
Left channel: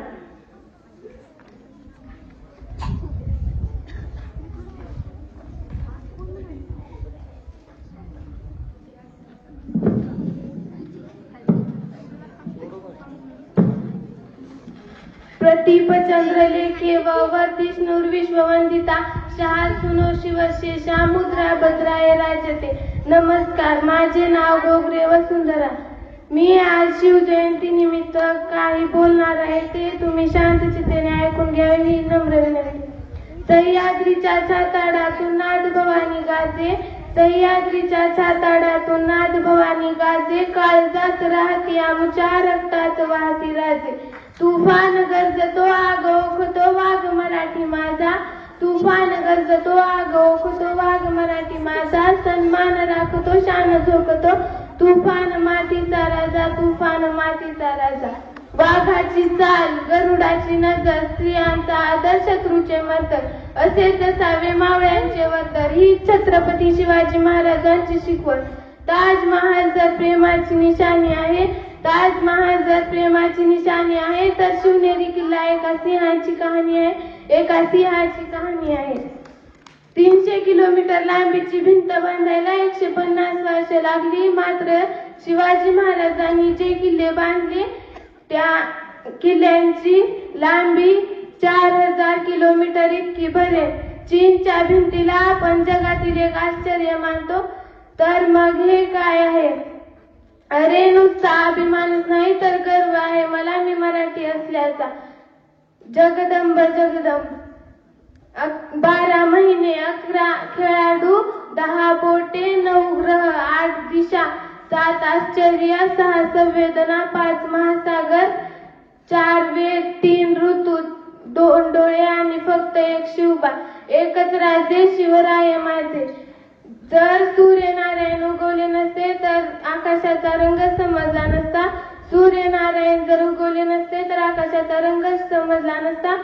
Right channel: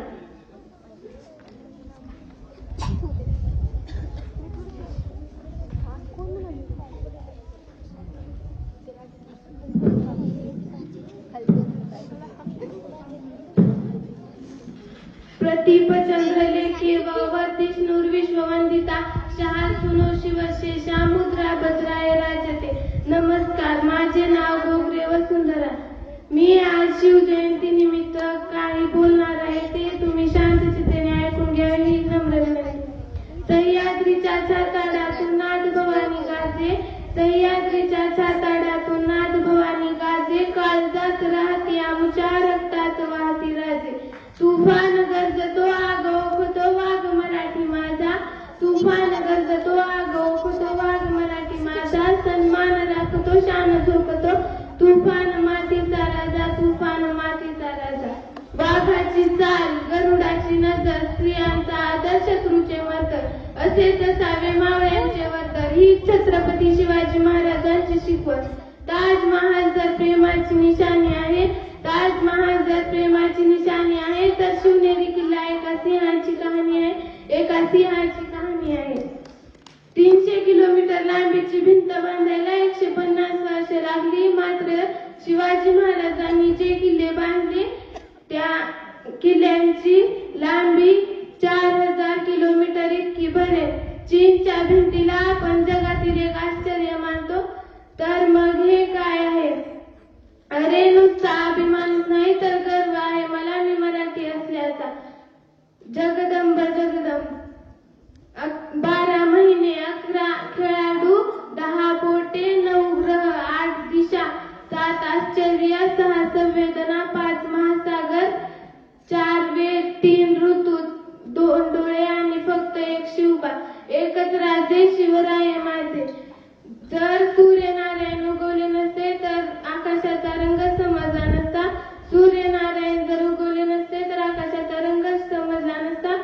प्रतीप चंद्रलेखे वर्धिष्णुर विश्ववंदिता शाल सुनो शिवशेषा मुद्रा भद्राय राजते. नमस्कार. माझे नाव घोगरे वसुंधरा. मी आज शिवजयंती निमित्त काही बोलणार आहे. ते तुम्ही शांतचित्तेने ऐकून घ्या ही नम्र विनंती. सह्याद्रीच्या छाताडातून नाद भवानी गाजे. सह्याद्रीच्या छाताडातून नाद भवानी गाजे. काळजात राहती आमच्या रक्तात वाहती राजे. तुफान गरजतो आग ओखतो वाघ मराठी माझा. तुफान गर्जतो आग ओळखतो वाघ मराठी माझा सन्मान राखतो शान झोकतो तुफान मातीचा राजा तुफान मातीचा राजा वाघाची चाल गरुडाची नजर स्त्रियांचा आदर शत्रूचे मर्तर असेच असावे मावळ्यांचे वर्तर ही छत्रपती शिवाजी महाराजांची शिकवण ताजमहाल जर प्रेमाची निशाणी आहे ताजमहाल जर प्रेमाची निशाणी आहे तर शिवनेरी किल्ला एका सिंहाची कहाणी आहे एका सिंहाची कहाणी आहे 300 किलोमीटर लांबीची भिंत बांधायला 150 वर्ष लागली मात्र शिवाजी महाराजांनी जे किल्ले बांधले त्या किल्ल्यांची लांबी 4000 किलोमीटर इतकी भरेल चीनच्या भिंतीला आपण जगातील एक आश्चर्य मानतो तर मग हे काय आहे अरे नुसता अभिमानच नाही तर गर्व आहे मला मी मराठी असल्याचा जगदंब जगदंब 12 महिने 11 खेळाडू 10 बोटे 9 ग्रह 8 दिशा 7 आश्चर्य 6 संवेदना 5 महासागर 4 वेद 3 ऋतू 2 डोळे आणि फक्त एक शिवबा एकच राज्य शिवराय माझे जर सूर्यनारायण उगवले नसते तर आकाशाचा रंग समजला नसता सूर्यनारायण जर उगवले नसते तर आकाशाचा रंग समजला नसता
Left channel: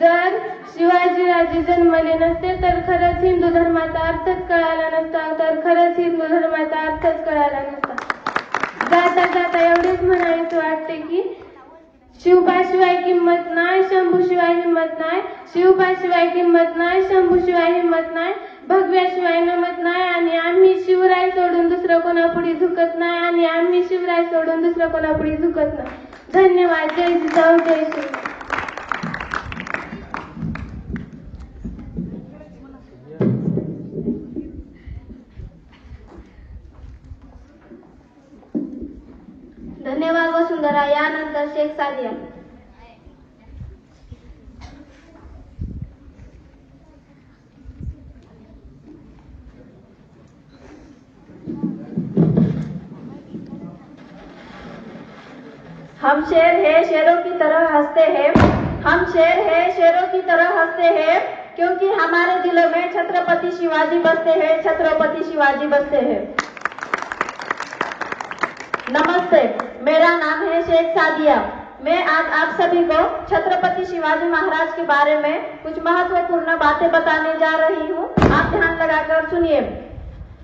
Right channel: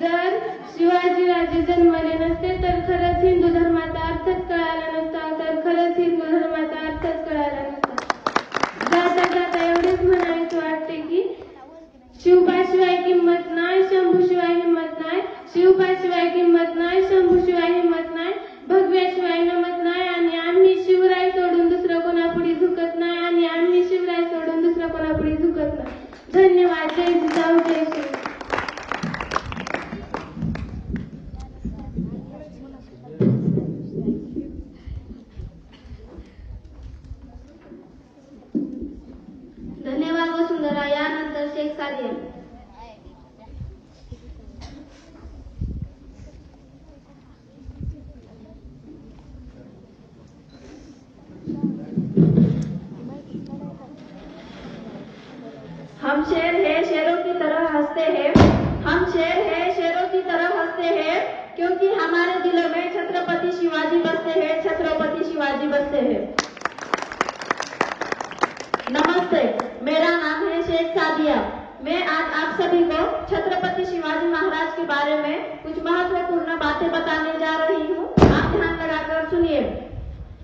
जर शिवाजीराजे जन्मले नसते तर खरंच हिंदू धर्माचा अर्थच कळाला नसता तर खरंच हिंदू धर्माचा अर्थच कळाला नसता जाता जाता एवढेच म्हणायचे वाटते की शिवबाशिवाय किंमत नाही शंभूशिवाय हिंमत नाही शिवबाशिवाय किंमत नाही शंभूशिवाय हिंमत नाही भगव्याशिवाय नमत नाही आणि आम्ही शिवराय सोडून दुसरं कोणापुढे झुकत नाही आणि आम्ही शिवराय सोडून दुसरं कोणापुढे झुकत नाही धन्यवाद जय जिजाऊ जय श्री धन्यवाद वसुंधरा यानंतर शेख सादिया हम शेर है शेरों की तरह हंसते हैं हम शेर है शेरों की तरह हंसते हैं क्योंकि हमारे दिलों में छत्रपति शिवाजी बसते हैं छत्रपति शिवाजी बसते हैं। नमस्ते मेरा नाम है शेख सादिया मैं आज आप सभी को छत्रपति शिवाजी महाराज के बारे में कुछ महत्वपूर्ण बातें बताने जा रही हूँ आप ध्यान लगाकर सुनिए।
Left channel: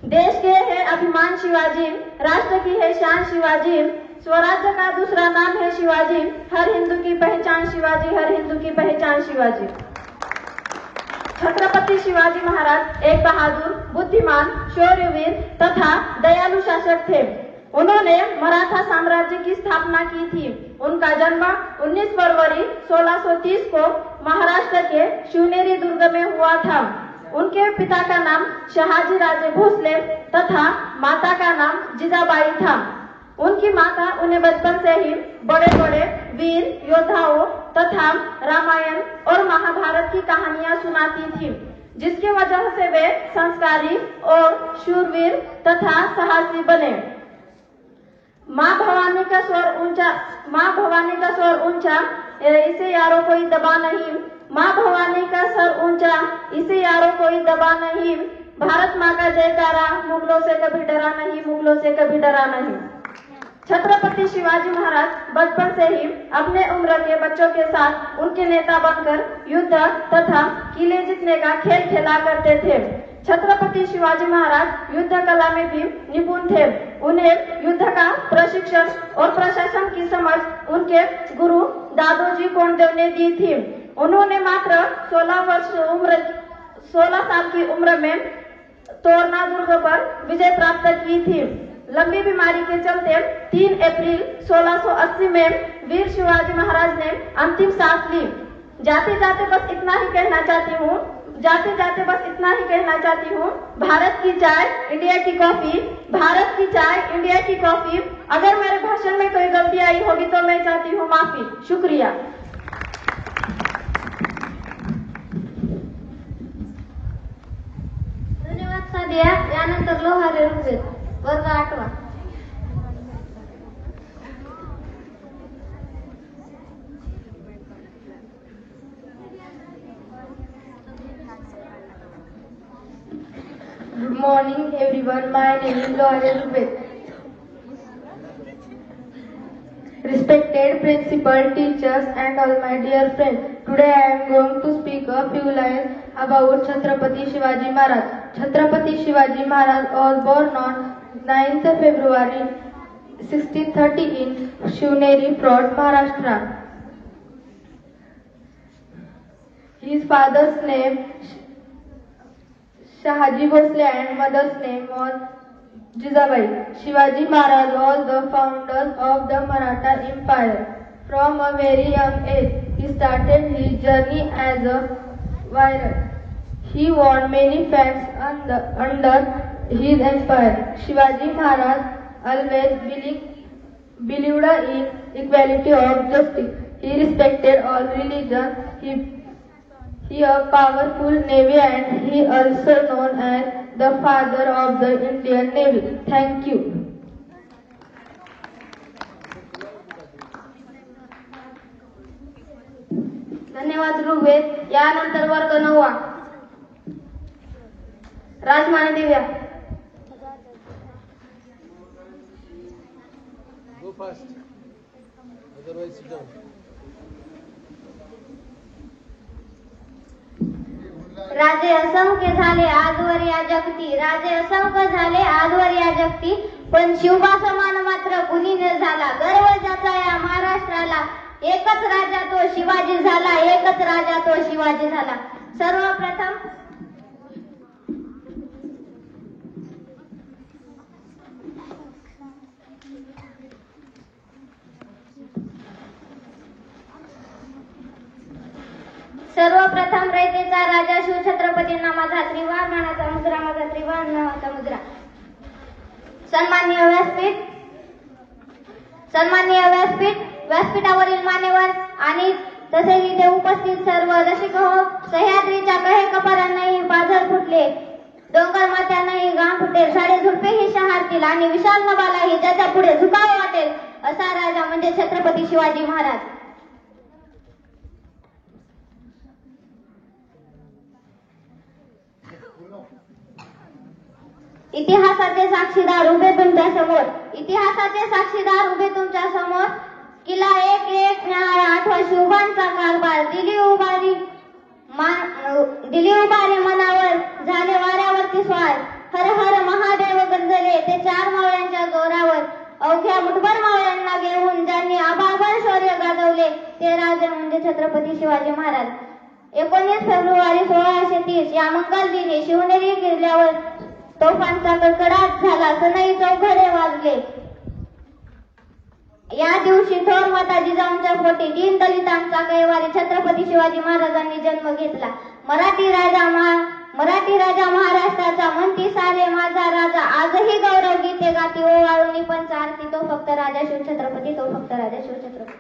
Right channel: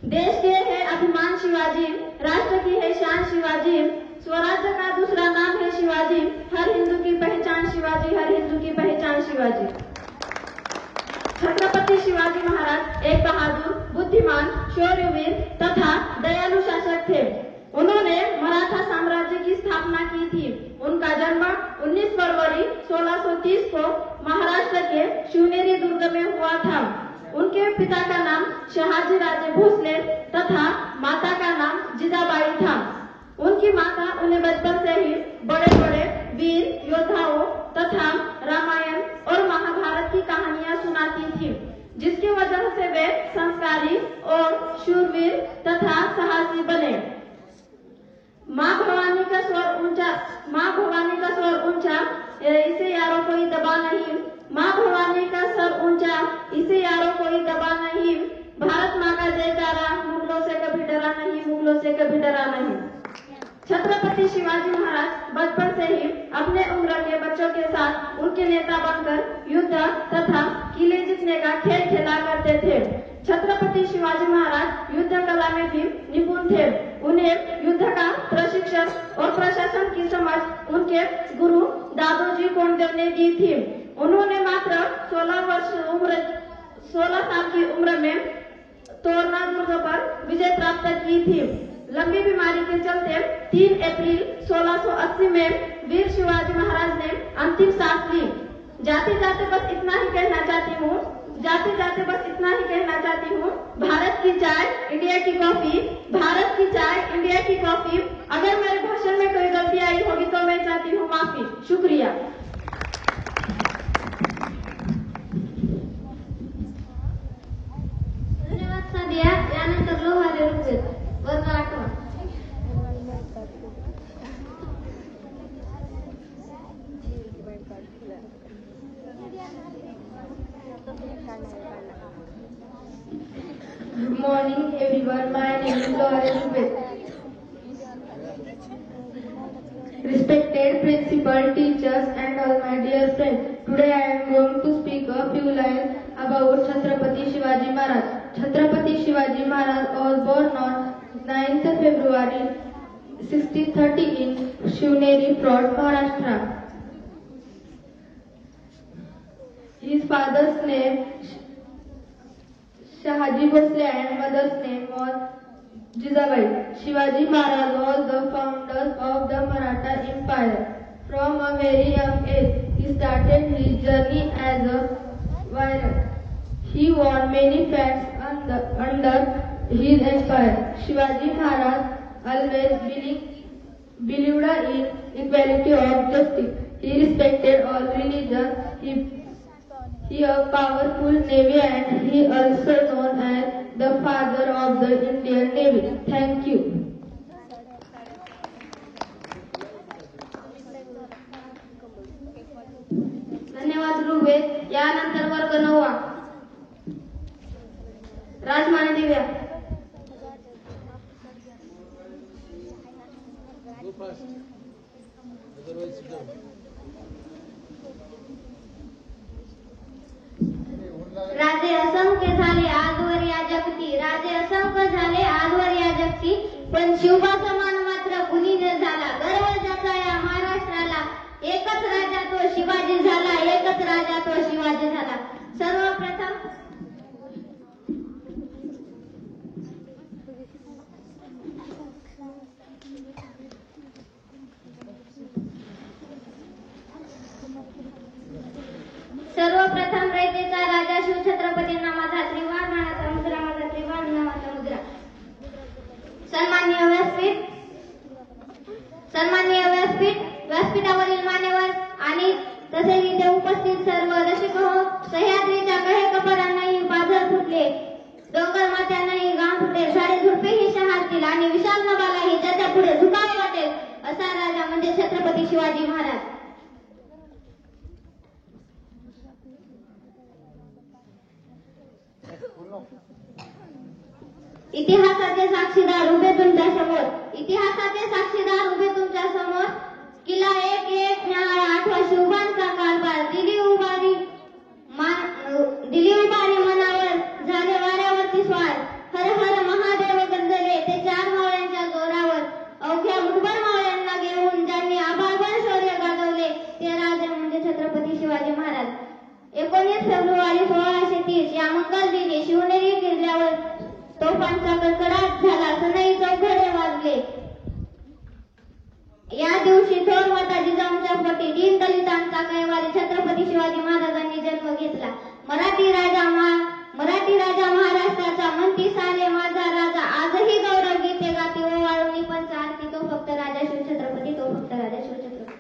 देश के है अभिमान शिवाजी राष्ट्र की है शान शिवाजी स्वराज्य का दूसरा नाम है शिवाजी हर हिंदू की पहचान शिवाजी हर हिंदू की पहचान शिवाजी। छत्रपति शिवाजी महाराज एक बहादुर बुद्धिमान शौर्यवीर तथा दयालु शासक थे। उन्होंने मराठा साम्राज्य की स्थापना की थी। उनका जन्म 19 फरवरी 1630 को महाराष्ट्र के शिवनेरी दुर्ग में हुआ था। उनके पिता का नाम शहाजी राजे भोसले तथा माता का नाम जिजाबाई था। उनकी माता उन्हें बचपन से ही बड़े बड़े वीर योद्धाओं तथा रामायण और महाभारत की कहानियां सुनाती थी जिसकी वजह से वे संस्कारी और शूरवीर तथा साहसी बने। माँ भवानी का स्वर ऊंचा इसे यारों कोई दबा नहीं माँ भवानी का सर ऊंचा इसे यारों कोई दबा नहीं भारत माँ का जयकारा मुगलों से कभी डरा नहीं मुगलों से कभी डरा नहीं। छत्रपति शिवाजी महाराज बचपन से ही अपने उम्र के बच्चों के साथ उनके नेता बनकर युद्ध तथा किले जीतने का खेल खेला करते थे। छत्रपति शिवाजी महाराज युद्ध कला में भी निपुण थे। उन्हें युद्ध का प्रशिक्षण और प्रशासन की समझ उनके गुरु दादोजी कोंडदेव ने दी थी। उन्होंने मात्र 16 साल की उम्र में तोरना दुर्ग पर विजय प्राप्त की थी। लंबी बीमारी के चलते 3 अप्रैल 1680 में वीर शिवाजी महाराज ने अंतिम सांस ली। जाते जाते बस इतना ही कहना चाहती हूँ भारत की चाय इंडिया की कॉफी भारत की चाय इंडिया की कॉफी। अगर मेरे भाषण में कोई गलती आई होगी तो मैं चाहती हूँ माफी। शुक्रिया। धन्यवाद सादिया यानंतर लोहारे ऋग्वेद वर्ग 8वा morning everyone, my name is Loharia Zubed. Respected principal, teachers and all my dear friends, today I am going to speak a few lines about Chhatrapati Shivaji Maharaj. Chhatrapati Shivaji Maharaj was born on 9th February 1630 in Shivneri Fort, Maharashtra. His father's name Shahaji Bhosle and mother's name was Jizabai. Shivaji Maharaj was the founder of the Maratha Empire. From a very young age, he started his journey as a warrior. He won many fans under his empire. Shivaji Maharaj always believed in equality of justice. He respected all religions. He a powerful navy and he also known as the father of the Indian Navy. Thank you. धन्यवाद ऋग्वेद. यानंतर वर्ग 9 राजमाने दिव्या. Go fast. Otherwise sit down. राजे असंख्य झाले आजवर या जगती, राजे असंख्य झाले आजवर या जगती, पण शिवबा समान मात्र कुणी न झाला. गर्व ज्याचा या महाराष्ट्राला, एकच राजा तो शिवाजी झाला, एकच राजा तो शिवाजी झाला. सर्वप्रथम रयतेचा राजा शिवछत्रपतींना माझा त्रिवारणाचा मुद्रा, माझा त्रिवारणाचा मुद्रा. सन्माननीय व्यासपीठ, व्यासपीठावरील मान्यवर आणि तसेच इथे उपस्थित सर्व रसिक हो. सह्याद्रीच्या कहेकपारांनाही पाझर फुटले, डोंगर मात्यांनाही गाण फुटेल, साडे झुडपेही शहारतील आणि विशाल नभालाही ज्याच्या पुढे झुकावे वाटेल असा राजा म्हणजे छत्रपती शिवाजी महाराज. इतिहासाचे साक्षीदार उभे तुमच्या समोर, इतिहासाचे साक्षीदार उभे तुमच्या समोर. किल्ला एक न्याय आठवा शिवबांचा कारभार, दिली उभारी मनावर, झाले वाऱ्यावरती स्वार. हर हर महादेव गंजले ते 4 मावळ्यांच्या गौरावर, अवघ्या मुठभर मावळ्यांना घेऊन ज्यांनी आभाळभर शौर्य गाजवले ते राजे म्हणजे छत्रपती शिवाजी महाराज. 19 फेब्रुवारी 1630 या मंगल दिनी शिवनेरी किल्ल्यावर तोफांचा कडकडाट झाला, सनई चौघडे वाजले. या दिवशी थोर माता जिजाऊंच्या पोटी दीनदलितांचा कैवारी छत्रपती शिवाजी महाराजांनी जन्म घेतला. मराठी राजा महाराष्ट्राचा म्हणती सारे माझा राजा, आजही गौरव गीते गाती ओवाळून पंच आरती. तो फक्त राजा शिवछत्रपती, तो फक्त राजा शिवछत्रपती.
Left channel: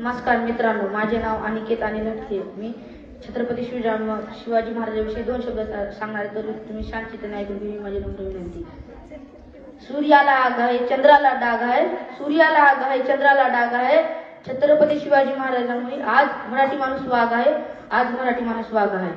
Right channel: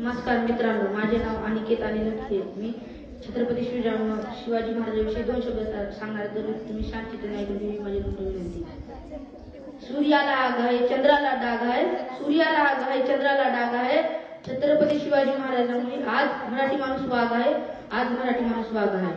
नमस्कार मित्रांनो, माझे नाव अनिकेत अनिल. मी छत्रपती शिवाजी महाराजांविषयी 2 शब्द सांगणार आहे, तर तुम्ही शांततेने ऐकून घ्या. माझी नम्र विनंती. सूर्याला आग आहे, चंद्राला डाग आहे, सूर्याला आग आहे, चंद्राला डाग आहे. छत्रपती शिवाजी महाराजांमुळे आज मराठी माणूस वाघ आहे, आज मराठी माणूस वाघ आहे.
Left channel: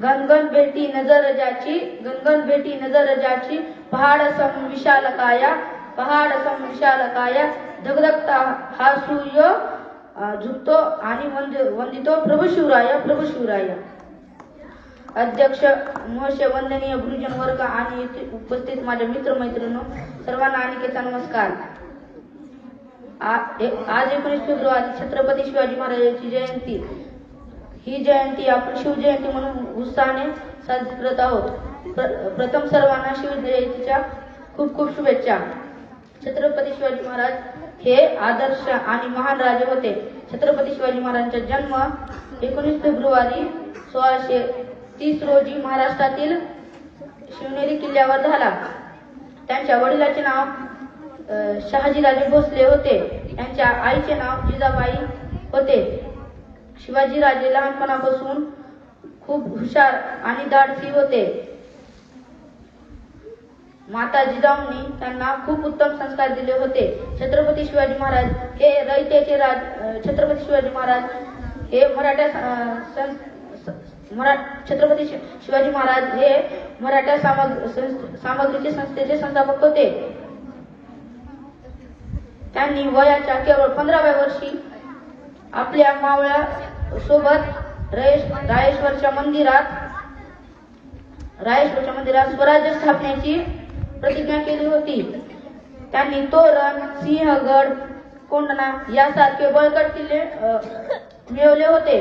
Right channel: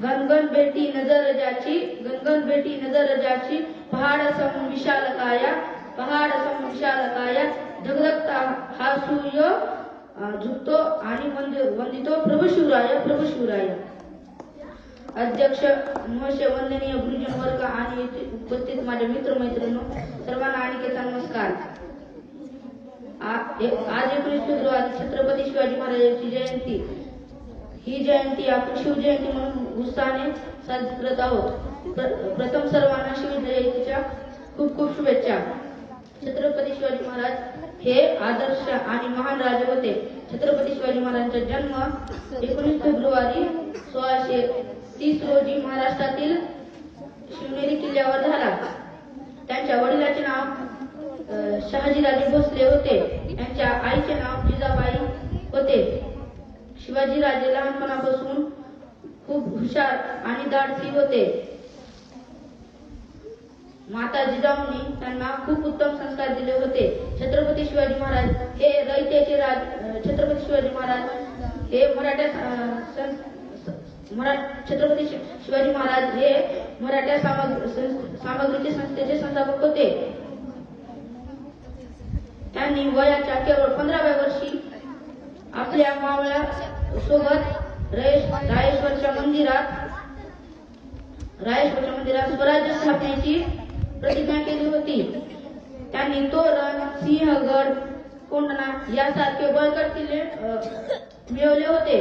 गणगण बेटी नजर जाची, गणगण बेटी नजर जाची. पहाड सम विशाल काया, पहाड सम विशाल काया. धगधगता हा सूर्य झुकतो आणि वंदितो प्रभू शिवराय, प्रभू शिवराय. अध्यक्ष महर्षी वंदनीय गुरुजन वर्ग आणि उपस्थित माझ्या मित्रमैत्रिणींनो, सर्वांना अनिकेतचा नमस्कार. आज 19 फेब्रुवारी छत्रपती शिवाजी महाराजांची जयंती. ही जयंती आपण शिवजयंती म्हणून उत्साहाने साजरी करत आहोत. प्रथम सर्वांना शिवजयंतीच्या खूप खूप शुभेच्छा. छत्रपती शिवाजी महाराज हे आदर्श आणि महान राजे होते. छत्रपती शिवाजी महाराजांचा जन्म 19 फेब्रुवारी 1630 रोजी महाराष्ट्रातील शिवनेरी किल्ल्यावर झाला. त्यांच्या वडिलाचे नाव शहाजीराजे भोसले होते. त्यांच्या आईचे नाव जिजाबाई होते. शिवाजीराजे लहानपणापासून खूप हुशार आणि धाडसी होते. माता जिजाऊंनी त्यांना खूप उत्तम संस्कार दिले होते. छत्रपती शिवाजी महाराज हे रयतेचे छत्रपती शिवाजी महाराज हे छत्रपती शिवाजी महाराज हे मराठा सामग्रीचे संस्थेचे संस्थापक होते. त्यांनी वयाच्या केवळ 15व्या वर्षी आपल्या मावळ्या सोबत रायेश्वरच्या मंदिरात स्वराज्य स्थापनेची प्रतिज्ञा केली होती. त्यांनी तोरण, सिंहगड, कोंढणा यासारखे बळकट किल्ले मिळवले होते.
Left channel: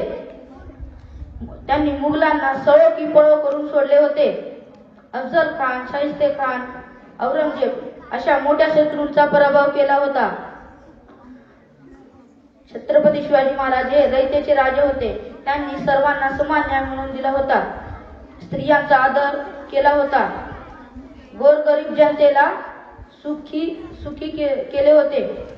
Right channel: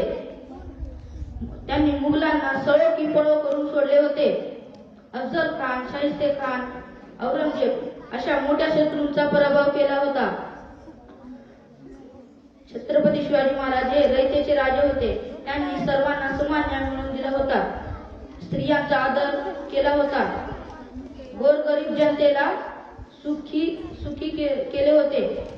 त्यांनी मुघलांना सळो की पळो करून सोडले होते. अफजल खान, शाहिस्ते खान, औरंगजेब अशा मोठ्या शत्रूंचा पराभव केला होता. छत्रपती शिवाजी महाराज हे रयतेचे राजे होते. त्यांनी सर्वांना समान न्याय मिळवून दिला होता. स्त्रियांचा आदर केला होता. गोरगरीब जनतेला सुखी केले होते.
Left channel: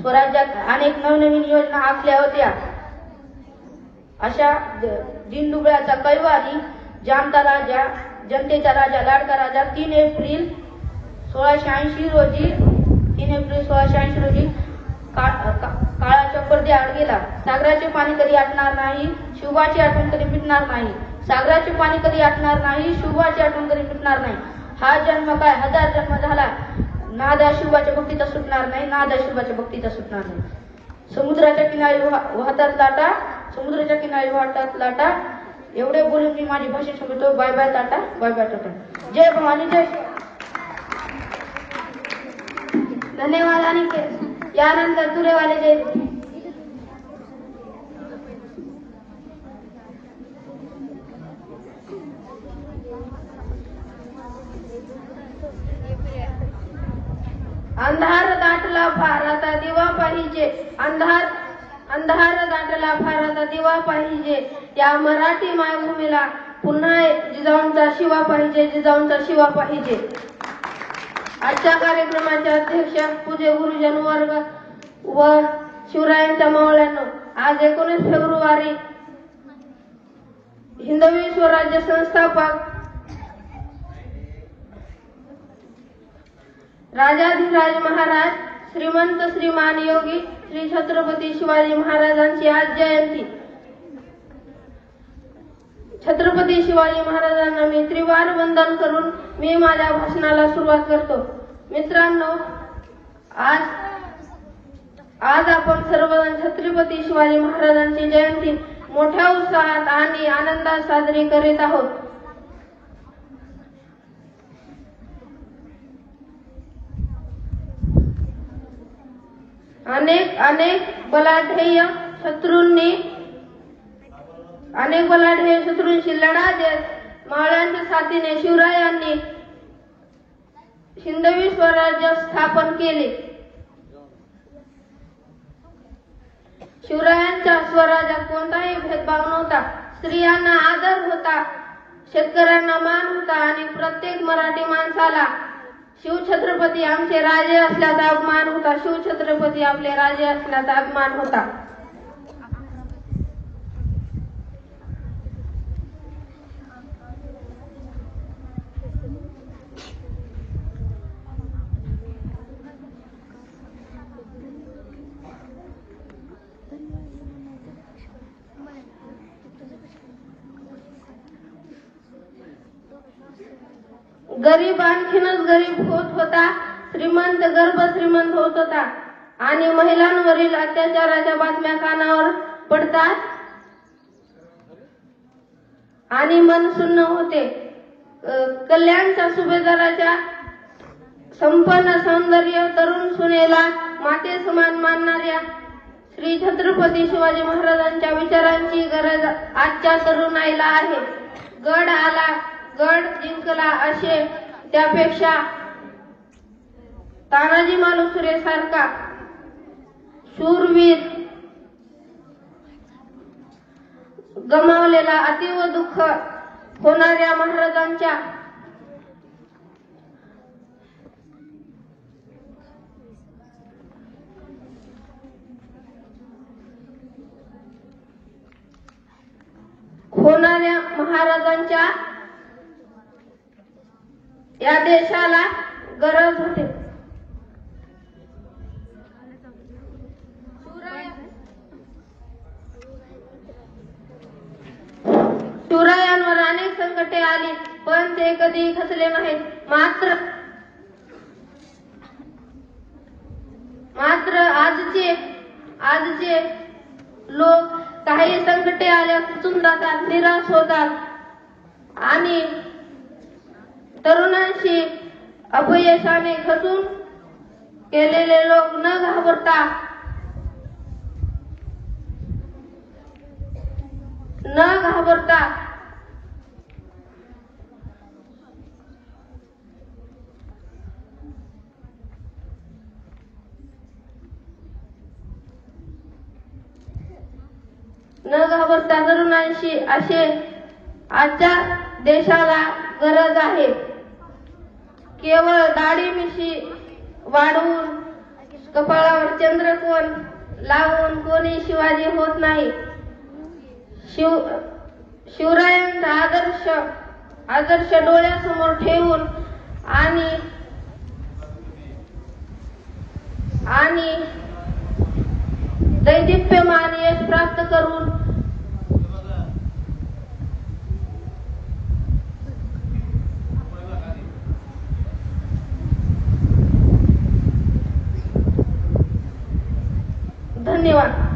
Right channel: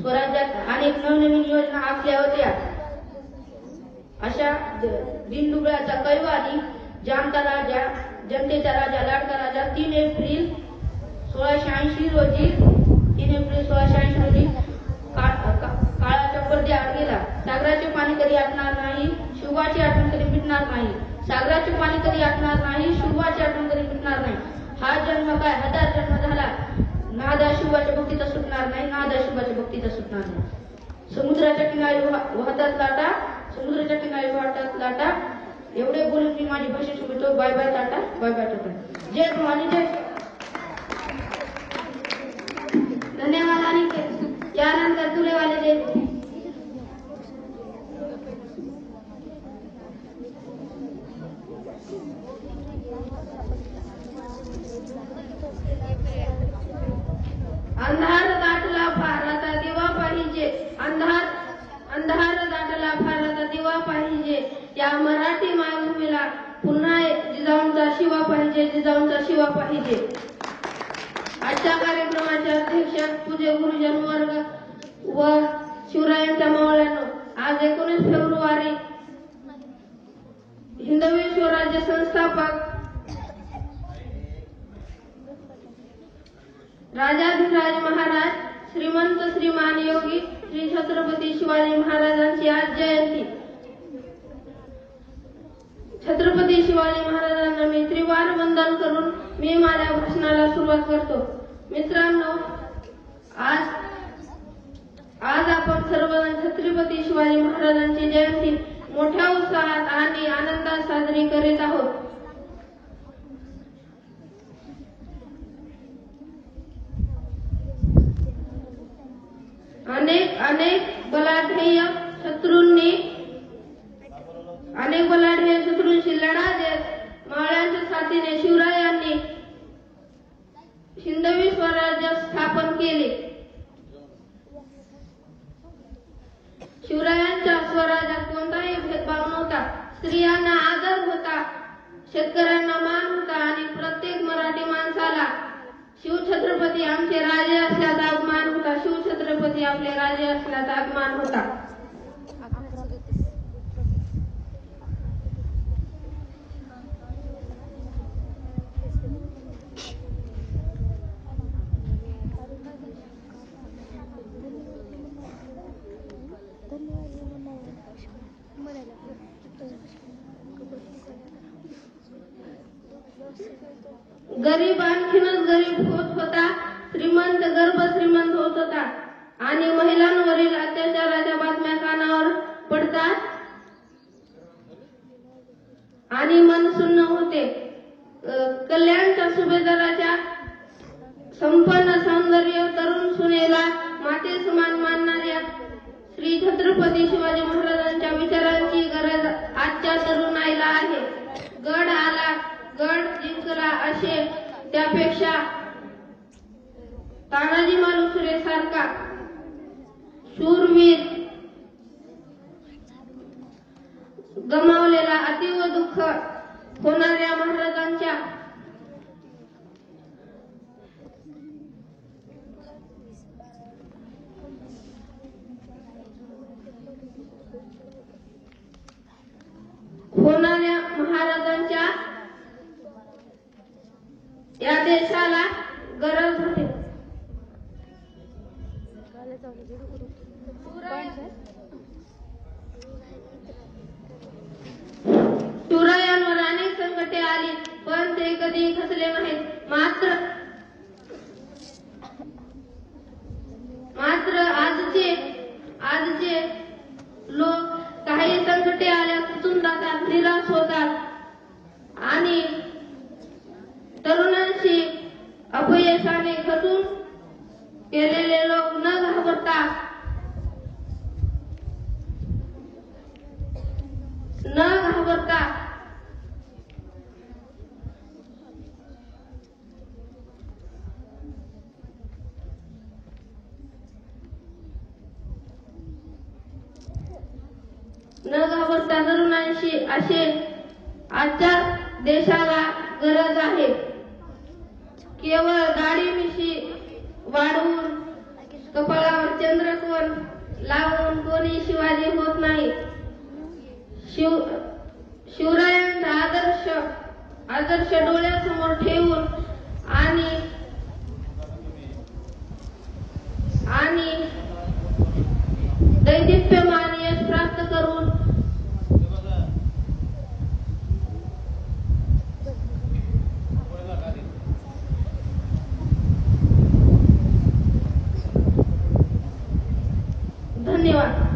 स्वराज्यात अनेक नवनवीन योजना आखल्या होत्या. अशा दिनदुबळ्याचा कैवारी, जामता राजा, जनतेचा राजा, लाडका राजा 3 एप्रिल 1680 रोजी काळाच्या पडद्याआड गेला. सागराचे पाणी कधी आटणार नाही, शुभाची आठवण कधी मिटणार नाही. सागराचे पाणी कधी आटणार नाही, शुभाची आठवण कधी मिटणार नाही. हा जन्म काय 1000 जन्म झाला, नादा शुभाच्या भक्तीचा सुटणार नाही, नादा शुभाच्या भक्तीचा सुटणार नाही. समुद्राच्या किनारी वाहतात लाटा. एवढे बोलून मी माझी भाषा सांगतो. Bye bye tata, bye bye tata. जय भवानी, जय. धन्यवाद. आणि यानंतर तुरेवाले जय. अंधार दाटला फार आता दिवा पाहिजे. अंधार दाटला फार आता दिवा पाहिजे. या मराठी मायभूमीला पुन्हा जिजाऊंचा शिवा पाहिजे, जिजाऊंचा शिवा पाहिजे. आजच्या कार्यक्रमाच्या अध्यक्ष पूज्य गुरुजन वर्ग व शिवरायांच्या मावळ्यांनो, आज 19 फेब्रुवारी हिंदवी स्वराज्य संस्थापक राजाधिराज महाराज श्रीमंत श्रीमान योगी श्री छत्रपती शिवाजी महाराजांची आज जयंती. छत्रपती शिवाजी महाराजांना मी त्रिवार वंदन करून मी माझ्या भाषणाला सुरुवात करतो. मित्रांनो, आज आपण सर्वजण छत्रपती शिवाजी महाराजांची जयंती मोठ्या उत्साहात आणि आनंदात साजरी करीत आहोत. अनेक बलाढ्य शत्रूंशी लढा देत मावळ्यांच्या साथीने शिवरायांनी हिंदवी स्वराज्य स्थापन केले. शिवरायांच्या स्वराज्यात कोणताही भेदभाव नव्हता. स्त्रियांना आदर होता, शेतकऱ्यांना मान होता आणि प्रत्येक मराठी माणसाला शिवछत्रपती आमचे राजे असल्याचा अभिमान होता. शिवछत्रपती आपले राजे असल्याचा अभिमान होता. गरीब आणखीनच गरीब होत होता, श्रीमंत गर्भ श्रीमंत होत होता आणि महिलांवरील अत्याचाराच्या बातम्या कानावर पडतात आणि मन सुन्न होते. कल्याणच्या सुभेदाराच्या संपन्न सौंदर्य तरुण सुनेला माते समान मानणाऱ्या श्री छत्रपती शिवाजी महाराजांच्या विचारांची गरज आजच्या तरुणाईला आहे. गड आला, गड जिंकला असे त्यापेक्षा तानाजी मालुसरे सारखा शूरवीर गमावलेला अतीव दुःख होणाऱ्या महाराजांच्या या देशाला गरज होते. शिवरायांवर अनेक संकटे आली पण ते कधी खचले नाहीत. मात्र आजचे लोक काही संकटे आल्या खचून जातात, निराश होतात आणि तरुणांशी अपयशाने खचून केलेले लोक न घाबरता तरुणांशी असे आजच्या देशाला गरज आहे. केवळ दाढी मिशी वाढवून कपाळावर चंद्रकोर लावून कोणी शिवाजी होत नाही. शिवरायांचा आदर्श डोळ्यासमोर ठेवून आणि दैदिप्यमान यश प्राप्त करून धन्यवाद.